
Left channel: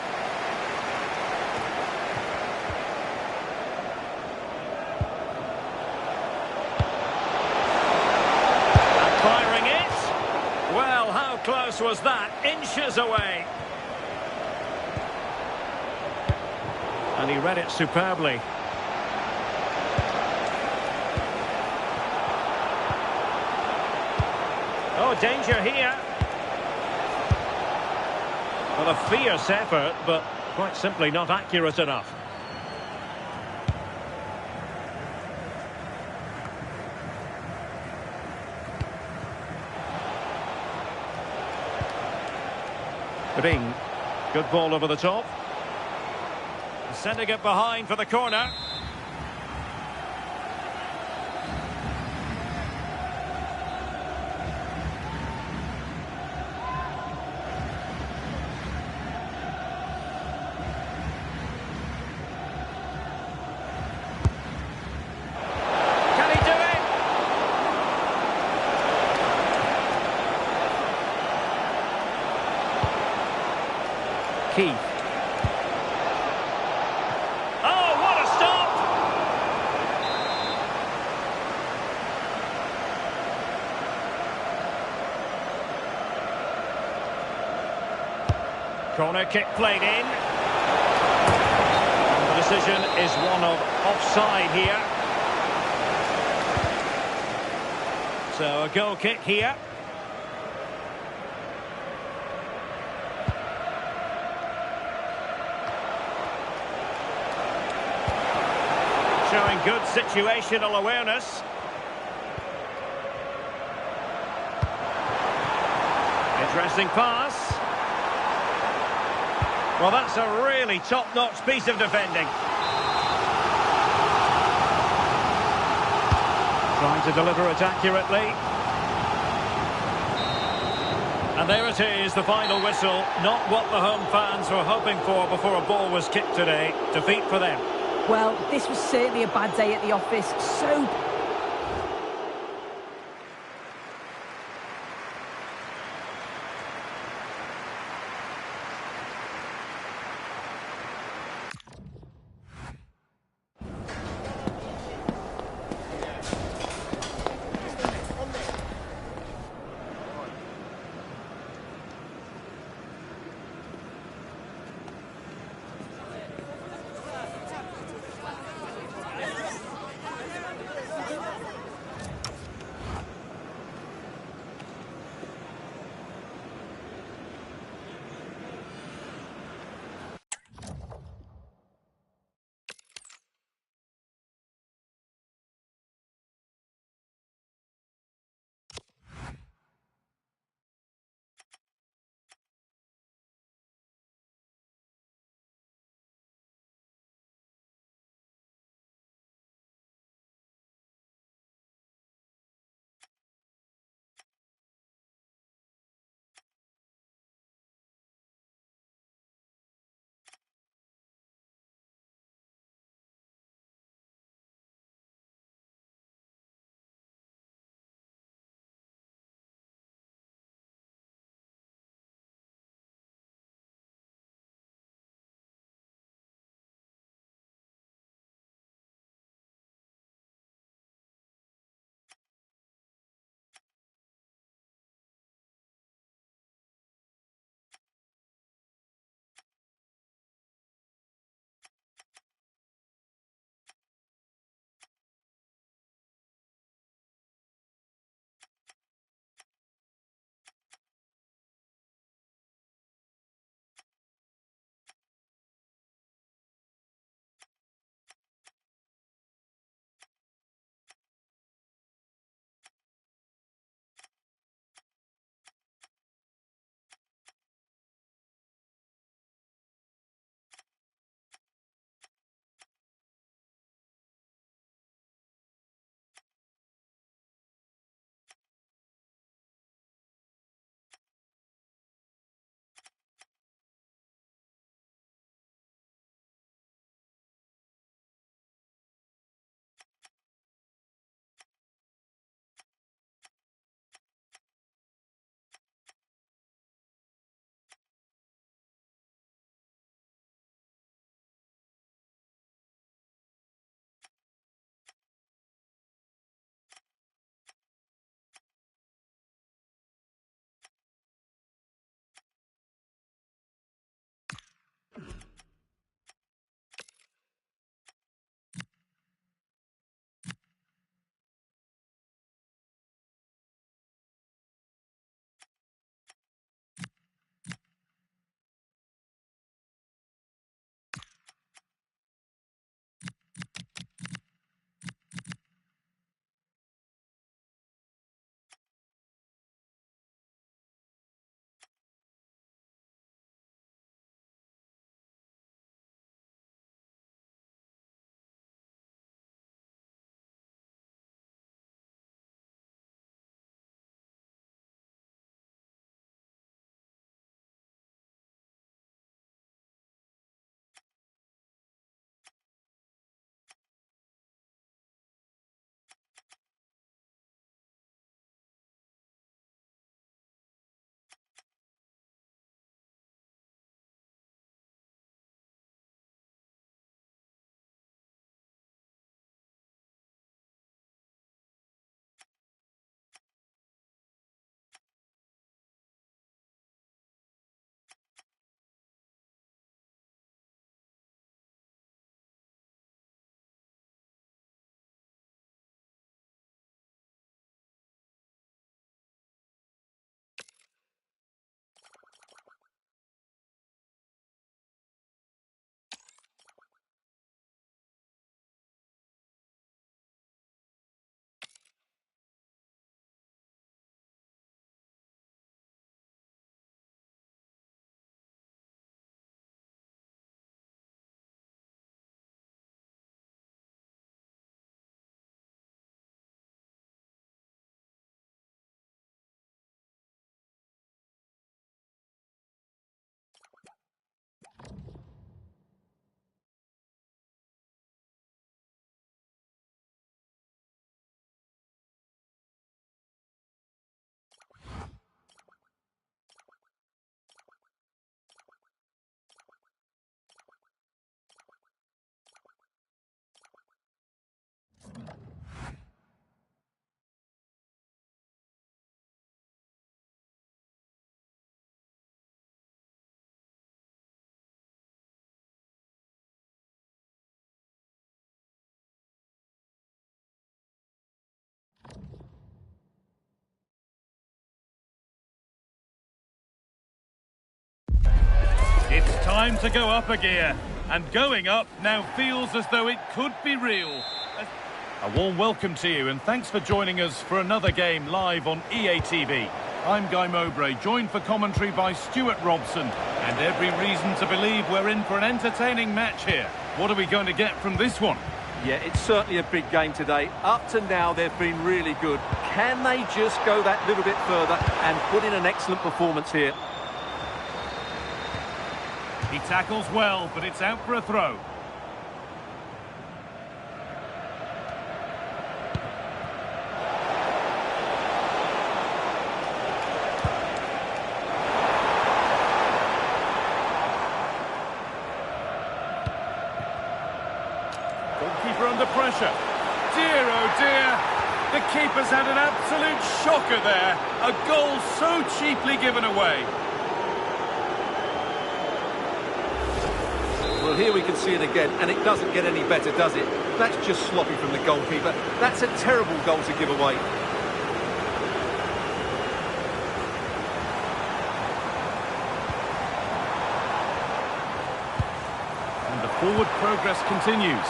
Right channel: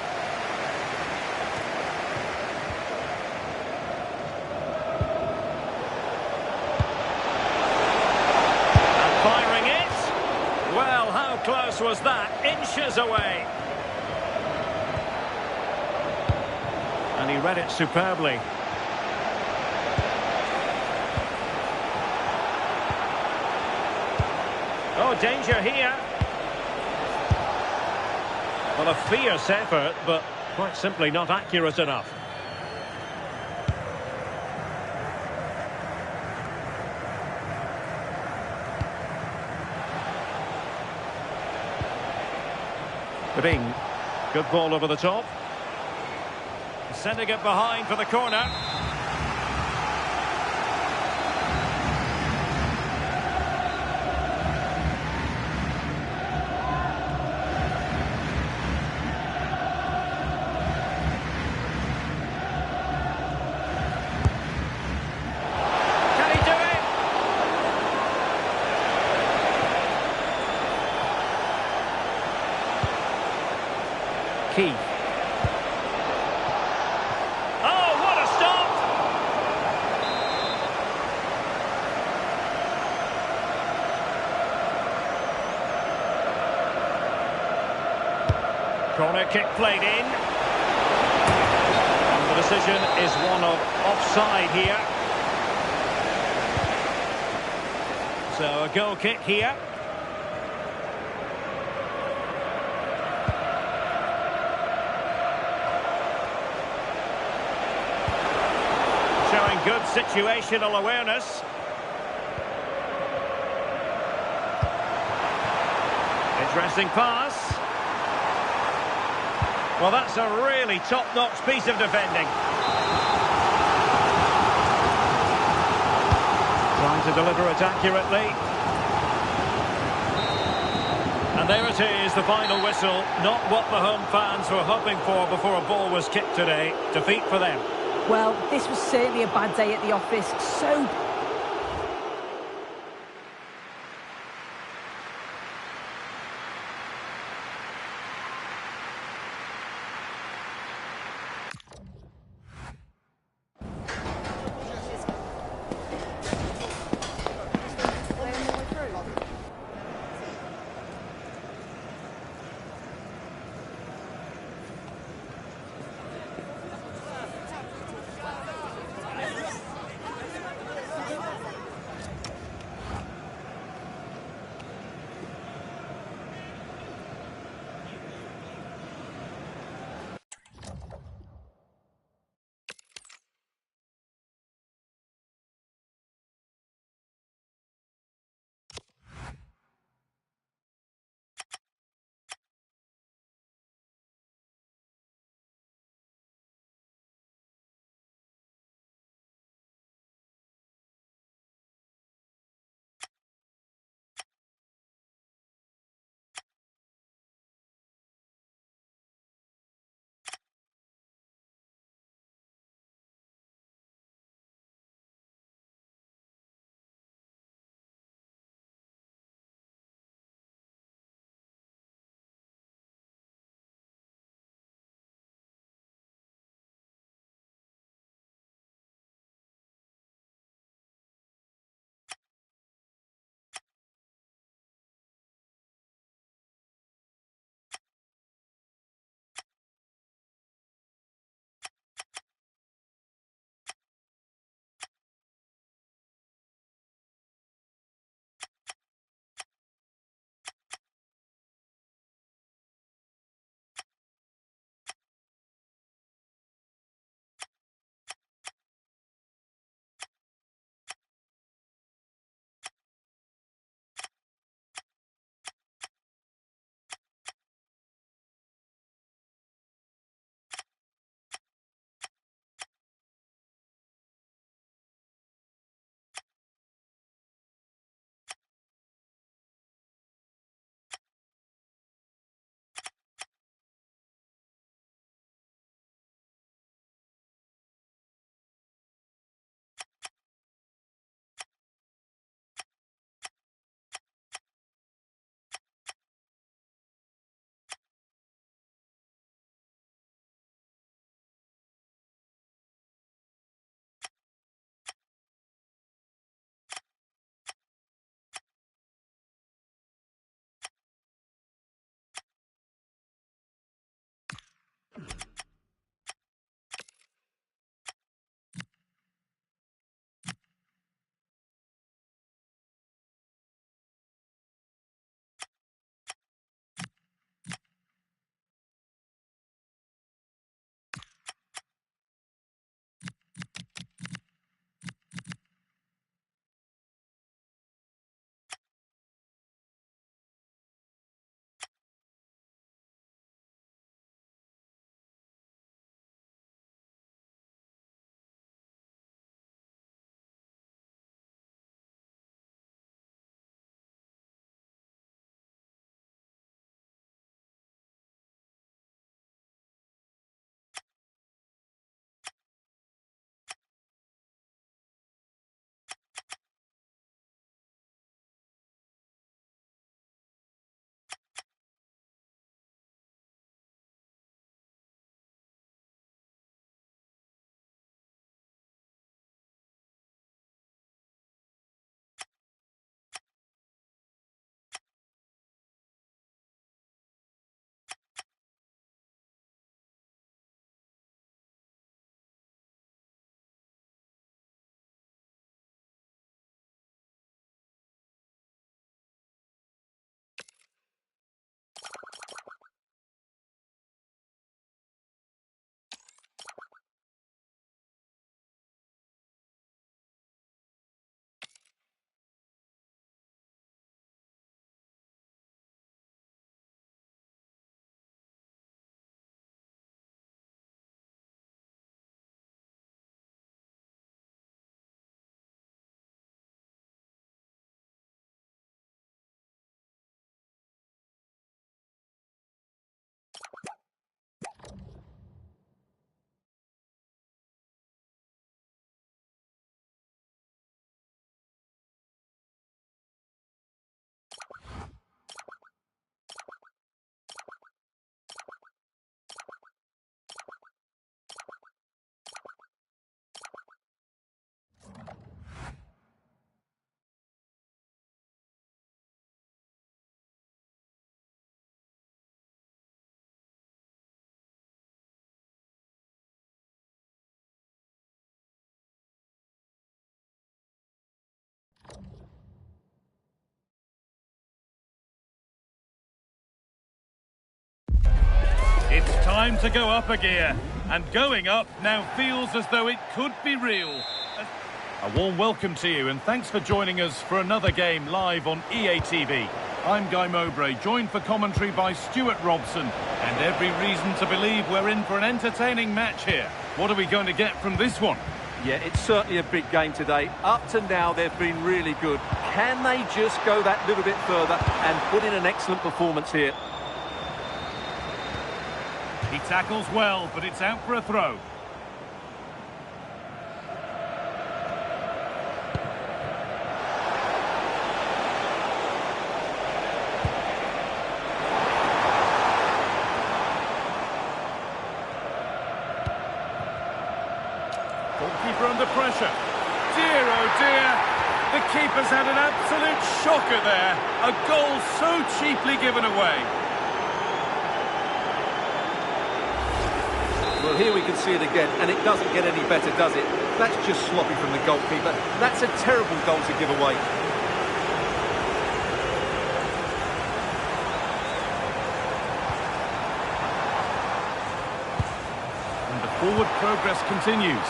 And firing it. Well, how close was that? Inches away. And he read it superbly. Oh, danger here. Well, a fierce effort, but quite simply not accurate enough. Ring. Good ball over the top. Sending it behind for the corner. Keith. Oh, what a stop! Corner kick played in. And the decision is one of offside here. So a goal kick here. Showing good situational awareness. Interesting pass. Well, that's a really top-notch piece of defending. Trying to deliver it accurately. And there it is, the final whistle. Not what the home fans were hoping for before a ball was kicked today. Defeat for them. Well, this was certainly a bad day at the office. So It's time to go up a gear, and going up now feels as though it could be real. A warm welcome to you, and thanks for joining us for another game live on EA TV. I'm Guy Mowbray, joined for commentary by Stuart Robson, and every reason to believe we're in for an entertaining match here. What are we going to get from this one? Yeah, it's certainly a big game today. Up to now, they've been really good. Can they just go that little bit further and put in an excellent performance here? He tackles well, but it's out for a throw. Goalkeeper under pressure. Dear, oh dear. The keeper's had an absolute shocker there. A goal so cheaply given away. Well, here we can see it again, and it doesn't get any better, does it? That's just sloppy from the goalkeeper. That's a terrible goal to give away. And the forward progress continues.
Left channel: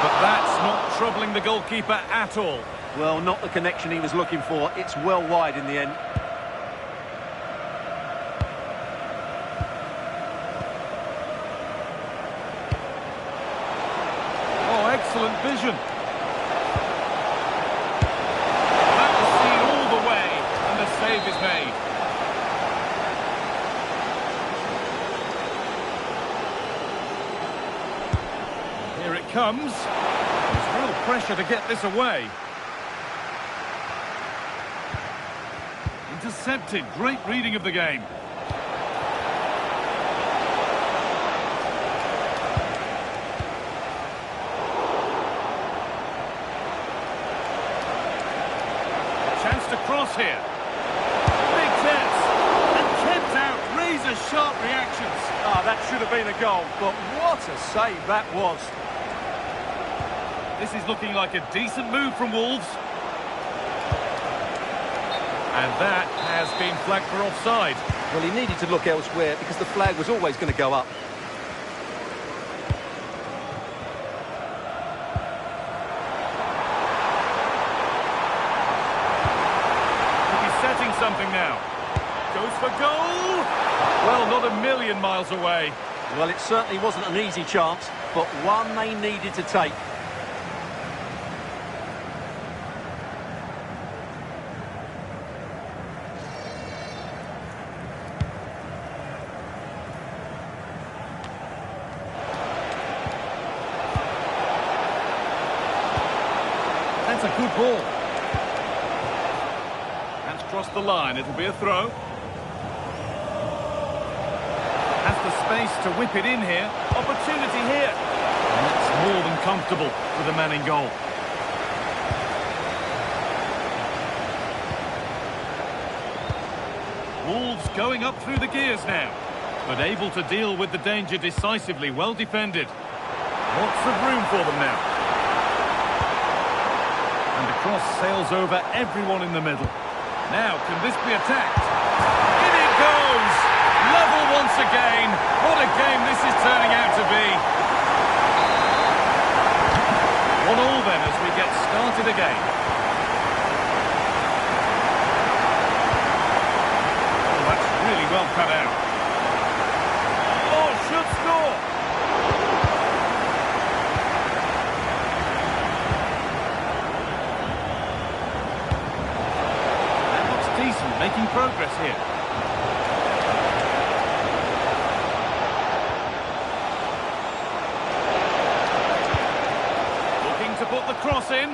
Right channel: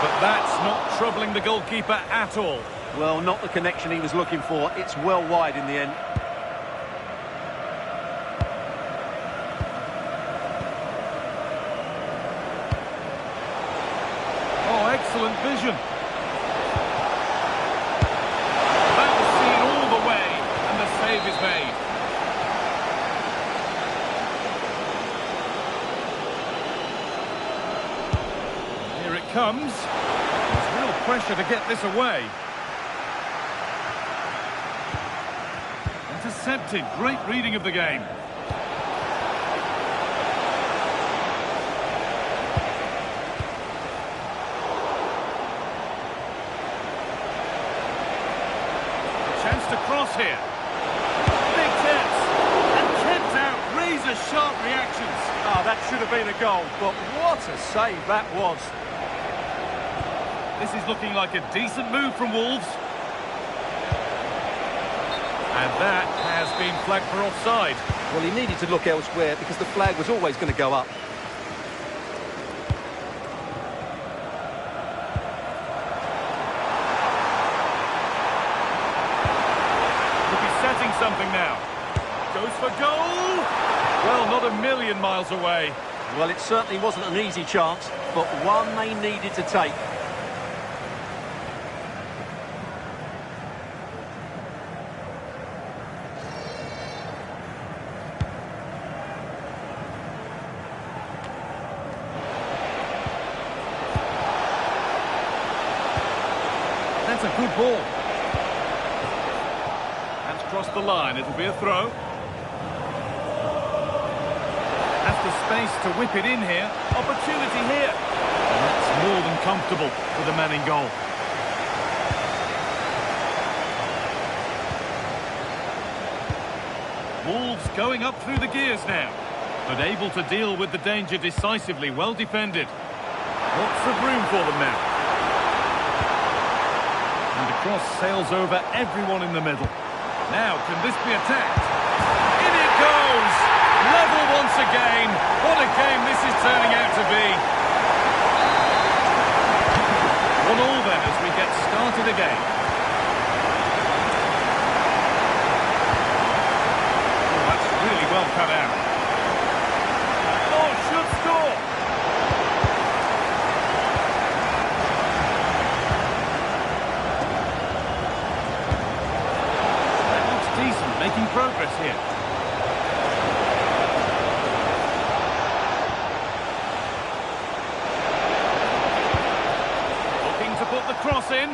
But that's not troubling the goalkeeper at all. Well, not the connection he was looking for. It's well wide in the end. Oh, excellent vision. That was seen all the way, and the save is made. Here it comes. There's real pressure to get this away. Intercepted. Great reading of the game. Chance to cross here. Big chance. And kept out really These are sharp reactions. Ah, that should have been a goal, but what a save that was. This is looking like a decent move from Wolves. And that has been flagged for offside. Well, he needed to look elsewhere because the flag was always going to go up. Could be setting something now. Goes for goal! Well, not a million miles away. Well, it certainly wasn't an easy chance, but one they needed to take. That's a good ball. That's crossed the line. It'll be a throw. Has the space to whip it in here. Opportunity here. And that's more than comfortable for the man in goal. Wolves going up through the gears now, but able to deal with the danger decisively. Well defended. Lots of room for them now. And the cross sails over everyone in the middle. Now, can this be attacked? In it goes! Level once again. What a game this is turning out to be. 1-1 then as we get started again. Oh, that's really well cut out. Oh, should score. That looks decent, making progress here. To put the cross in.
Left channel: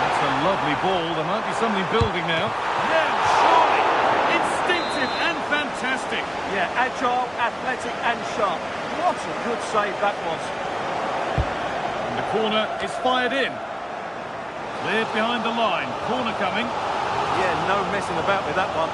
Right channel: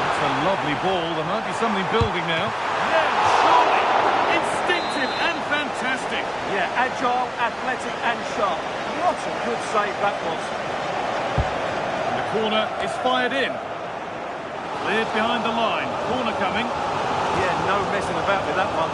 That's a lovely ball. There might be something building now. Now, surely. Instinctive and fantastic. Yeah, agile, athletic and sharp. What a good save that was. And the corner is fired in. Cleared behind the line. Corner coming. Yeah, no messing about with that one.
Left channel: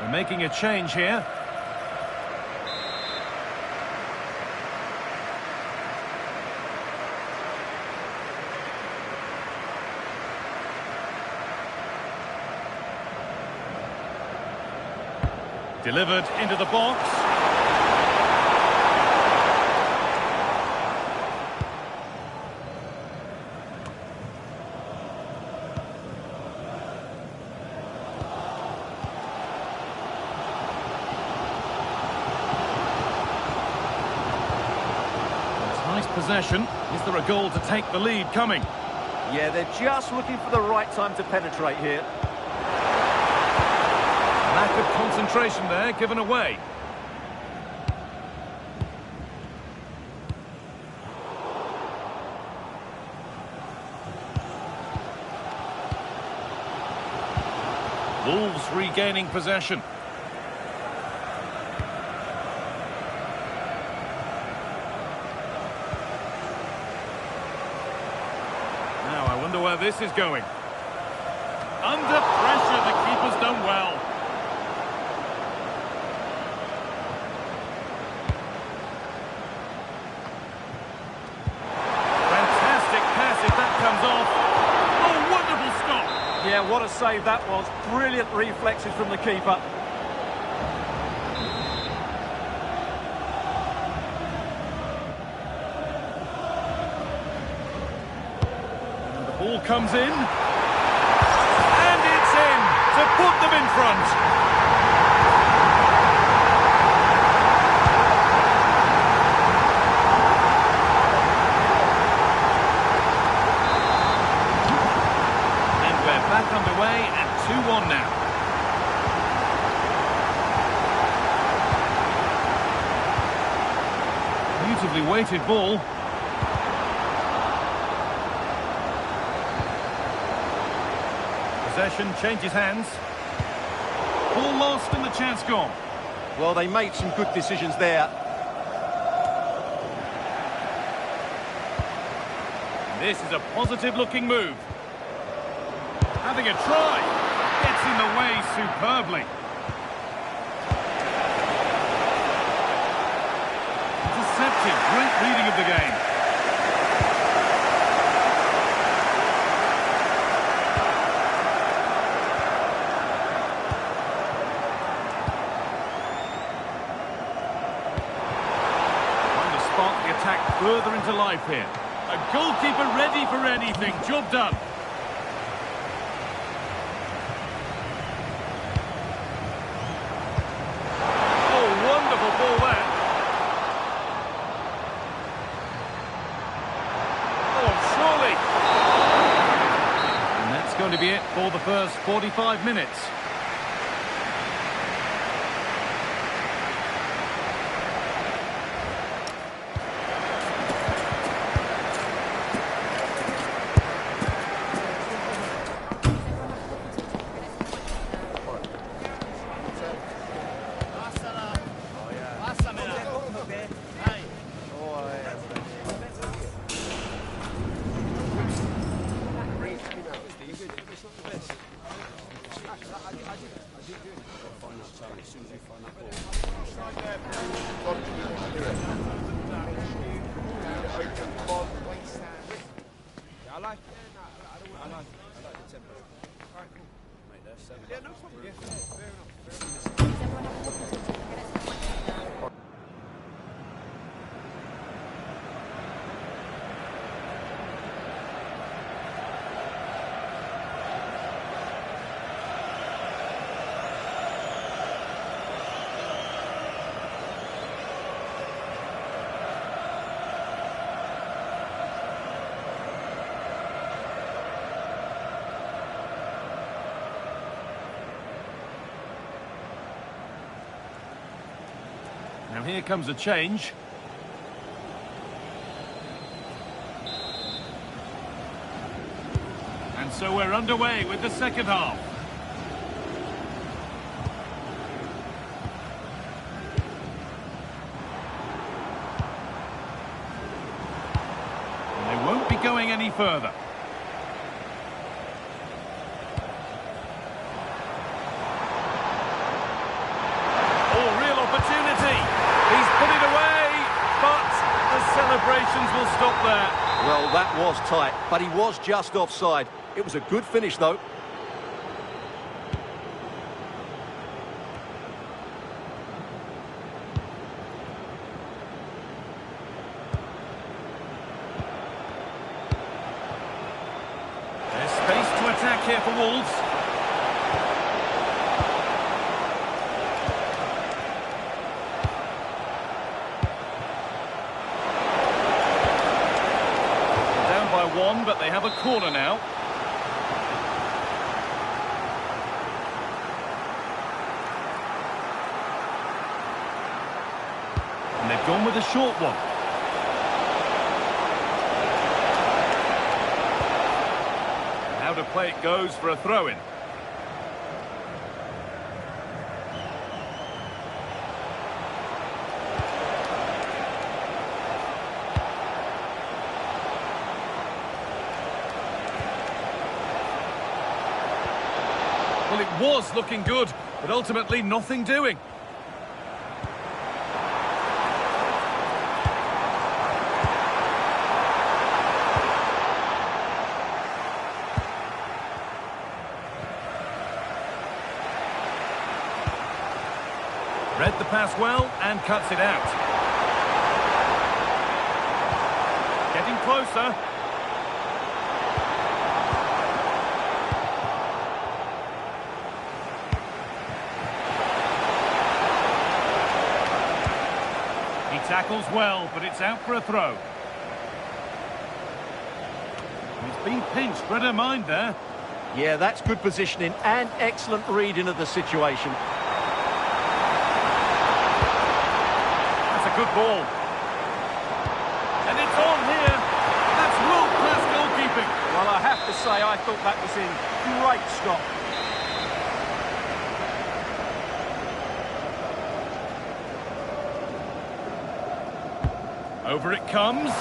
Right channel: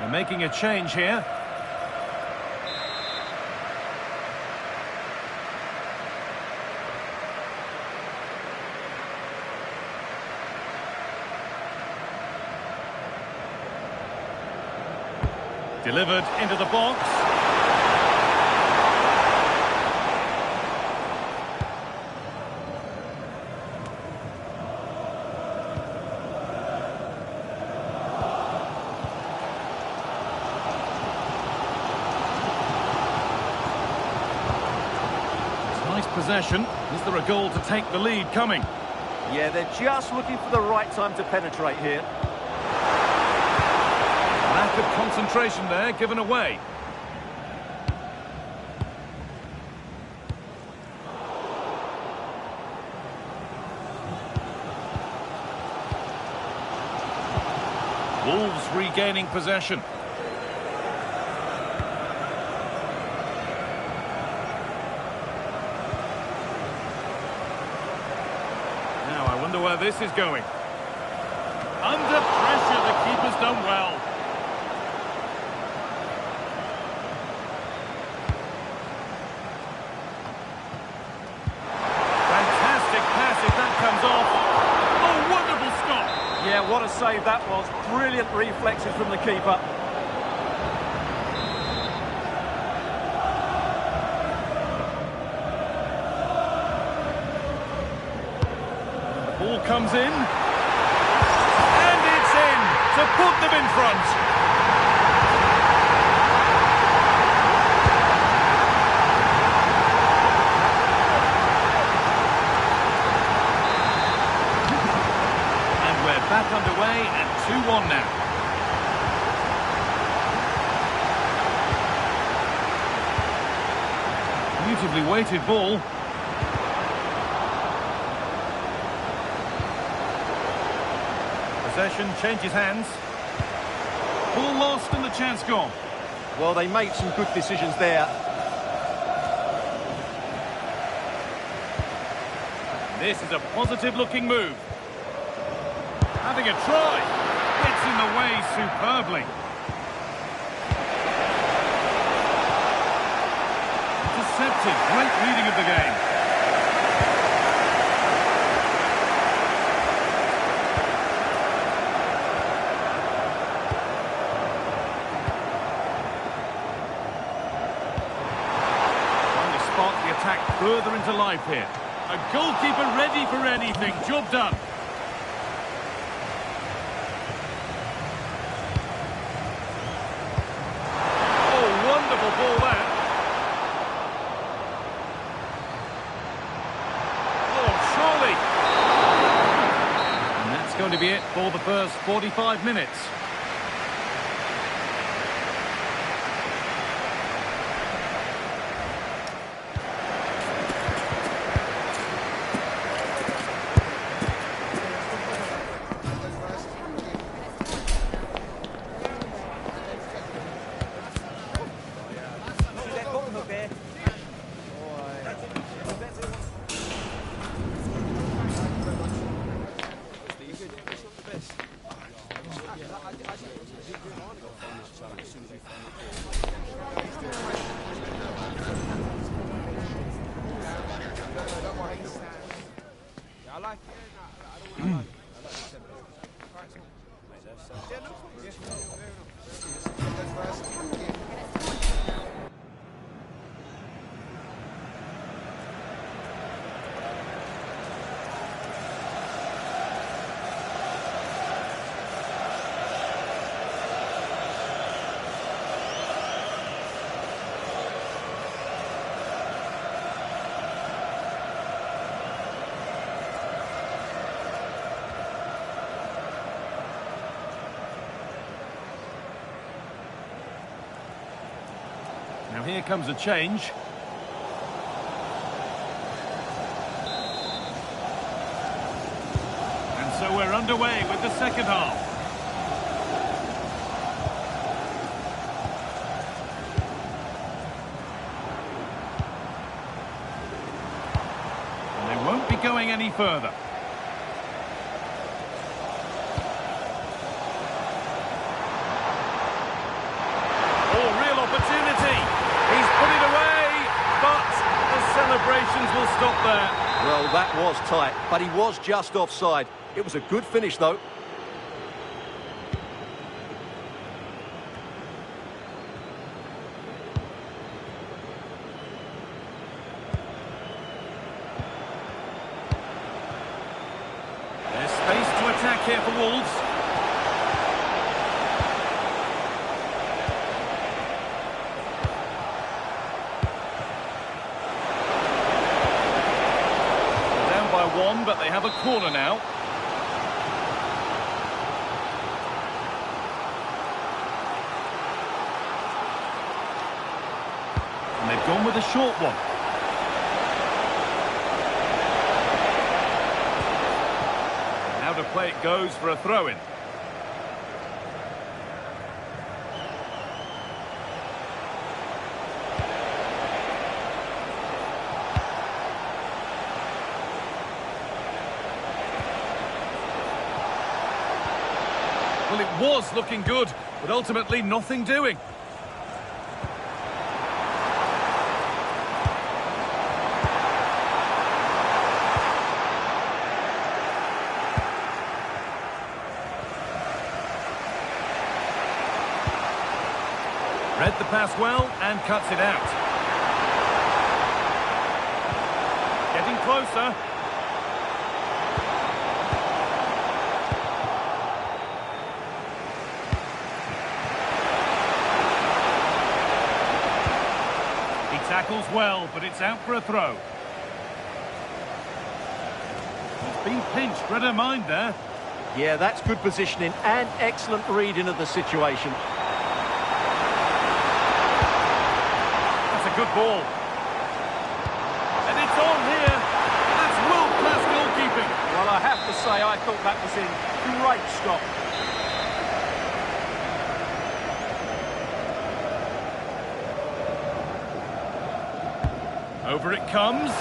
They're making a change here. Delivered into the box. Nice possession. Is there a goal to take the lead coming? Yeah, they're just looking for the right time to penetrate here. Lack of concentration there, given away. Wolves regaining possession. Now, I wonder where this is going. Under pressure, the keeper's done well. Fantastic pass if that comes off. Oh, wonderful stop. Yeah, what a save that was. Brilliant reflexes from the keeper. Ball comes in. And it's to put them in front. And we're back underway and 2-1 now. Beautifully weighted ball. Possession changes hands. Ball lost and the chance gone. Well, they made some good decisions there. This is a positive-looking move. Having a try. Gets in the way superbly. Intercepted. Great reading of the game. Trying to spark the attack further into life here. A goalkeeper ready for anything. Job done. Oh, wonderful ball there. Oh, surely. And that's going to be it for the first 45 minutes. Now here comes a change. And so we're underway with the second half. And they won't be going any further. Oh, real opportunity. He's put it away, but the celebrations will stop there. Well, that was tight, but he was just offside. It was a good finish, though. There's space to attack here for Wolves. By one, but they have a corner now. And they've gone with a short one. And how to play it goes for a throw-in. Well, it was looking good, but ultimately nothing doing. Read the pass well and cuts it out. Getting closer. tackles well, but it's out for a throw. He's been pinched, read her mind there. Yeah, that's good positioning and excellent reading of the situation. That's a good ball. And it's on here. That's world-class goalkeeping. Well, I have to say, I thought that was in. Great stop. Over it comes.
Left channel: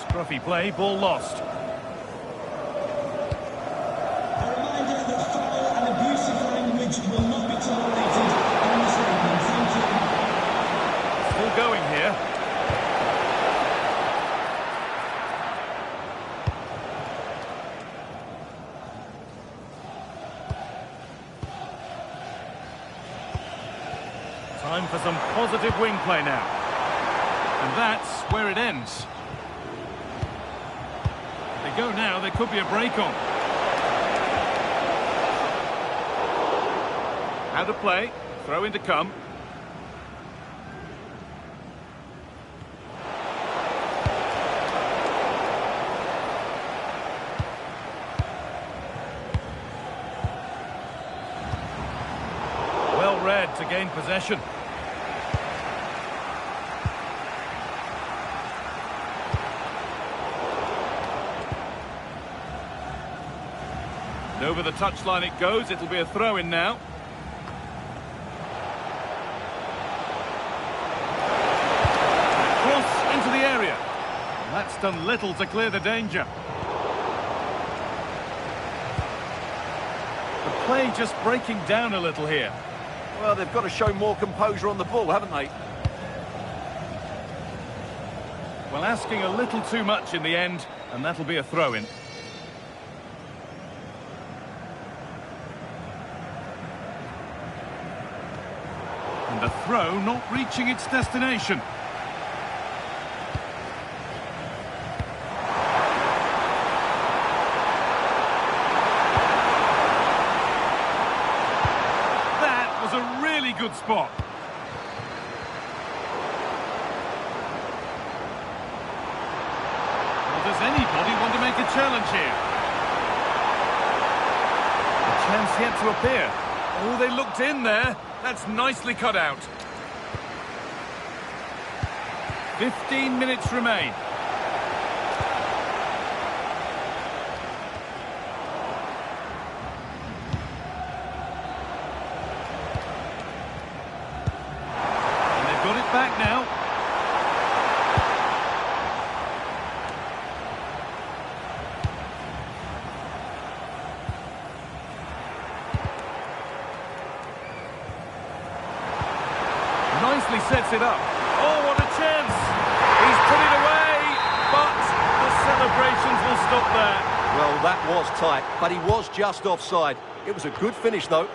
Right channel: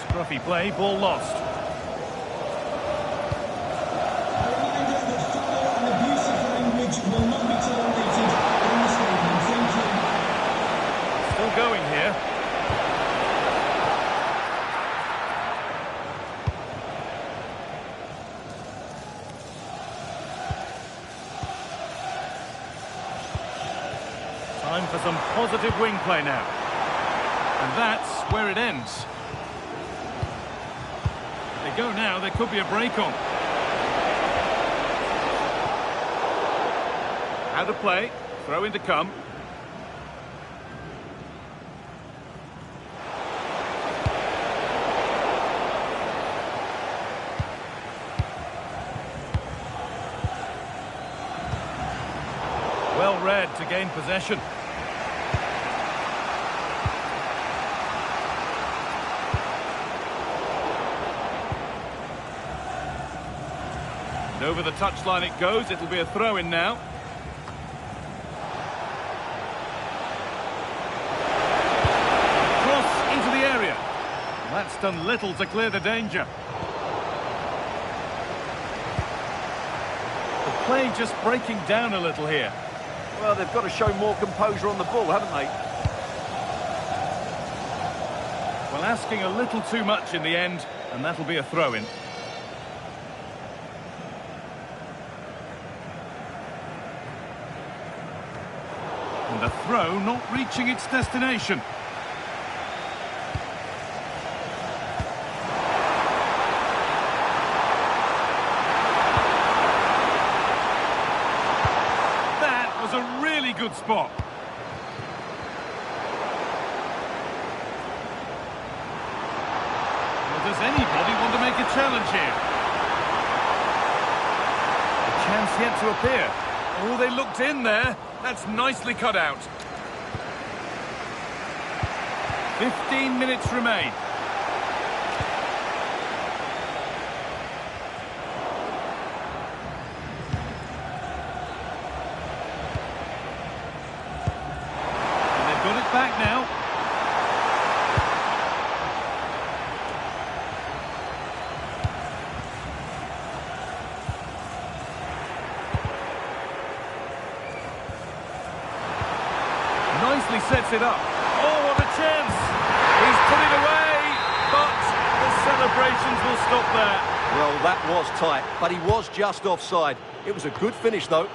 Scruffy play, ball lost. A reminder that foul and abusive language will not be tolerated in the stadium. Thank you. Still going here. Time for some positive wing play now. And that's where it ends. If they go now, there could be a break on. Out of play, throw in to come. Well read to gain possession. And over the touchline it goes. It'll be a throw-in now. Cross into the area. And that's done little to clear the danger. The play just breaking down a little here. Well, they've got to show more composure on the ball, haven't they? Well, asking a little too much in the end, and that'll be a throw-in. And the throw not reaching its destination. That was a really good spot. Well, does anybody want to make a challenge here? A chance yet to appear. Oh, they looked in there. That's nicely cut out. 15 minutes remain. And they've got it back now. Nicely sets it up. Oh, what a chance! He's put it away, but the celebrations will stop there. Well, that was tight, but he was just offside. It was a good finish, though.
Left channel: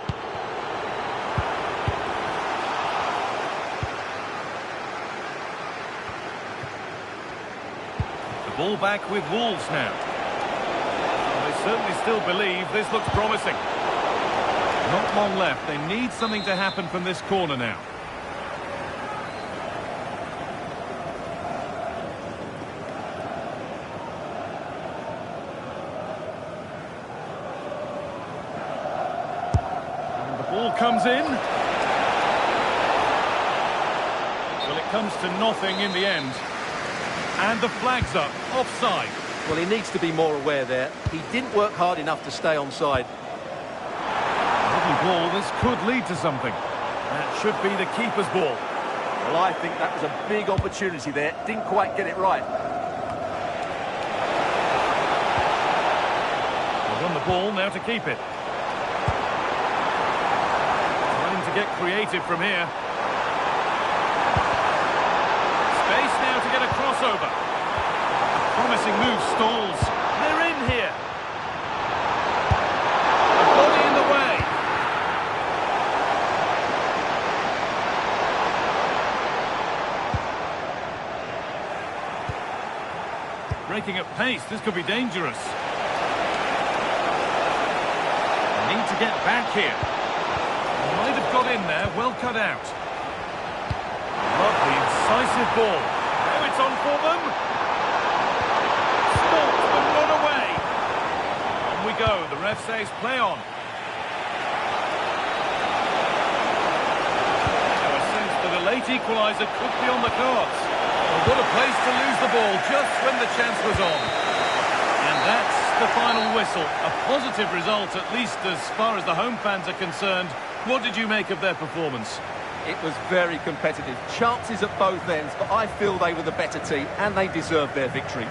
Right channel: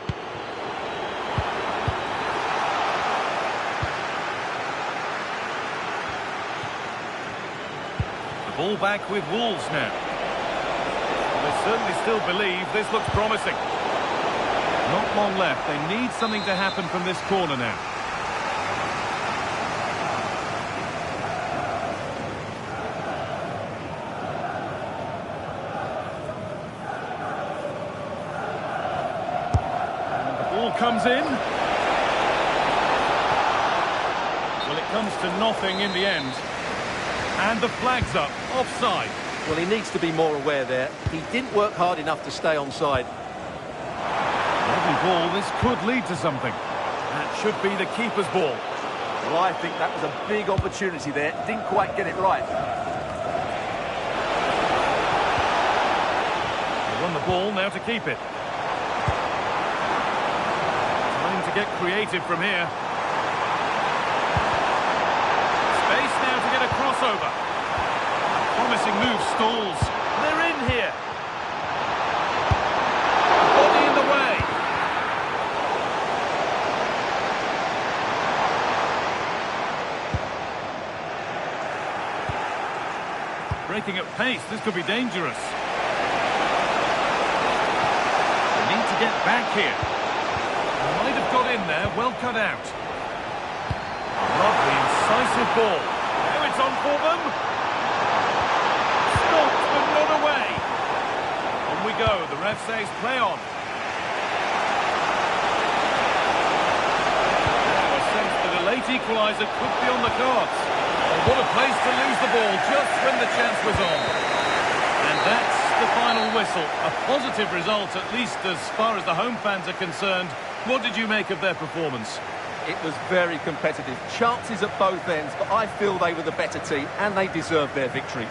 The ball back with Wolves now. Well, they certainly still believe this looks promising. Not long left. They need something to happen from this corner now. Ball comes in. Well, it comes to nothing in the end. And the flag's up, offside. Well, he needs to be more aware there. He didn't work hard enough to stay onside. Lovely ball, this could lead to something. That should be the keeper's ball. Well, I think that was a big opportunity there. Didn't quite get it right. They won the ball, now to keep it. To get creative from here. Space now to get a crossover. A promising move stalls. They're in here. A body in the way. Breaking at pace, this could be dangerous. They need to get back here. Might have got in there, well cut out. Lovely, incisive ball. Now it's on for them. Stopped, but not away. On we go. The ref says play on. Now a sense that a late equaliser could be on the cards. Well, what a place to lose the ball just when the chance was on. And that's the final whistle. A positive result, at least as far as the home fans are concerned. What did you make of their performance? It was very competitive. Chances at both ends, but I feel they were the better team and they deserved their victory.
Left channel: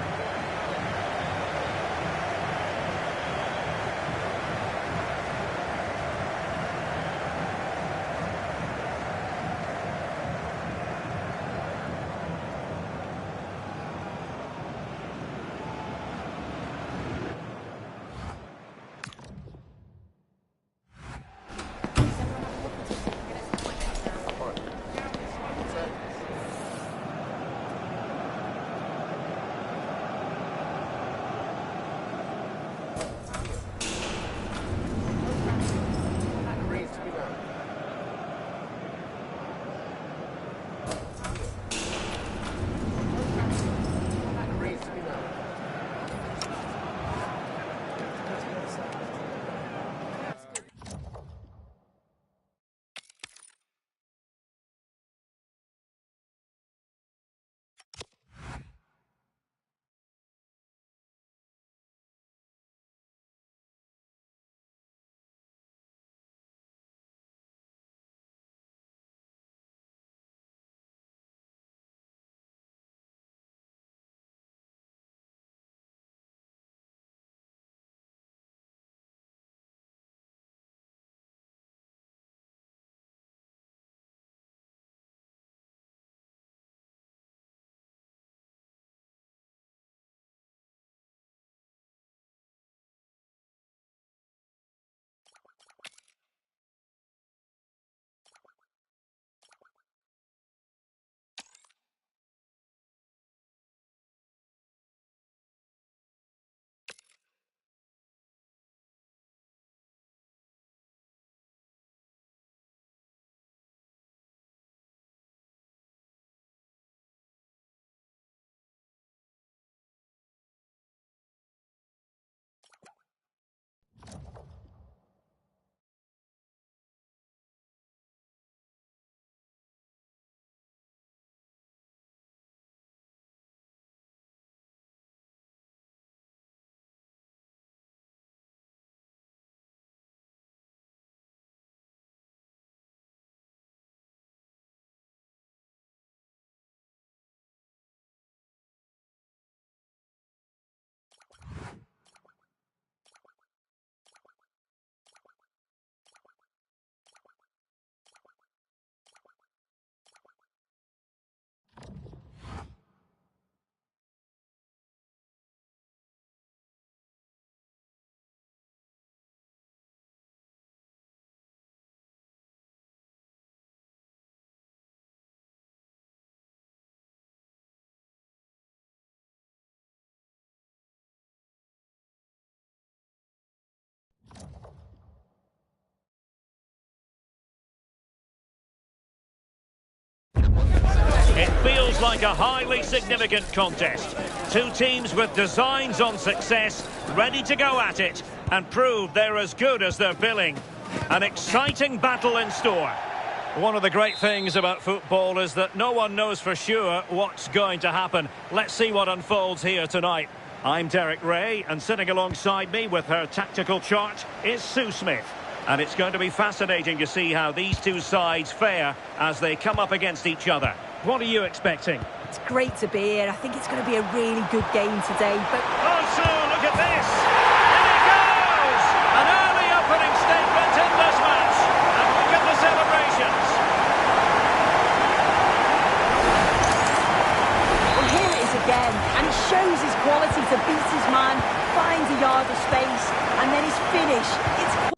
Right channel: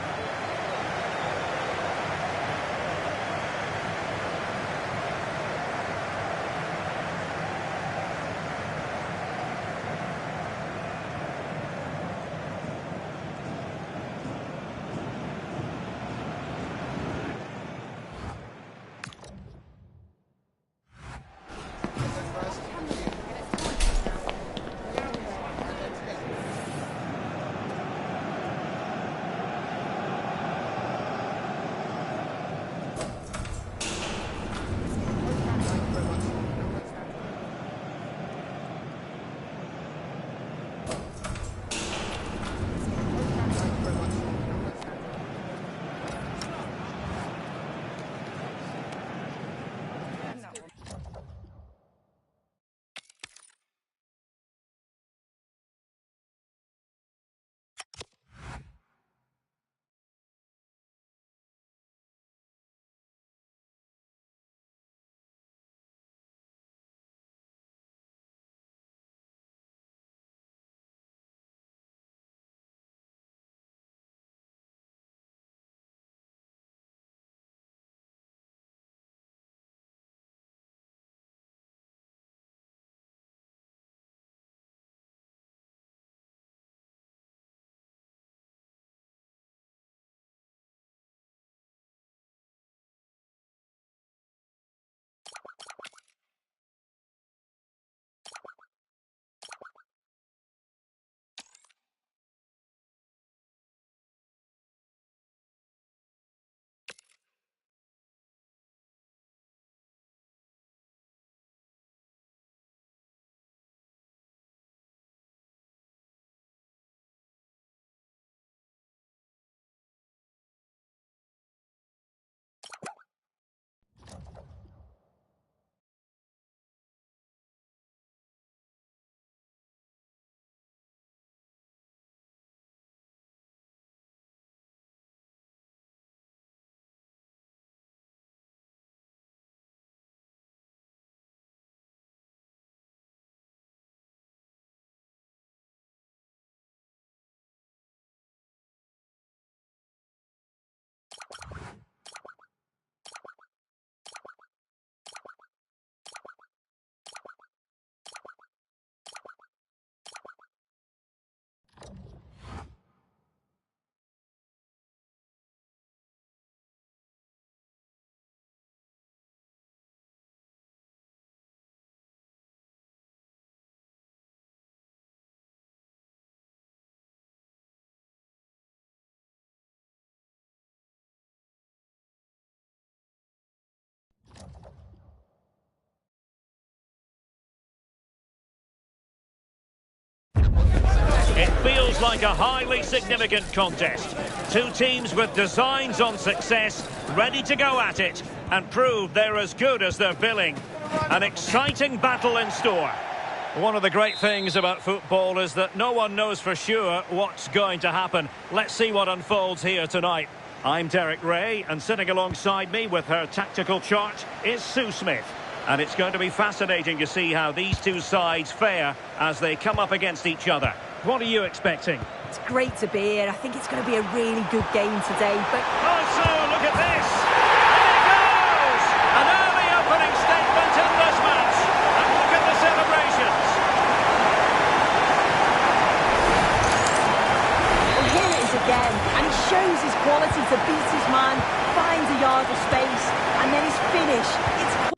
It feels like a highly significant contest. Two teams with designs on success, ready to go at it and prove they're as good as they're billing. An exciting battle in store. One of the great things about football is that no one knows for sure what's going to happen. Let's see what unfolds here tonight. I'm Derek Ray, and sitting alongside me with her tactical chart is Sue Smith. And it's going to be fascinating to see how these two sides fare as they come up against each other. What are you expecting? It's great to be here. I think it's going to be a really good game today. But oh, Sue, look at this! In it goes! An early opening statement in this match. And look at the celebrations. Well, here it is again. And he shows his quality to beat his man, finds a yard of space, and then his finish. It's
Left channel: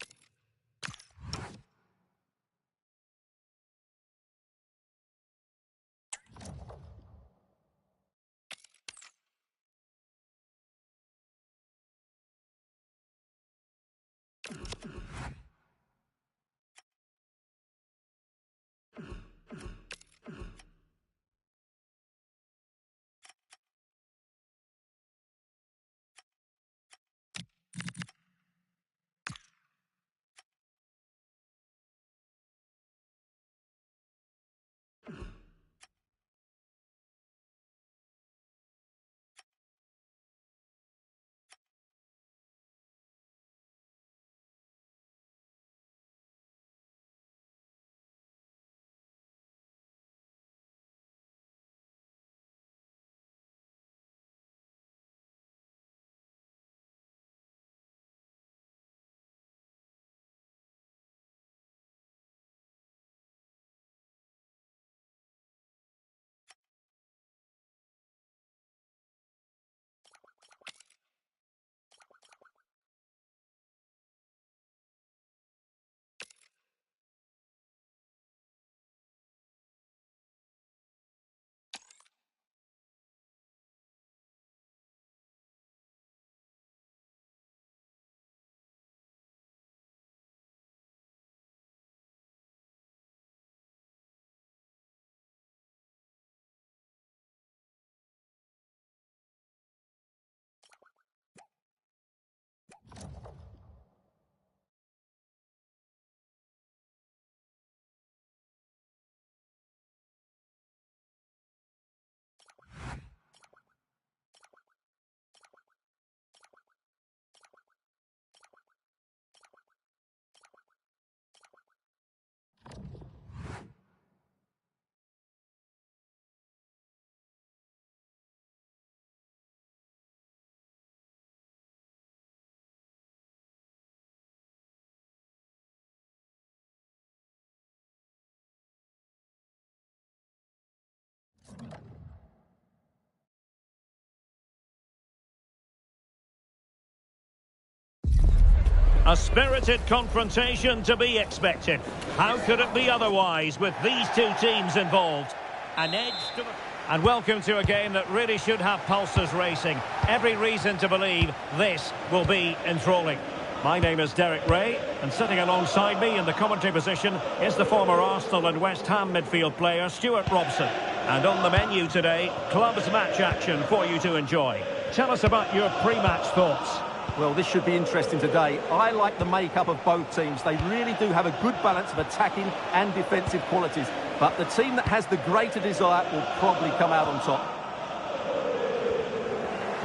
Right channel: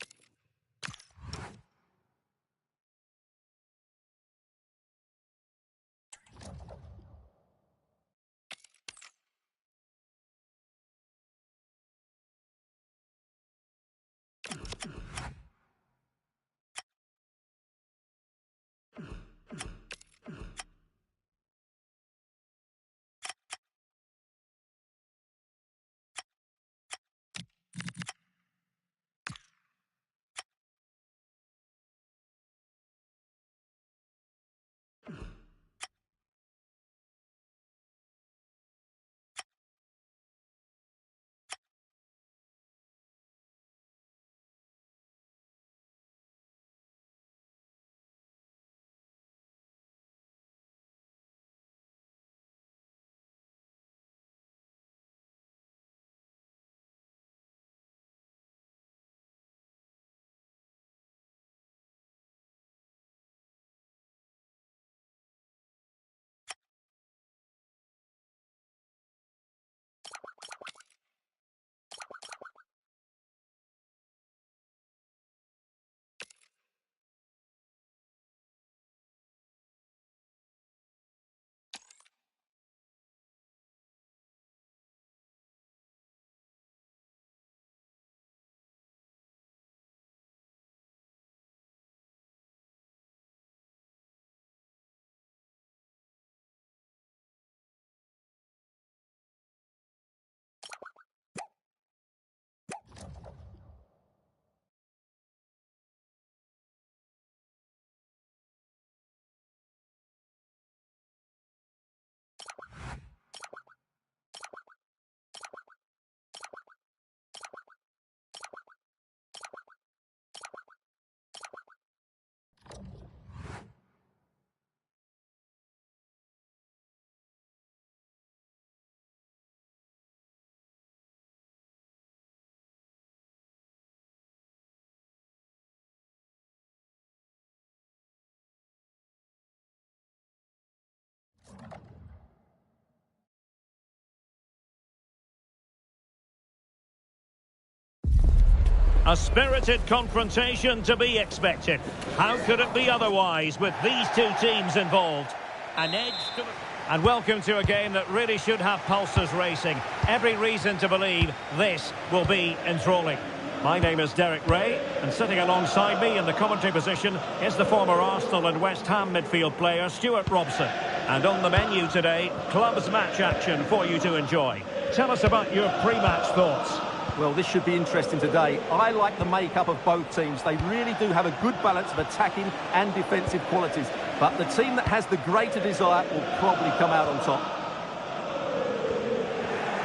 A spirited confrontation to be expected. How could it be otherwise with these two teams involved? An edge to the... And welcome to a game that really should have pulses racing. Every reason to believe this will be enthralling. My name is Derek Ray, and sitting alongside me in the commentary position is the former Arsenal and West Ham midfield player Stuart Robson. And on the menu today, clubs match action for you to enjoy. Tell us about your pre-match thoughts. Well, this should be interesting today. I like the makeup of both teams. They really do have a good balance of attacking and defensive qualities. But the team that has the greater desire will probably come out on top.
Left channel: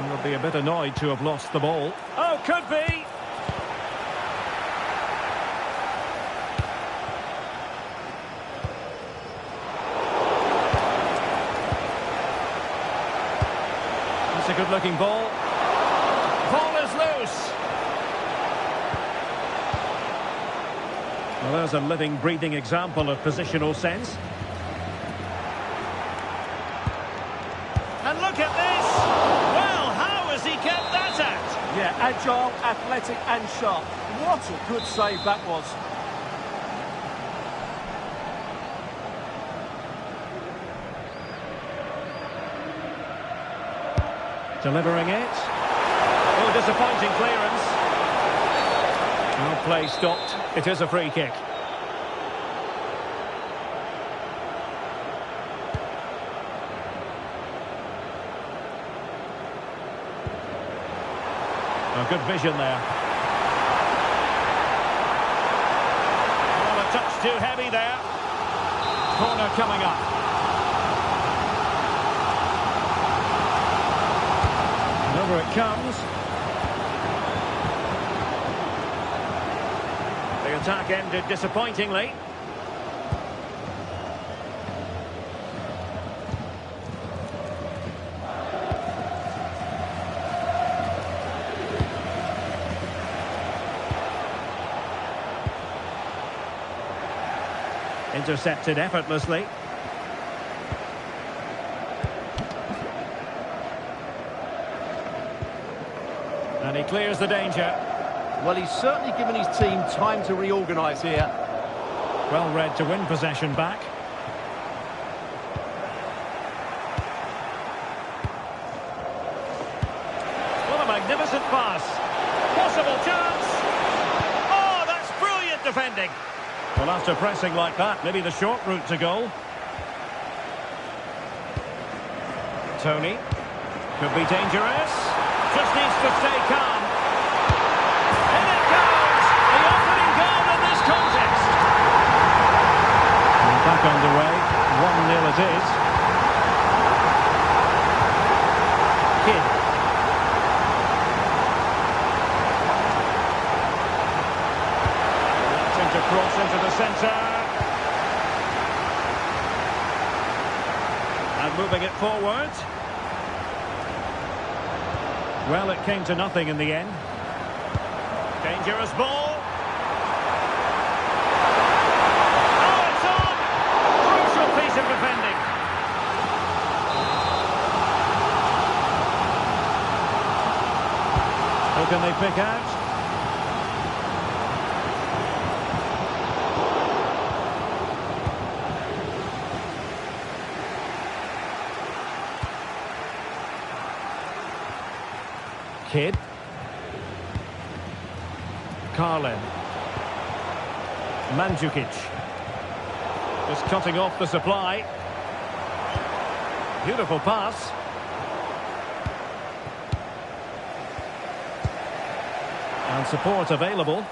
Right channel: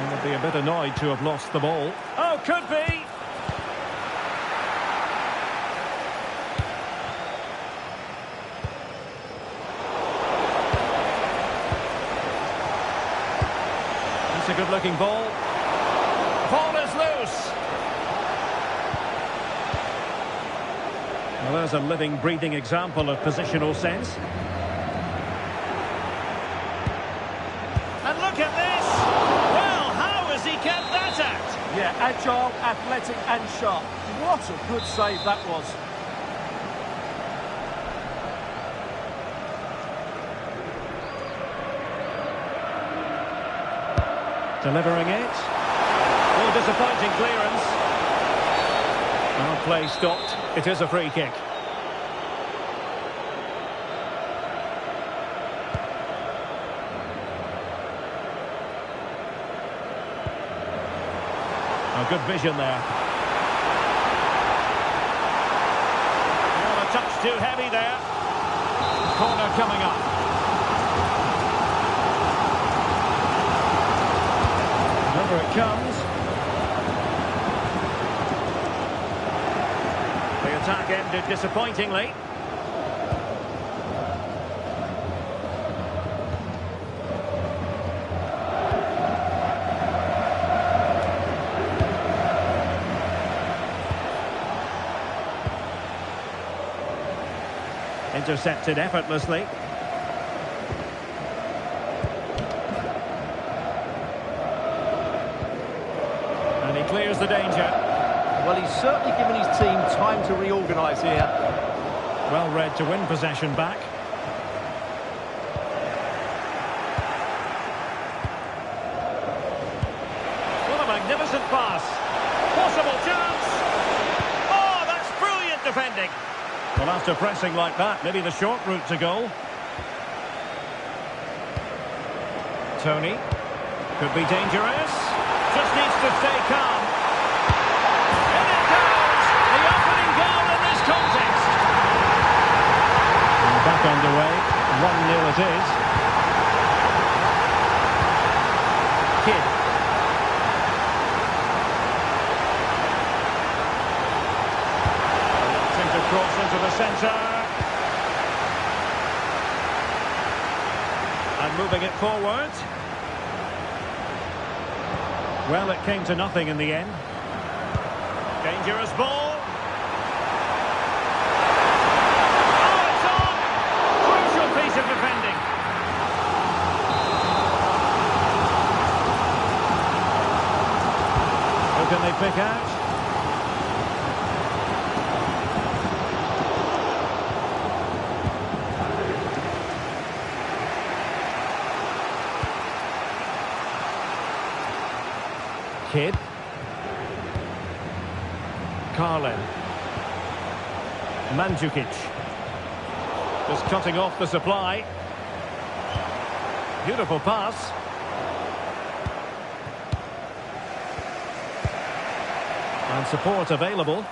They'll be a bit annoyed to have lost the ball. Oh, could be! That's a good-looking ball. Ball is loose. Well, there's a living, breathing example of positional sense. And look at this! Well, how has he kept that out? Yeah, agile, athletic and sharp. What a good save that was. Delivering it. Oh, disappointing clearance. Well, play stopped. It is a free kick. Oh, good vision there. Well, a touch too heavy there. Corner coming up. And over it comes. The attack ended disappointingly. Intercepted effortlessly. And he clears the danger. Well, he's certainly given his team time to reorganise here. Well read to win possession back. What a magnificent pass. Possible chance. Oh, that's brilliant defending. Well, after pressing like that, maybe the short route to goal. Tony. Could be dangerous. Just needs to stay calm. In it goes! The opening goal in this contest. And back underway. 1-0 it is. Kidd. Wanting to cross into the centre. And moving it forward. Well, it came to nothing in the end. Dangerous ball. Oh, it's on! Crucial piece of defending. Who can they pick out? Kidd. Carlin. Mandzukic. Just cutting off the supply. Beautiful pass. And support available.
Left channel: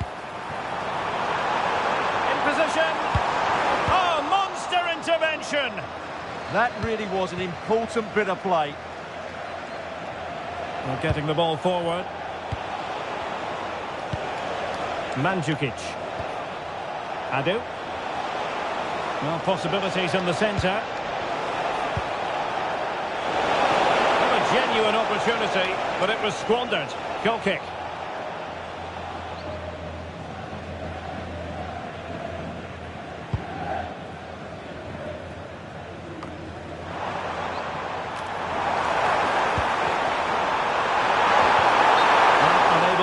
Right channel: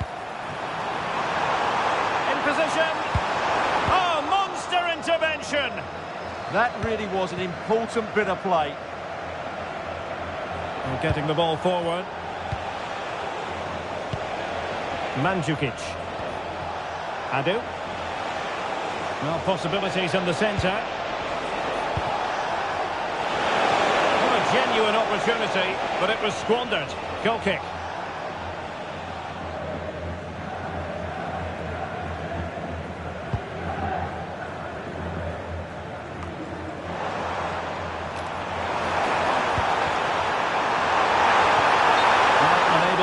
In position. Oh, monster intervention. That really was an important bit of play. Well, getting the ball forward. Mandzukic. Adu. Well, possibilities in the centre. What a genuine opportunity, but it was squandered. Goal kick.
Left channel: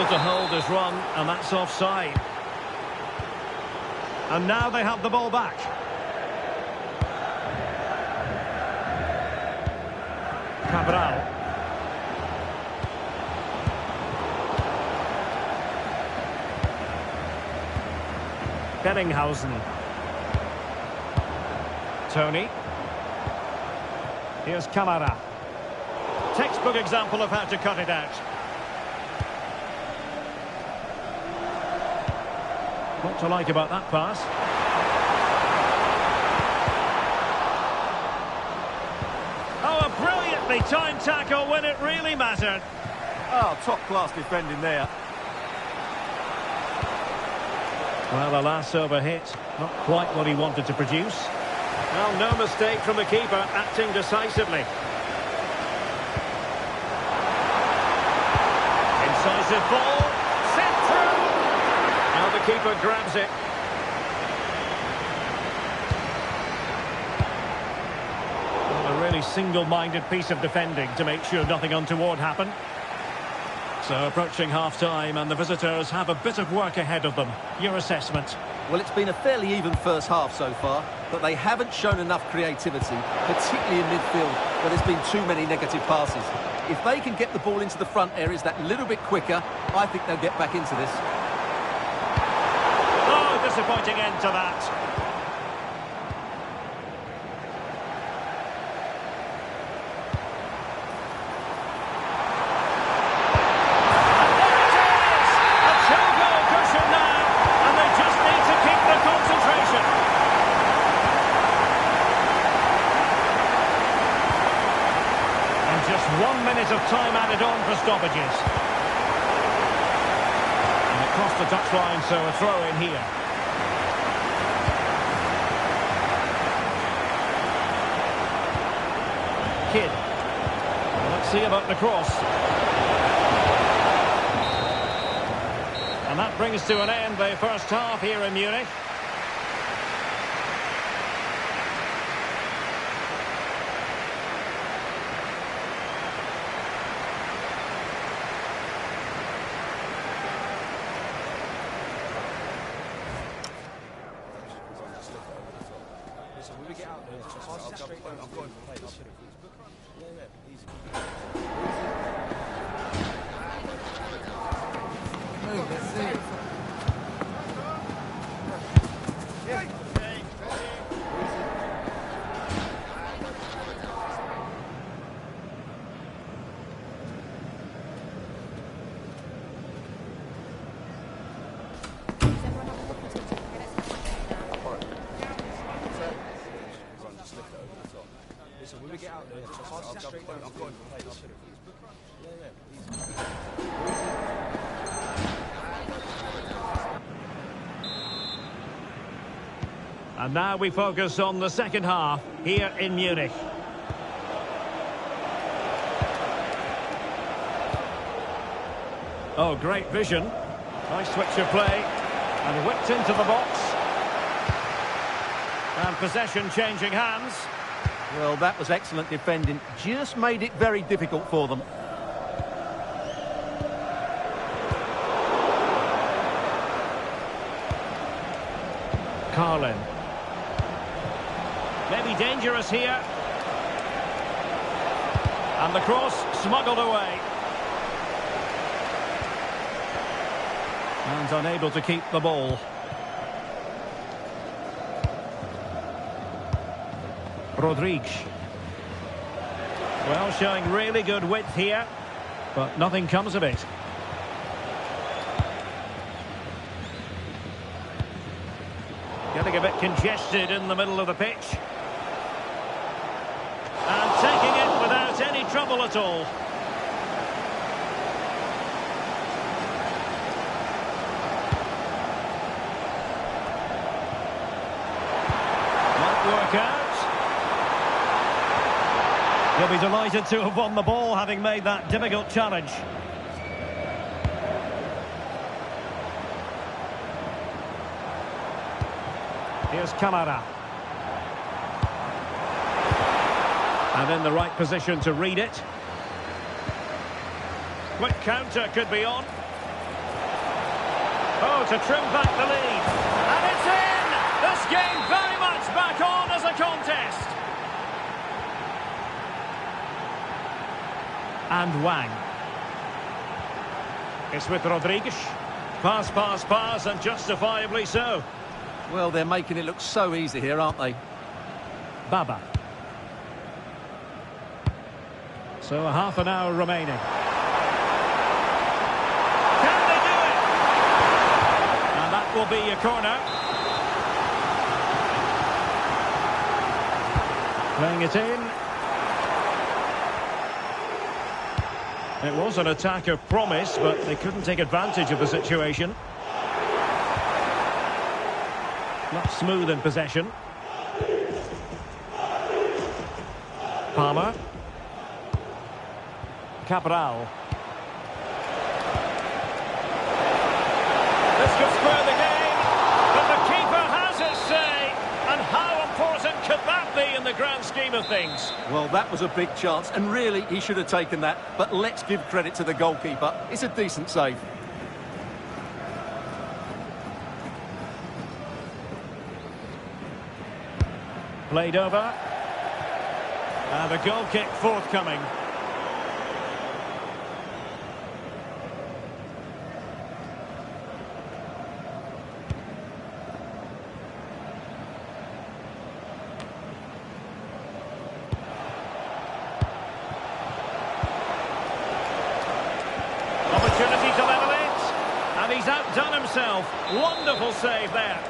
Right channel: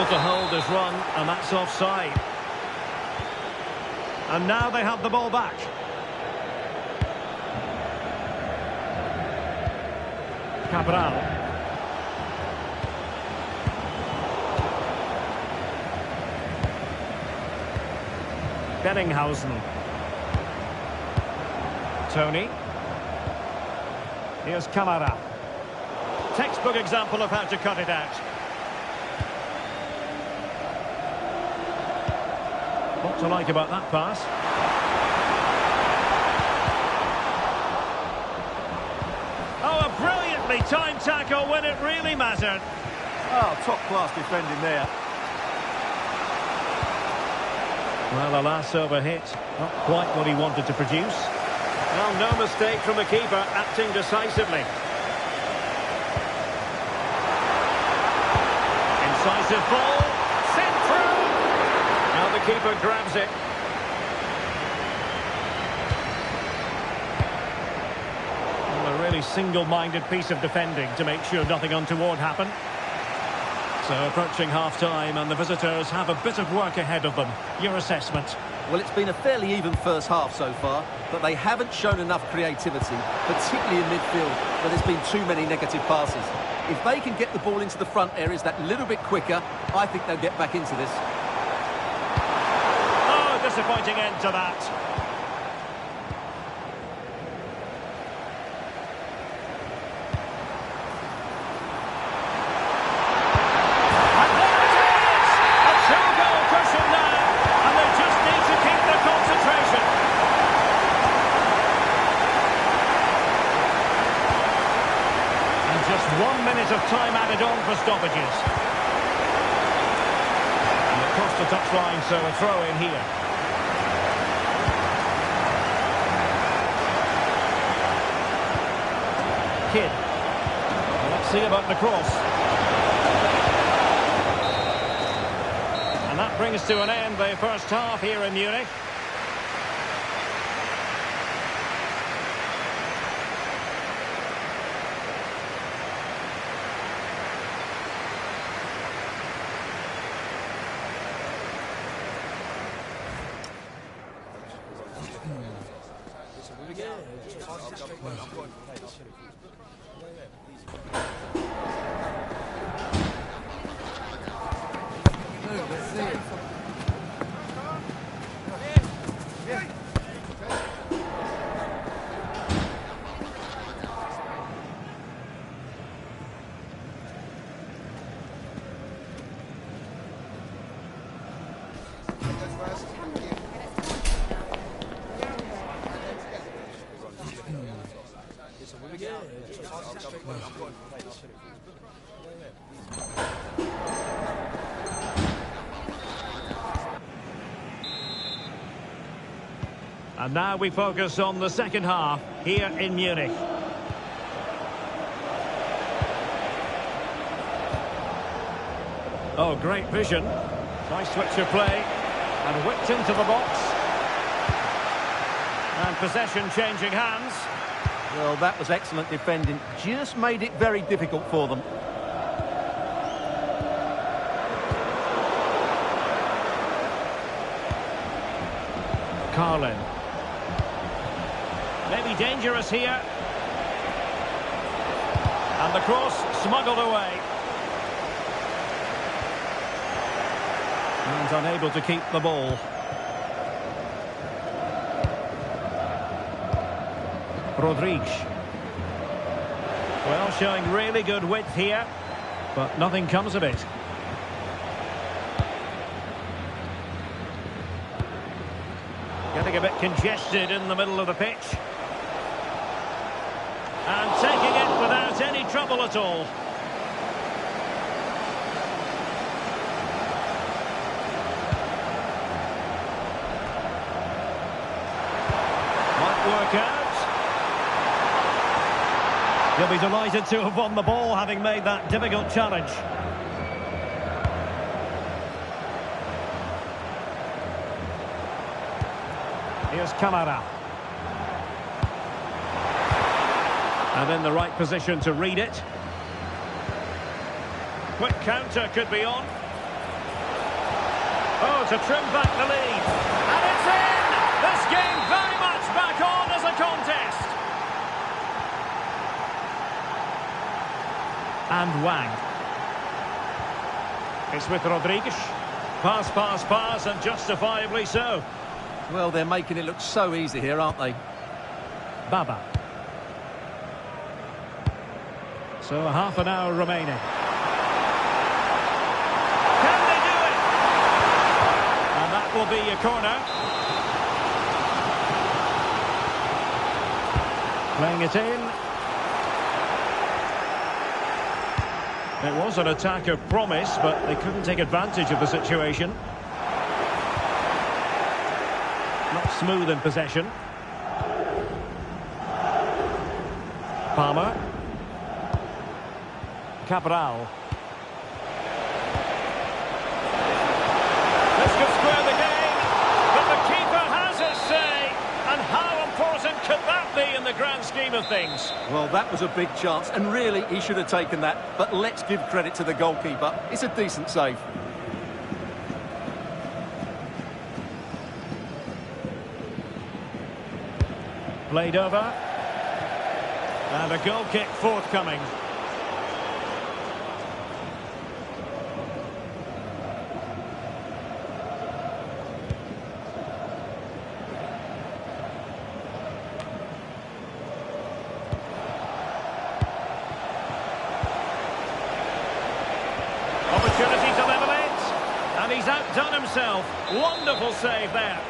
Able to hold his run, and that's offside. And now they have the ball back. Cabral. Bellinghausen. Tony. Here's Camara. Textbook example of how to cut it out. What to like about that pass? Oh, a brilliantly timed tackle when it really mattered. Oh, top-class defending there. Well, alas, overhit. Not quite what he wanted to produce. Well, no mistake from the keeper, acting decisively. Incisive ball, sent through. Now the keeper grabs it. Well, a really single-minded piece of defending to make sure nothing untoward happened. So approaching half-time, and the visitors have a bit of work ahead of them. Your assessment? Well, it's been a fairly even first half so far, but they haven't shown enough creativity, particularly in midfield, where there's been too many negative passes. If they can get the ball into the front areas that little bit quicker, I think they'll get back into this. Oh, disappointing end to that. And there it is! A two-goal cushion now, and they just need to keep their concentration. And just 1 minute of time added on for stoppages. And it crossed the touchline, so a throw in here. Kidd. Well, let's see about the cross. And that brings to an end the first half here in Munich. And now we focus on the second half here in Munich. Oh, great vision. Nice switch of play. And whipped into the box. And possession changing hands. Well, that was excellent defending. Just made it very difficult for them. Carlin. Maybe dangerous here. And the cross smuggled away. And unable to keep the ball. Rodriguez. Well, showing really good width here, but nothing comes of it. Getting a bit congested in the middle of the pitch. And taking it without any trouble at all. Might work out. He'll be delighted to have won the ball, having made that difficult challenge. Here's Camara. And in the right position to read it. Quick counter could be on. Oh, to trim back the lead. And it's in! This game very much back on as a contest. And Wang. It's with Rodriguez. Pass, pass, pass, and justifiably so. Well, they're making it look so easy here, aren't they? Baba. So half an hour remaining. Can they do it? And that will be a corner. Playing it in. It was an attack of promise, but they couldn't take advantage of the situation. Not smooth in possession. Palmer. Cabral. This could square the game, but the keeper has his say. And how important could that be in the grand scheme of things? Well, that was a big chance, and really, he should have taken that. But let's give credit to the goalkeeper. It's a decent save. Played over. And a goal kick forthcoming. Opportunity to level it. And he's outdone himself. Wonderful save there.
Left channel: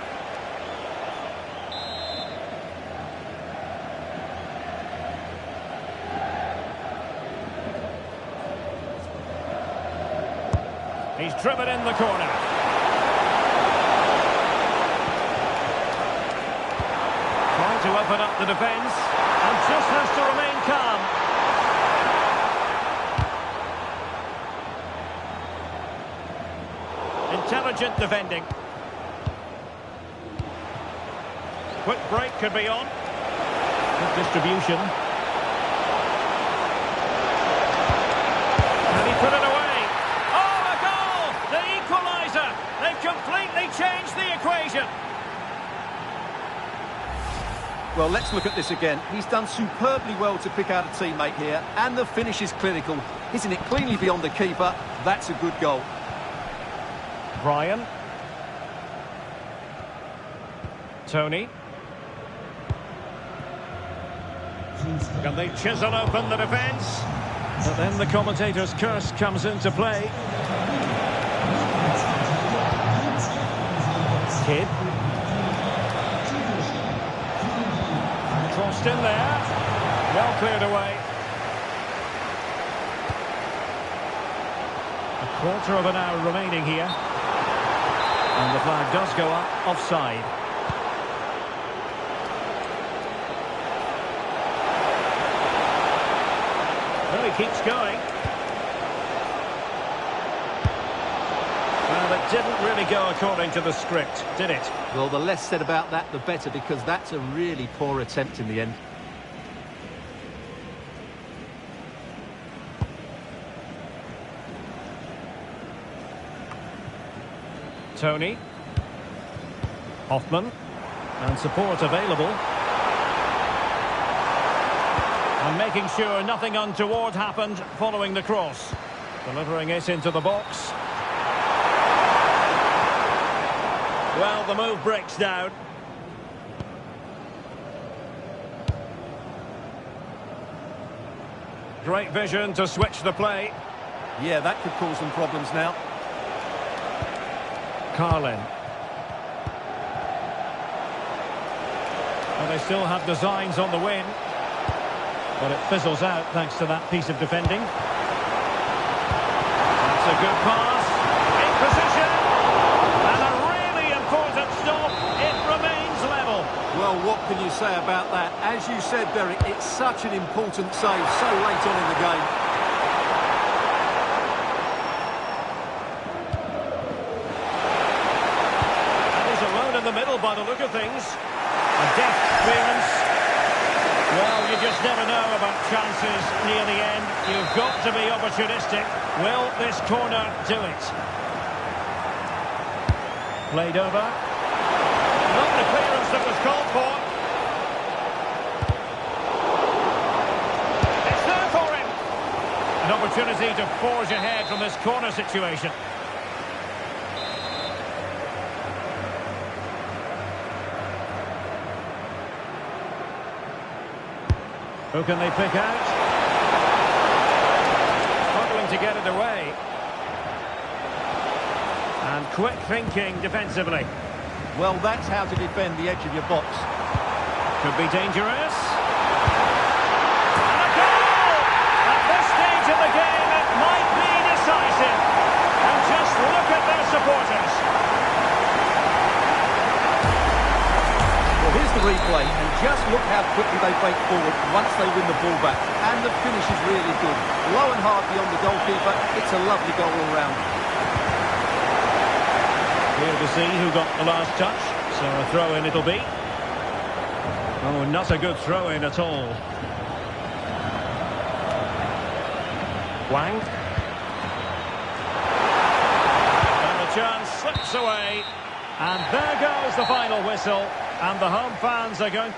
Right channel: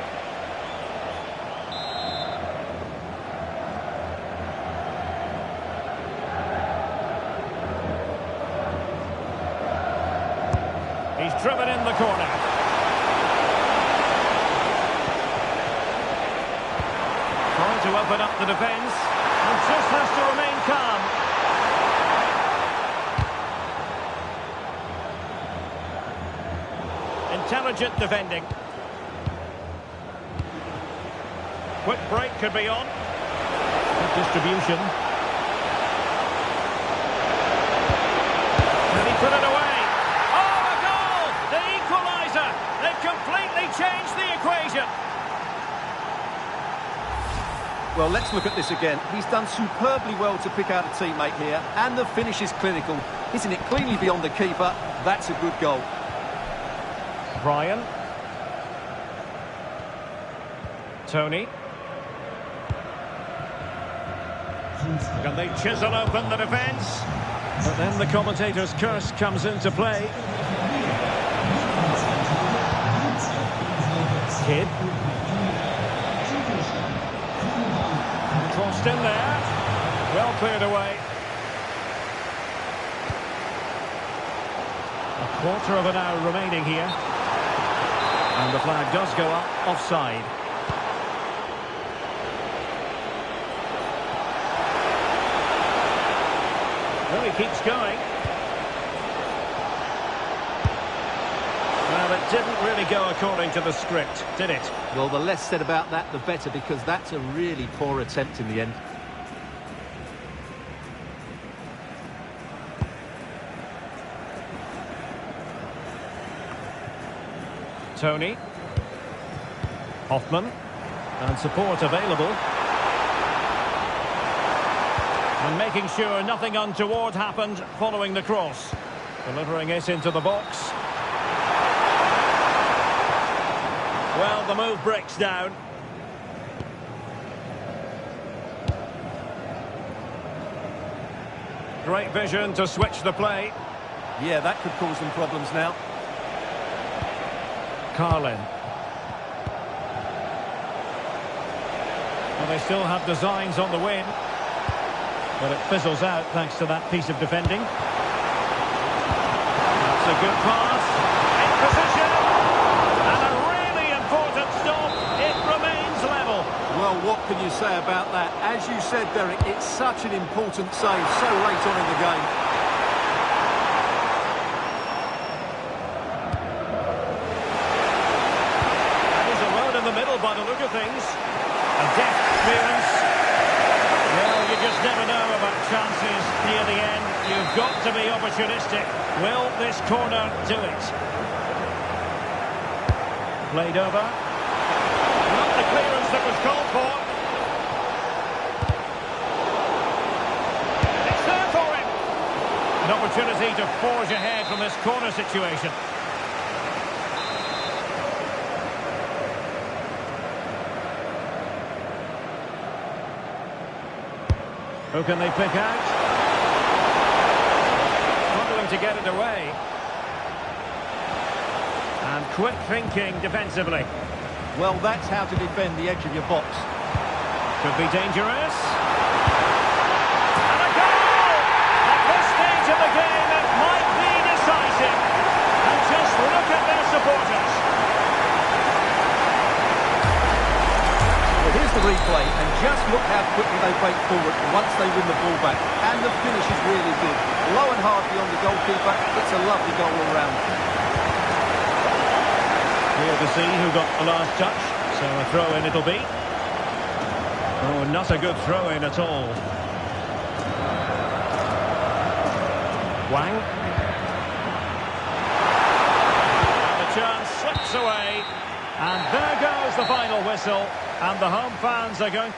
He's driven in the corner. Trying to open up the defence. And just has to remain calm. Intelligent defending. Quick break could be on. Good distribution. Can he put it away? Oh, a goal! The equaliser! They've completely changed the equation. Well, let's look at this again. He's done superbly well to pick out a teammate here, and the finish is clinical. Hitting it cleanly beyond the keeper. That's a good goal. Brian. Tony. Can they chisel open the defence? But then the commentator's curse comes into play. Kidd. Crossed in there. Well cleared away. A quarter of an hour remaining here. And the flag does go up, offside. Well, he keeps going. Well, it didn't really go according to the script, did it? Well, the less said about that, the better, because that's a really poor attempt in the end. Tony. Hoffman. And support available. And making sure nothing untoward happened following the cross. Delivering it into the box. Well, the move breaks down. Great vision to switch the play. Yeah, that could cause them problems now. Carlin. Well, they still have designs on the win. But it fizzles out thanks to that piece of defending. That's a good pass. In position. And a really important stop. It remains level. Well, what can you say about that? As you said, Derek, it's such an important save so late on in the game. In the middle by the look of things. A deft clearance. Well, you just never know about chances near the end. You've got to be opportunistic. Will this corner do it? Played over. Not the clearance that was called for. It's there for him. An opportunity to forge ahead from this corner situation. Who can they pick out? Struggling to get it away. And quick thinking defensively. Well, that's how to defend the edge of your box. Could be dangerous. And a goal! At this stage of the game, it might be decisive. And just look at their supporters. Well, here's the replay, and just look how quickly they break forward once they win the ball back. And the finish is really good. Low and hard beyond the goalkeeper. It's a lovely goal all round. Here to see who got the last touch. So a throw-in it'll be. Oh, not a good throw-in at all. Wang. And the chance slips away. And there goes the final whistle. And the home fans are going...